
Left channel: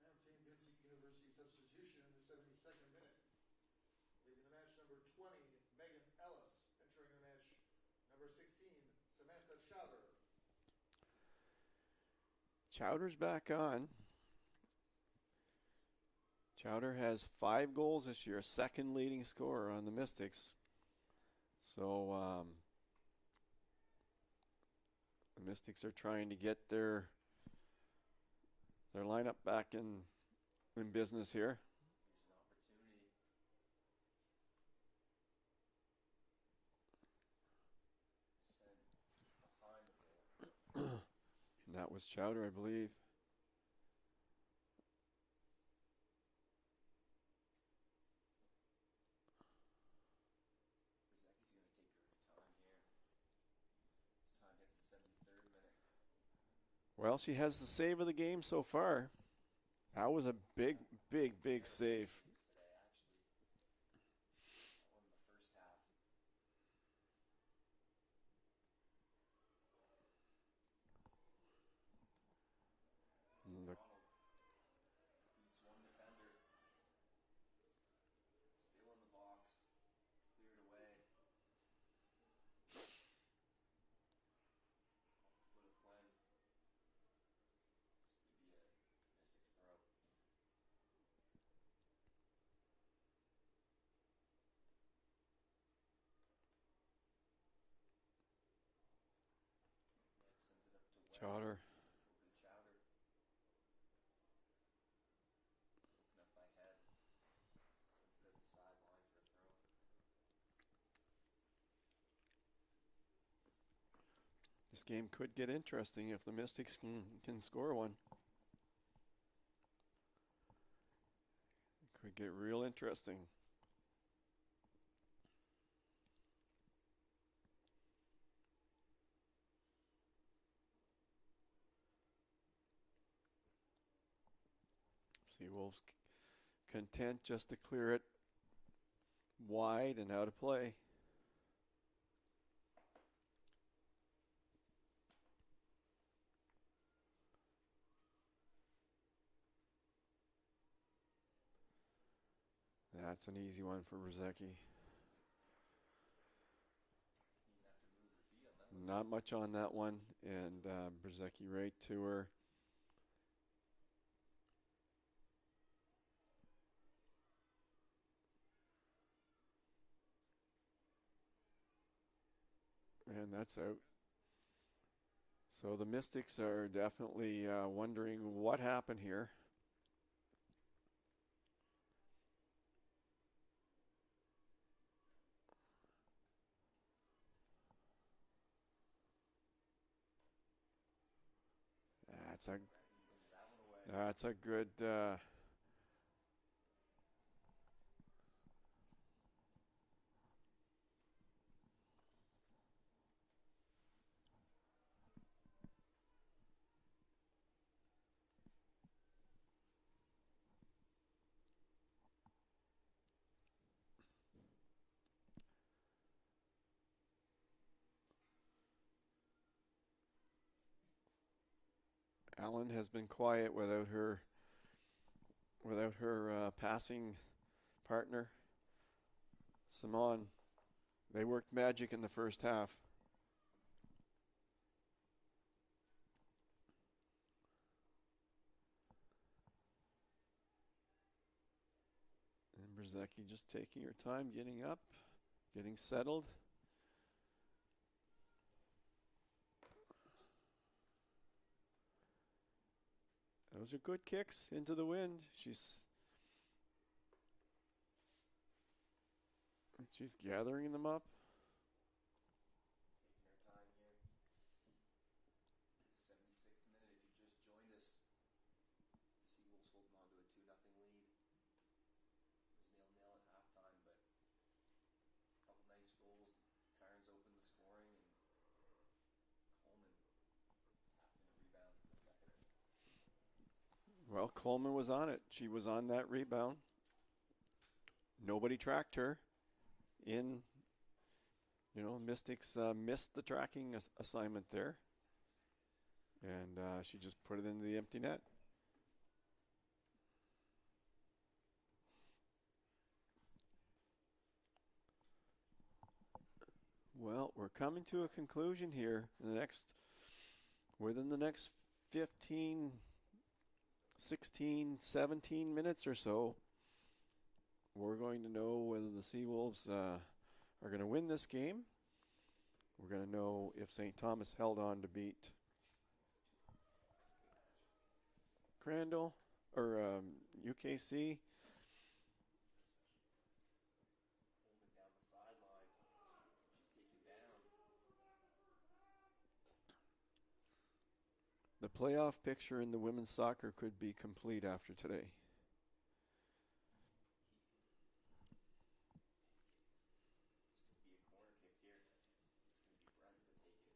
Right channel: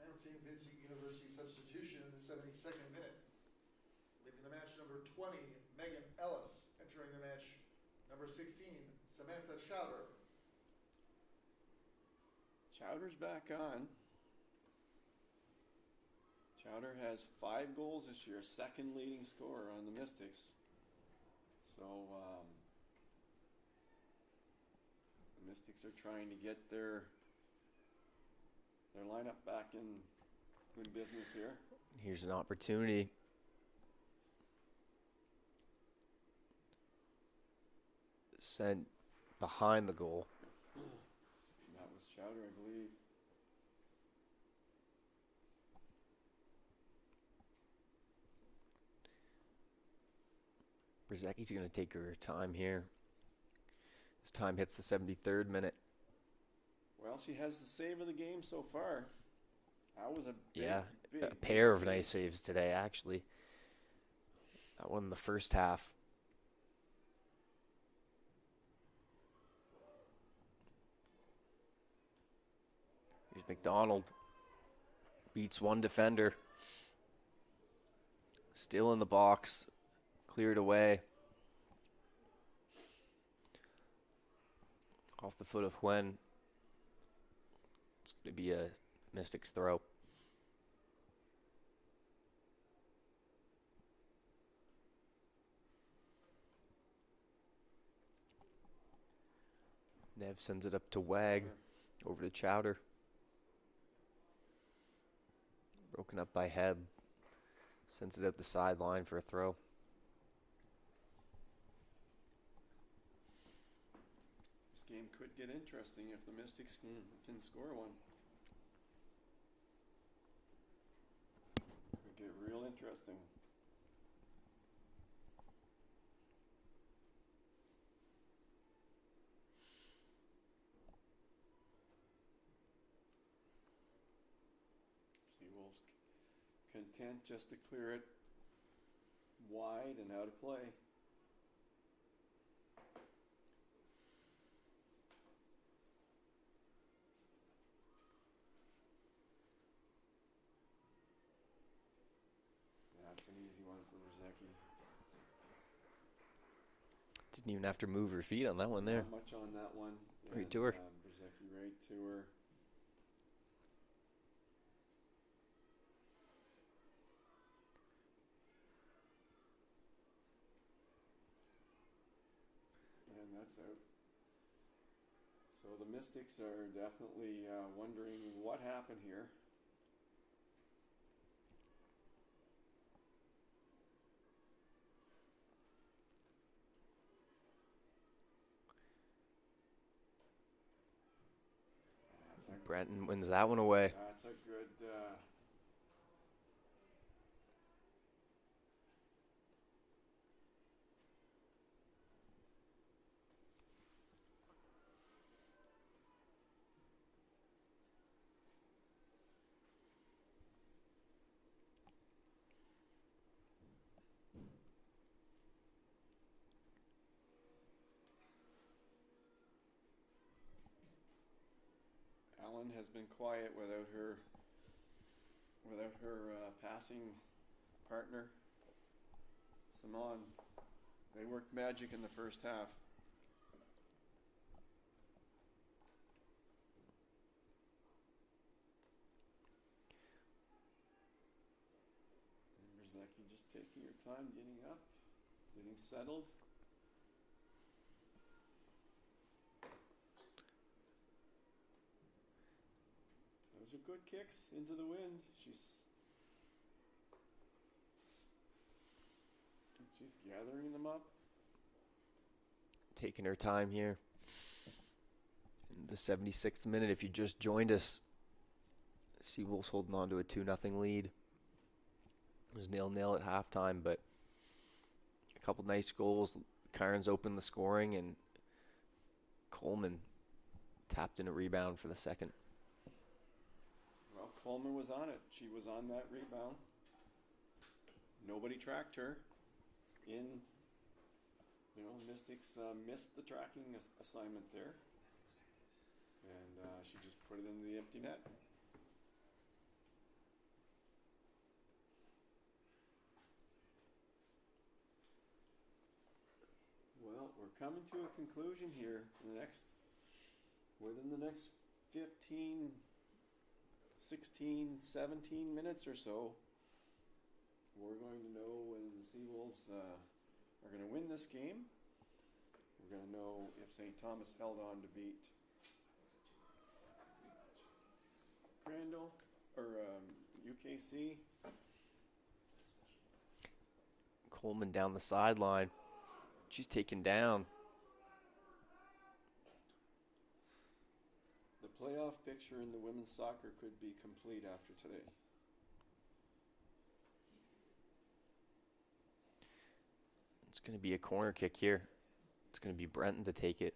Mountain Vincent University substitution in the 72nd minute. Leaving the match, number 20, Megan Ellis. Entering the match, number 16, Samantha Schauder. Chowder's back on. Chowder has 5 goals this year, second leading scorer on the Mystics. So the Mystics are trying to get their lineup back in business here. Here's an opportunity. Sent behind the goal. That was Chowder, I believe. Brzezicki's going to take her time here. This time hits the 73rd minute. Well, she has the save of the game so far. That was a big, big, a big pair of save. nice saves today, actually. That one in the first half. Here's McDonald. Beats one defender. Still in the box. Cleared away. Off the foot of Huen. It's going to be a Mystics throw. Nev sends it up to Wag. Chowder. Over to Chowder. Broken up by Heb. Sends it up the sideline for a throw. This game could get interesting if the Mystics can score one. Could get real interesting. Seawolves content just to clear it wide and out of play. That's an easy one for Brzezicki. Didn't even have to move her feet on that one there. Not much on that one. Right to her. Brzezicki right to her. And that's out. So the Mystics are definitely wondering what happened here. Brenton wins that one away. That's a good. Allen has been quiet without her passing partner, Simon. They worked magic in the first half. And Brzezicki just taking her time, getting up, getting settled. Those are good kicks into the wind. She's gathering them up. Taking her time here. In the 76th minute, if you just joined us, Seawolves holding on to a 2-0 lead. It was 0-0 at halftime, but a couple nice goals. Cairns opened the scoring, and Coleman tapped in a rebound for the second. Well, Coleman was on it. She was on that rebound. Nobody tracked her. Mystics missed the tracking assignment there. And she just put it into the empty net. Well, we're coming to a conclusion here. Within the next 15, 16, 17 minutes or so, we're going to know whether the Seawolves are going to win this game. We're going to know if St. Thomas held on to beat Crandall or UKC. Coleman down the sideline. She's taken down. The playoff picture in the women's soccer could be complete after today. It's going to be a corner kick here. It's going to be Brenton to take it.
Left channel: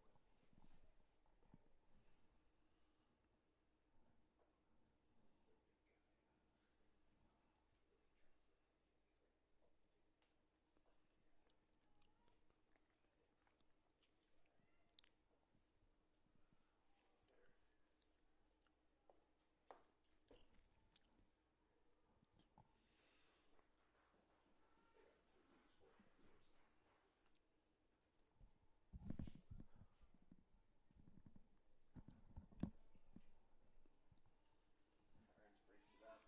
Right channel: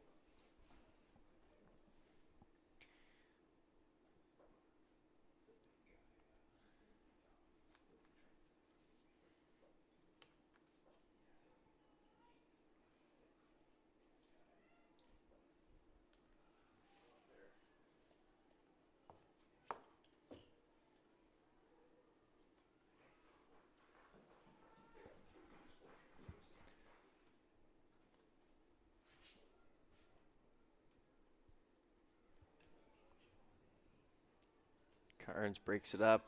Cairns breaks it up.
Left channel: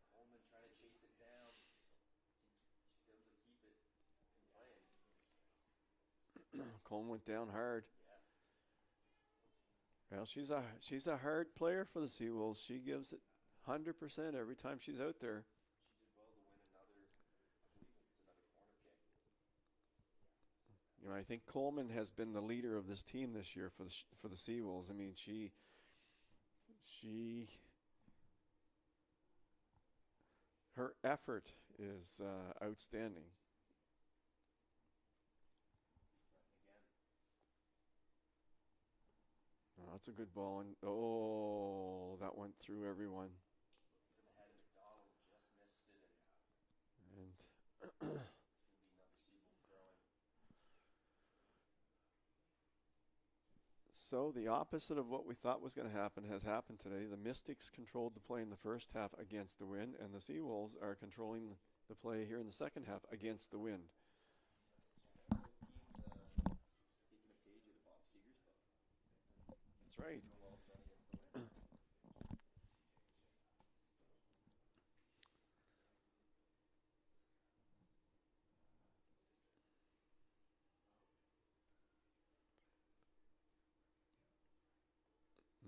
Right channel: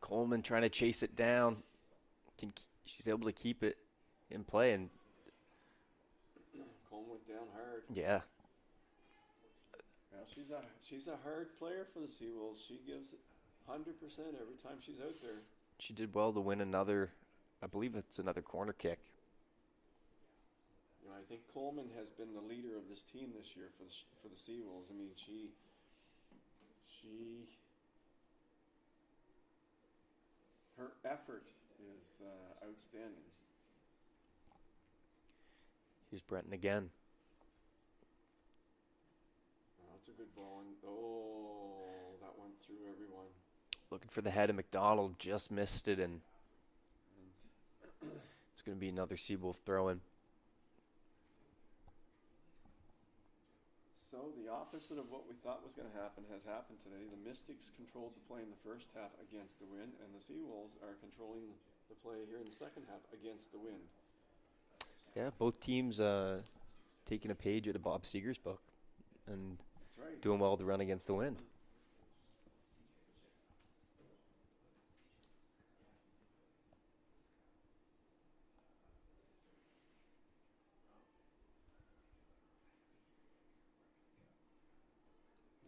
Coleman trying to chase it down. She's able to keep it in play, and Coleman went down hard. yeah. Well, she's a hard player for the Seawolves. She gives it 100% every time she's out there. She did well to win another, I believe it's another corner kick. I think Coleman has been the leader of this team this year for the Seawolves. I mean, her effort is outstanding. Here's Brenton again. Oh, that's a good ball. And that went through everyone. Looking for the head of McDonald, just missed it, and it's going to be another Seawolf throw-in. So the opposite of what we thought was going to happen has happened today. The Mystics controlled the play in the first half against the wind, and the Seawolves are controlling the play here in the second half against the wind. Yeah, both teams taking a page out of Bob Seeger's book and That's right. doing well to run against the wind.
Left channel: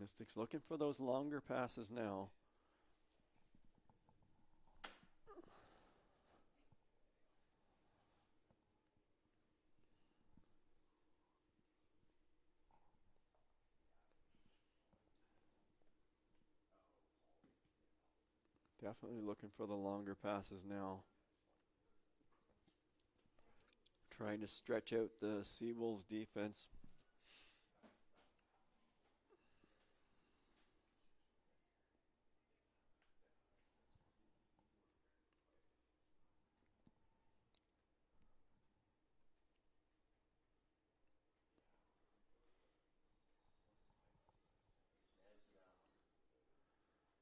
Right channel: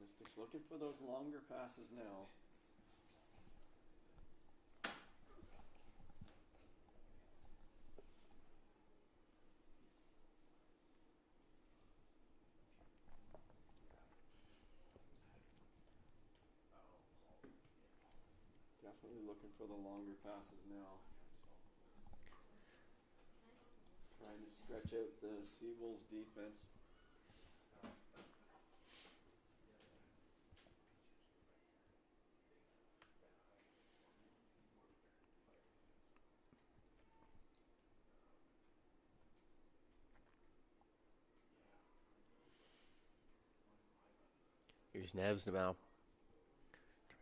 Mystics looking for those longer passes now. Definitely looking for the longer passes now. Trying to stretch out the Seawolves defense. Here's Neves now.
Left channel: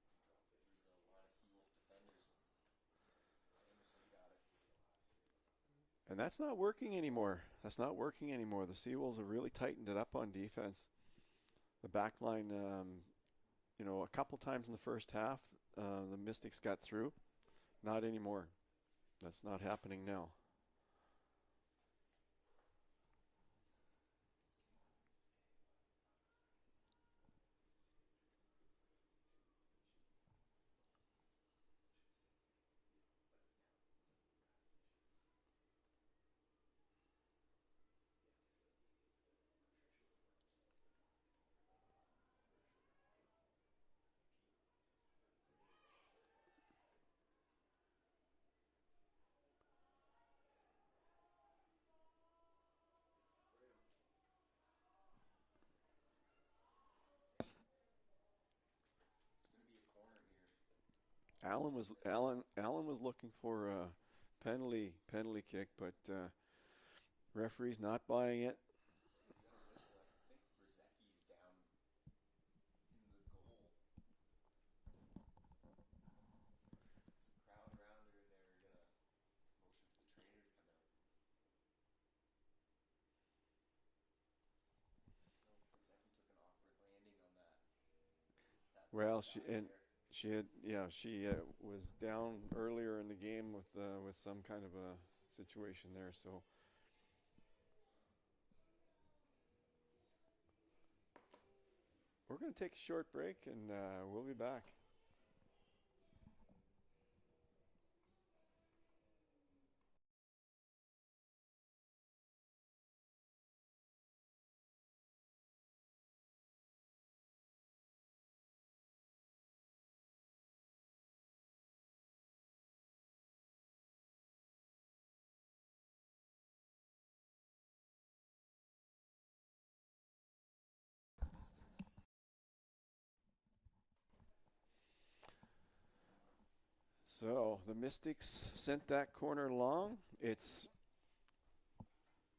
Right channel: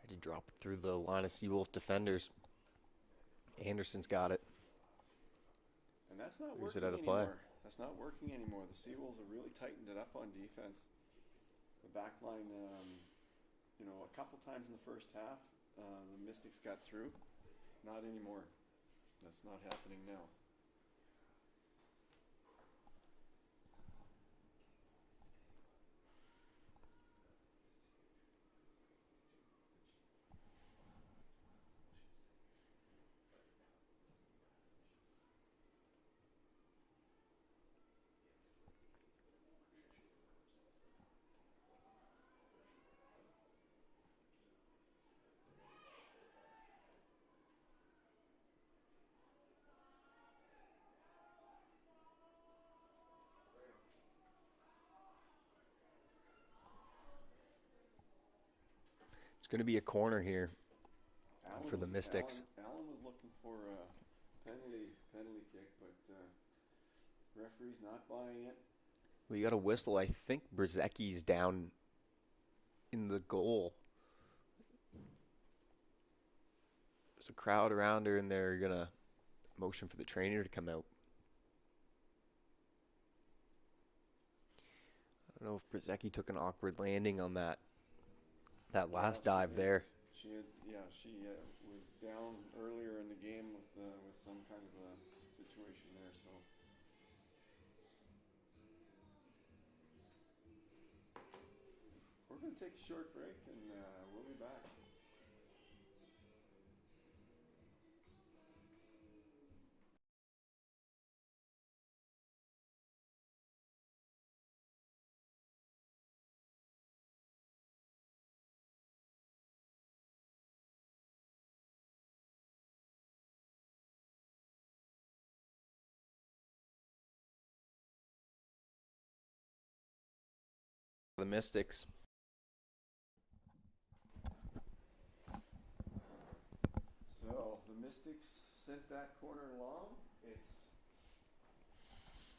Tried to drop it through the line of Seawolf defenders. Anderson's got it. And that's not Here's it working out of play. anymore. That's not working anymore. The Seawolves have really tightened it up on defense. The back line, a couple times in the first half, the Mystics got through. Not anymore. That's not happening now. It's going to be a corner here for the Mystics. Allen was looking for a penalty kick, but referee's not buying it. We got a whistle. I think Brzezicki's down in the goal. There's a crowd around her, and they're going to motion for the trainer to come out. I don't know if Brzezicki took an awkward landing on that last dive there. She was down earlier in the game with some kind of a situation there. So we're going to take a short break, and we'll be back. The Mystics. So the Mystics sent that corner long. It's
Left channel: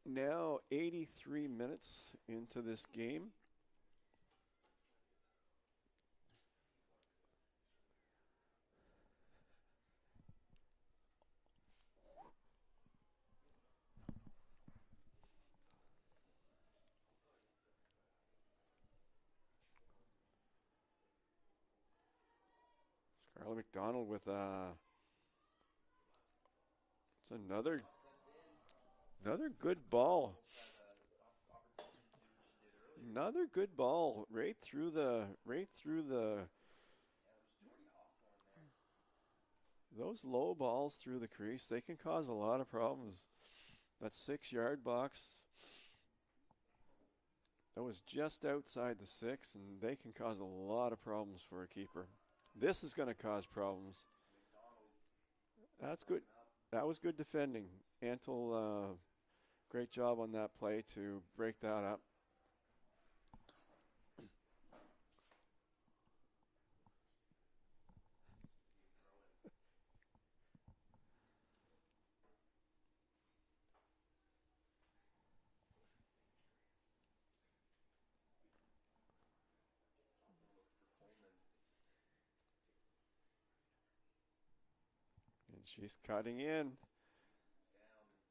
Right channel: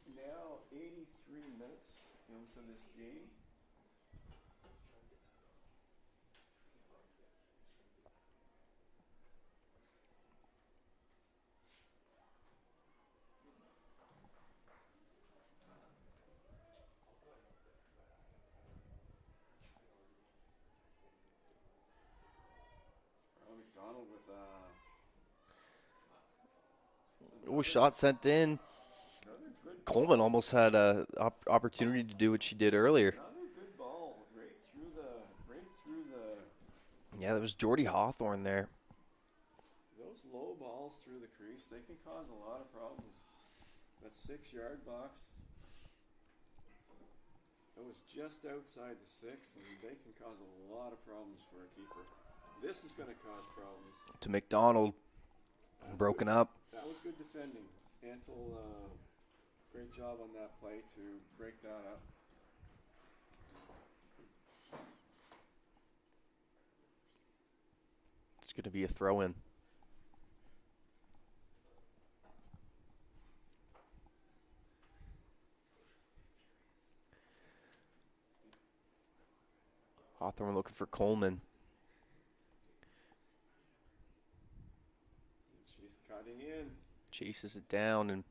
now 83 minutes into this game. Scarlett McDonald with Shot sent in. Another good Coleman ball. almost had a opportunity to do what she did earlier. Another good ball right through the. Yeah, that was Jordy Hawthorne there. Those low balls through the crease, they can cause a lot of problems. That 6-yard box, that was just outside the 6, and they can cause a lot of problems for a keeper. This is going to cause problems. To McDonald. That's broken good. up. That was good defending. Antle, great job on that play to break that up. It's going to be a throw-in. Hawthorne looking for Coleman. And she's cutting in. Chases it down, and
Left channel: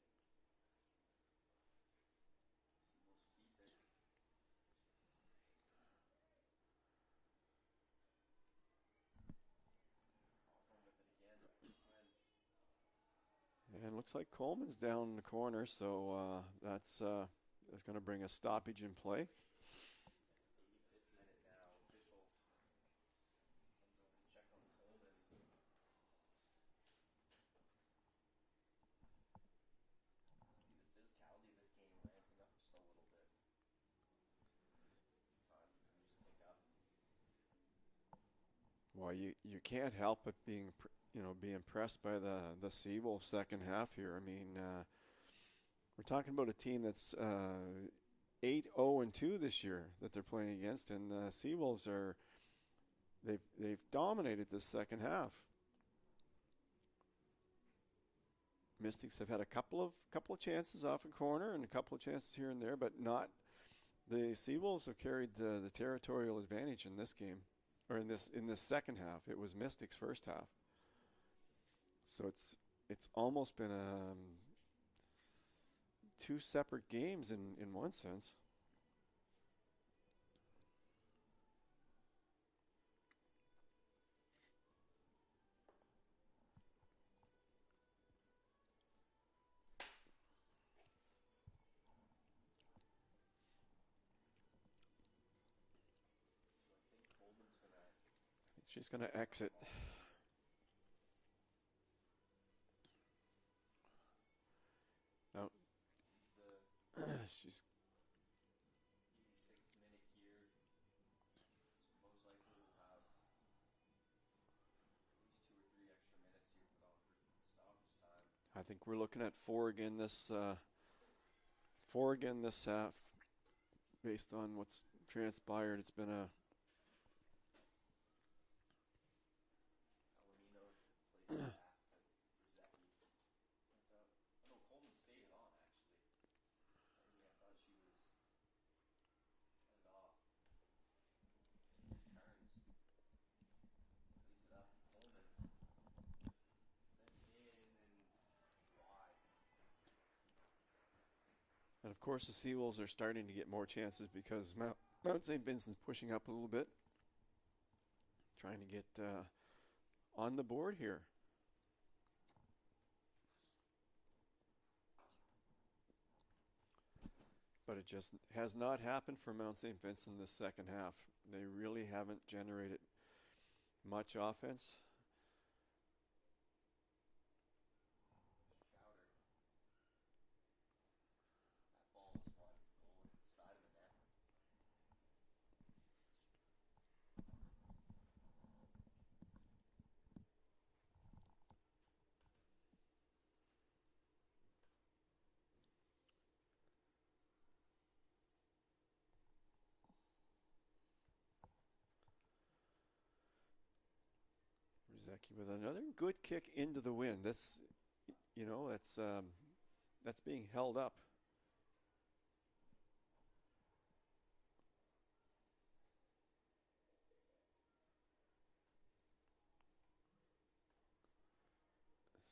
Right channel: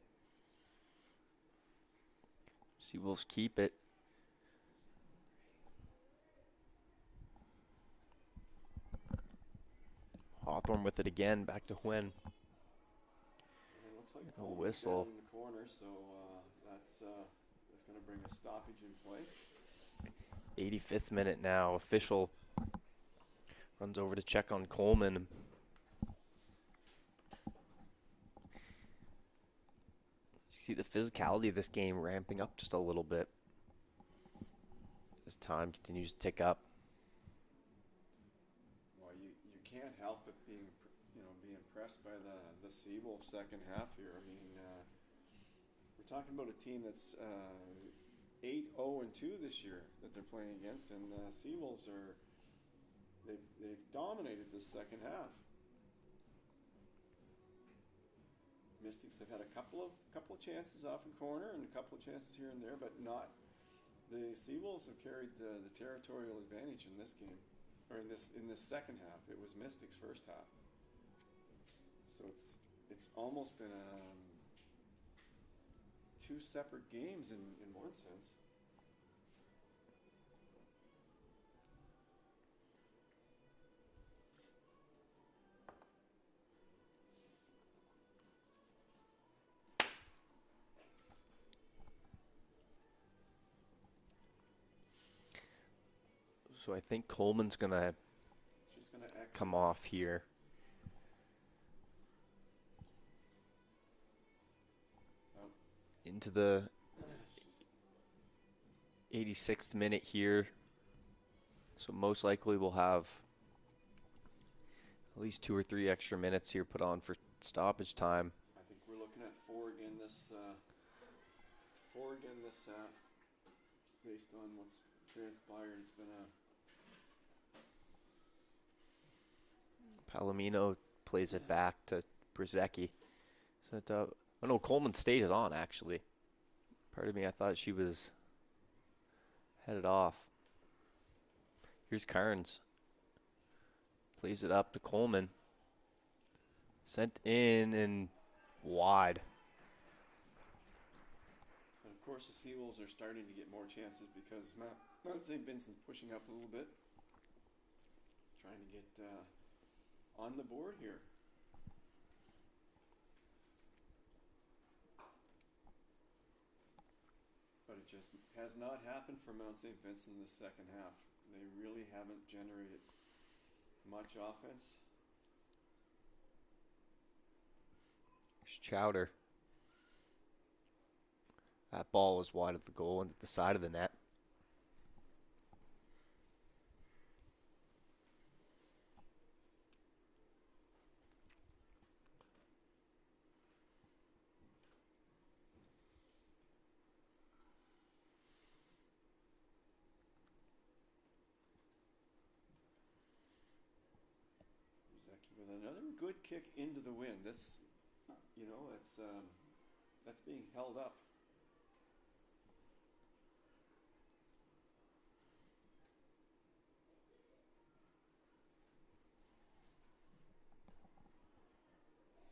Seawolves keep it. Hawthorne with it again, back to Huen. And it looks like Coleman's down in the corner, so that's going to bring a stoppage in play. 85th minute now. Official runs over to check on Coleman. You see the physicality of this game ramping up just a little bit as time continues to tick up. Well, you can't help but be impressed by the Seawolves second half here. I mean, we're talking about a team that's 8-0-2 this year that they're playing against, and Seawolves they've dominated this second half. Mystics have had a couple of chances off a corner and a couple of chances here and there, but not. The Seawolves have carried the territorial advantage in this game, or in this second half. It was Mystics' first half, so it's almost been two separate games in one sense. So I think Coleman's gonna She's going to exit. come off here. Oh. Into the She's 86th minute here. So most likely we'll have at least 2 or 3 extra minutes here put on for stoppage time. I think we're looking at four again this half. Based on what's transpired, it's been a Palomino plays it back to Brzezicki. So oh no, Coleman stayed it on actually. Part of me, I thought she was headed off. Here's Carnes. Plays it up to Coleman. Sent in and wide. And of course, the Seawolves are starting to get more chances because Mount St. Vincent's pushing up a little bit, trying to get on the board here. But it just has not happened for Mount St. Vincent in the second half. They really haven't generated much offense. Here's Chowder. That ball was wide of the goal and at the side of the net. Brzezicki with another good kick into the wind. That's being held up.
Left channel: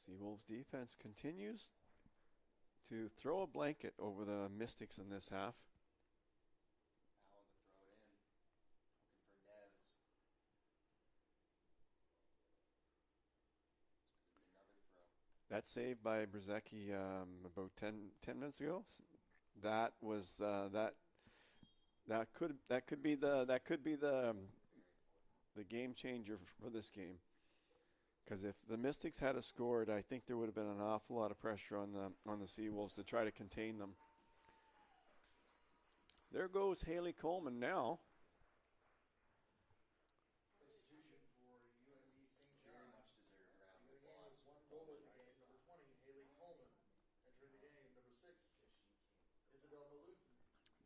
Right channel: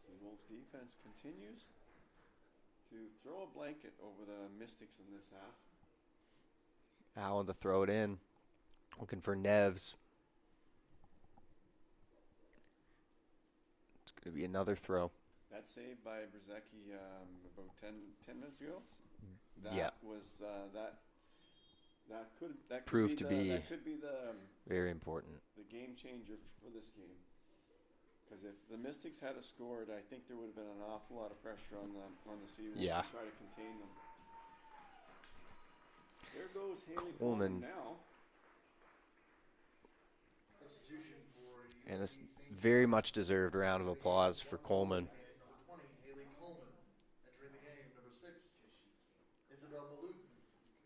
Seawolves defense continues to throw a blanket over the Mystics in this half. Allen to throw it in. Looking for Neves. It's going to be another throw. That save by Brzezicki about 10 minutes ago. Yeah. That could Proved to be the very important. the game changer for this game. Because if the Mystics had scored, I think there would have been an awful lot of pressure on the Seawolves to try to contain them. There goes Haley Coleman now. Substitution for And a very much deserved round of applause for Coleman. number 20, Haley Coleman. Entering the game, number 6, Isabel Malooten.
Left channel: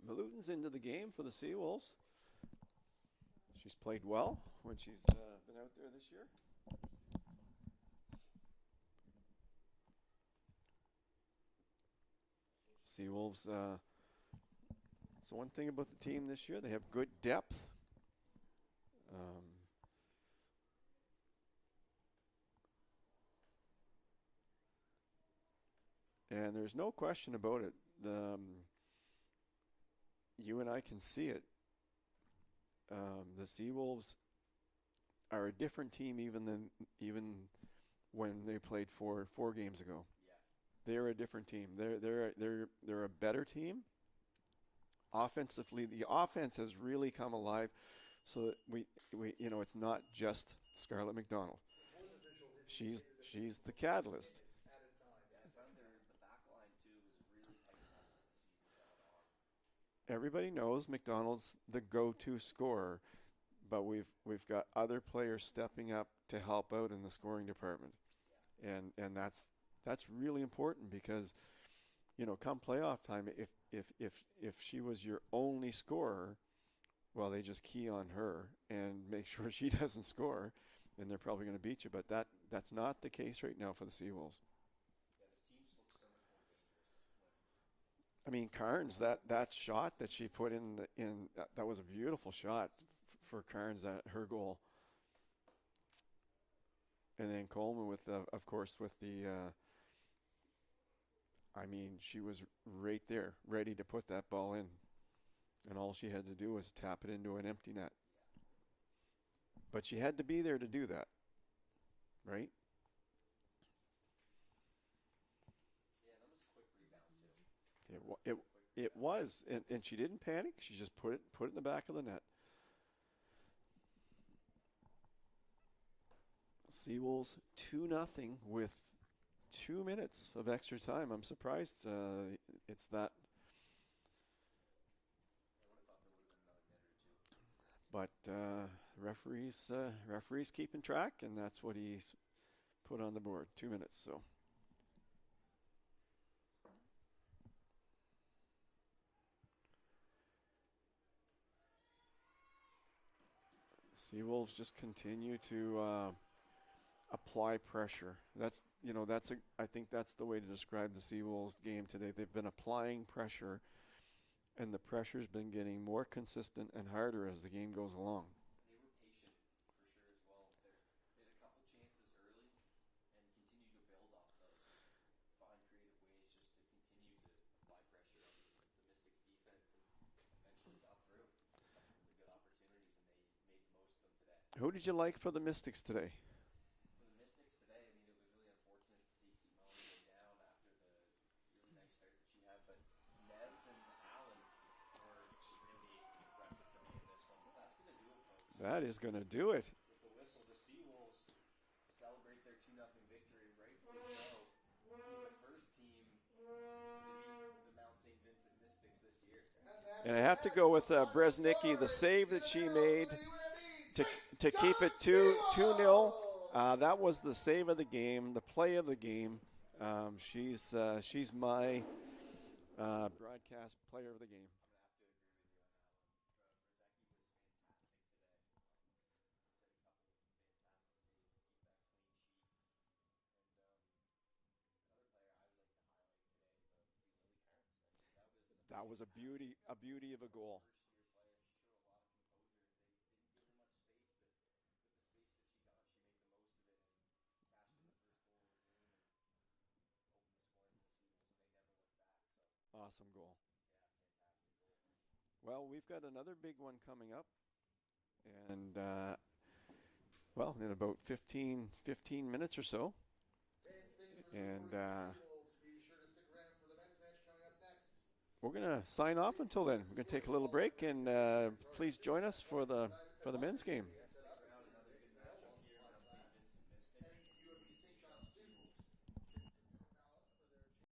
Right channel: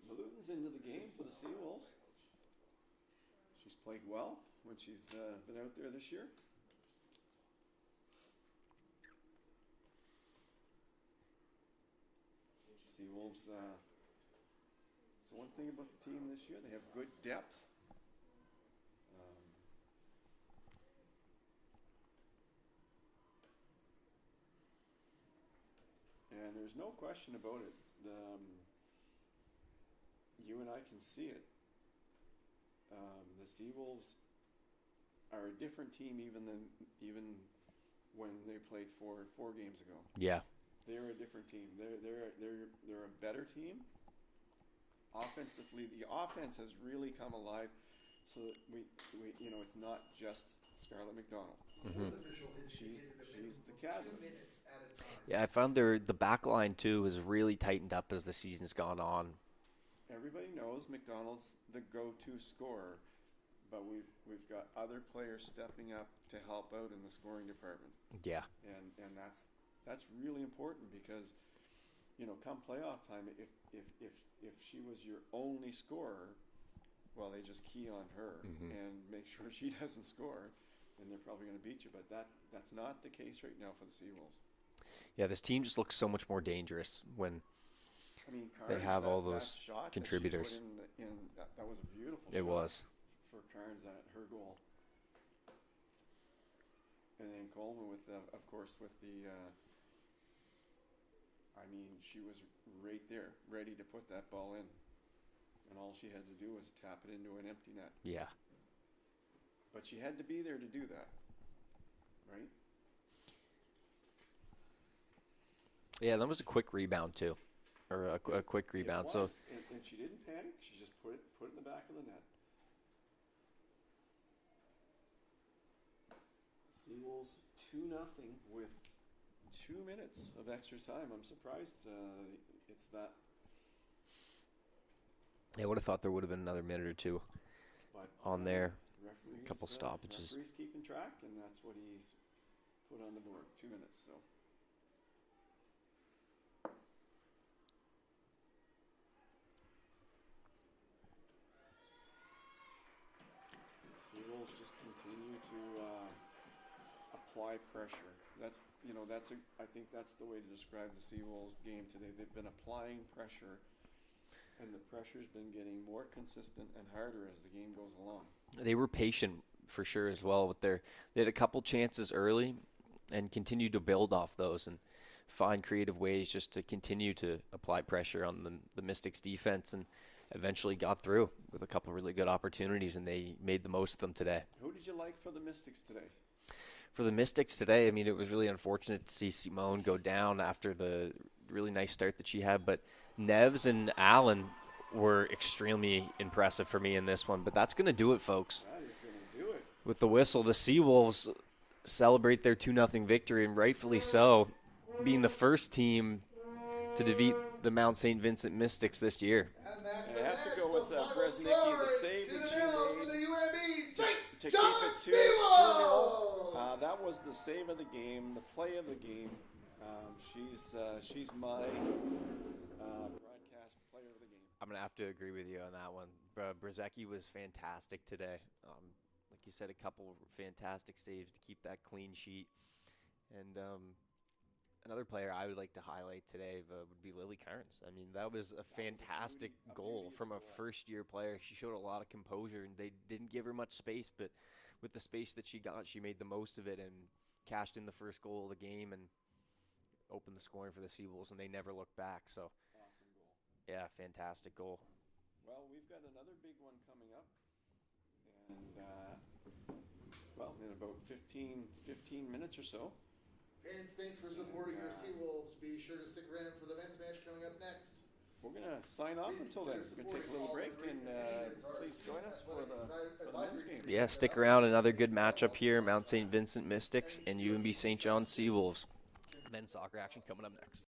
Malooten's into the game for the Seawolves. She's played well when she's been out there this year. Seawolves, so one thing about the team this year, they have good depth. And there's no question about it. You and I can see it. The Seawolves are a different team even when they played four games ago. Yeah. They're a different team. They're a better team. Offensively, the offense has really come alive, so that we it's not just Scarlett McDonald. Mm-hmm. She's the catalyst. Yeah, I found the back line too has really tightened up as the season's gone on. Everybody knows McDonald's the go-to scorer, but we've got other players stepping up to help out in the scoring department. Yeah. And that's really important because, come playoff time, if she was your only scorer, well, they just key on her and make sure she doesn't score, and they're probably going to beat you. But that's not the case right now for the Seawolves. Yeah, this team just looks so much more dangerous when Carnes, have all those that shot contributors. that she put in that was a beautiful shot. It was. For Carnes, her goal. And then Coleman with, of course, with the, she was right there, ready to put that ball in. And all she had to do was tap it into an empty net. Yeah. But she had to be there to do that, right? Yeah, that was a quick rebound too, or a quick rebound. It was, so and she didn't panic. She just put it in the back of the net. Seawolves 2-0 with 2 minutes of extra time. I'm surprised it's that. I would have thought there would have been another minute or two. But on there, referees, couple stoppages. Referees keeping track, and that's what he's put on the board. 2 minutes. So. Seawolves just continue to apply pressure. I think that's the way to describe the Seawolves game today. They've been applying pressure, and the pressure's been getting more consistent and harder as the game goes along. They were patient for sure as well with they had a couple chances early and continued to build off those and find creative ways just to continue to apply pressure on the Mystics defense, and eventually got through with a couple really good opportunities, and they made the most of them today. Who did you like for the Mystics today? For the Mystics today, it was really unfortunate to see Simone go down after the really nice start that she had, but Neves and Allen were extremely impressive for me in this one. But that's going to do it, folks. That is going to do it. With the whistle, the Seawolves celebrate their 2-0 victory, and rightfully so, being the first team to defeat the Mount St. Vincent Mystics this year. And I have to go with Bresnicki, the save that she made to keep it 2-0. That was the save of the game, the play of the game. She's my broadcast player of the game. I'm going to have to agree with you on that one. Bresnicki was fantastic today. Like you said, a couple fantastic saves to keep that clean sheet. And another player I would like to highlight today would be Lily Carnes. That was a fantastic goal from a first-year player. She showed a lot of composure, and they didn't give her much space, but with the space that she got, she made the most of it and cashed in the first goal of the game and opened the scoring for the Seawolves, and they never looked back. So awesome goal. Yeah, fantastic goal. Well, we've got another big one coming up, and in about 15 minutes or so. Fans, thanks for supporting your Seawolves. Be sure to stick around for the men's match coming up next. We're going to sign off until then. We're going to take a little break, and please join us for the men's game. Yeah, stick around. Another good matchup here. Mount St. Vincent Mystics and UNB St. John Seawolves. Men's soccer action coming up next.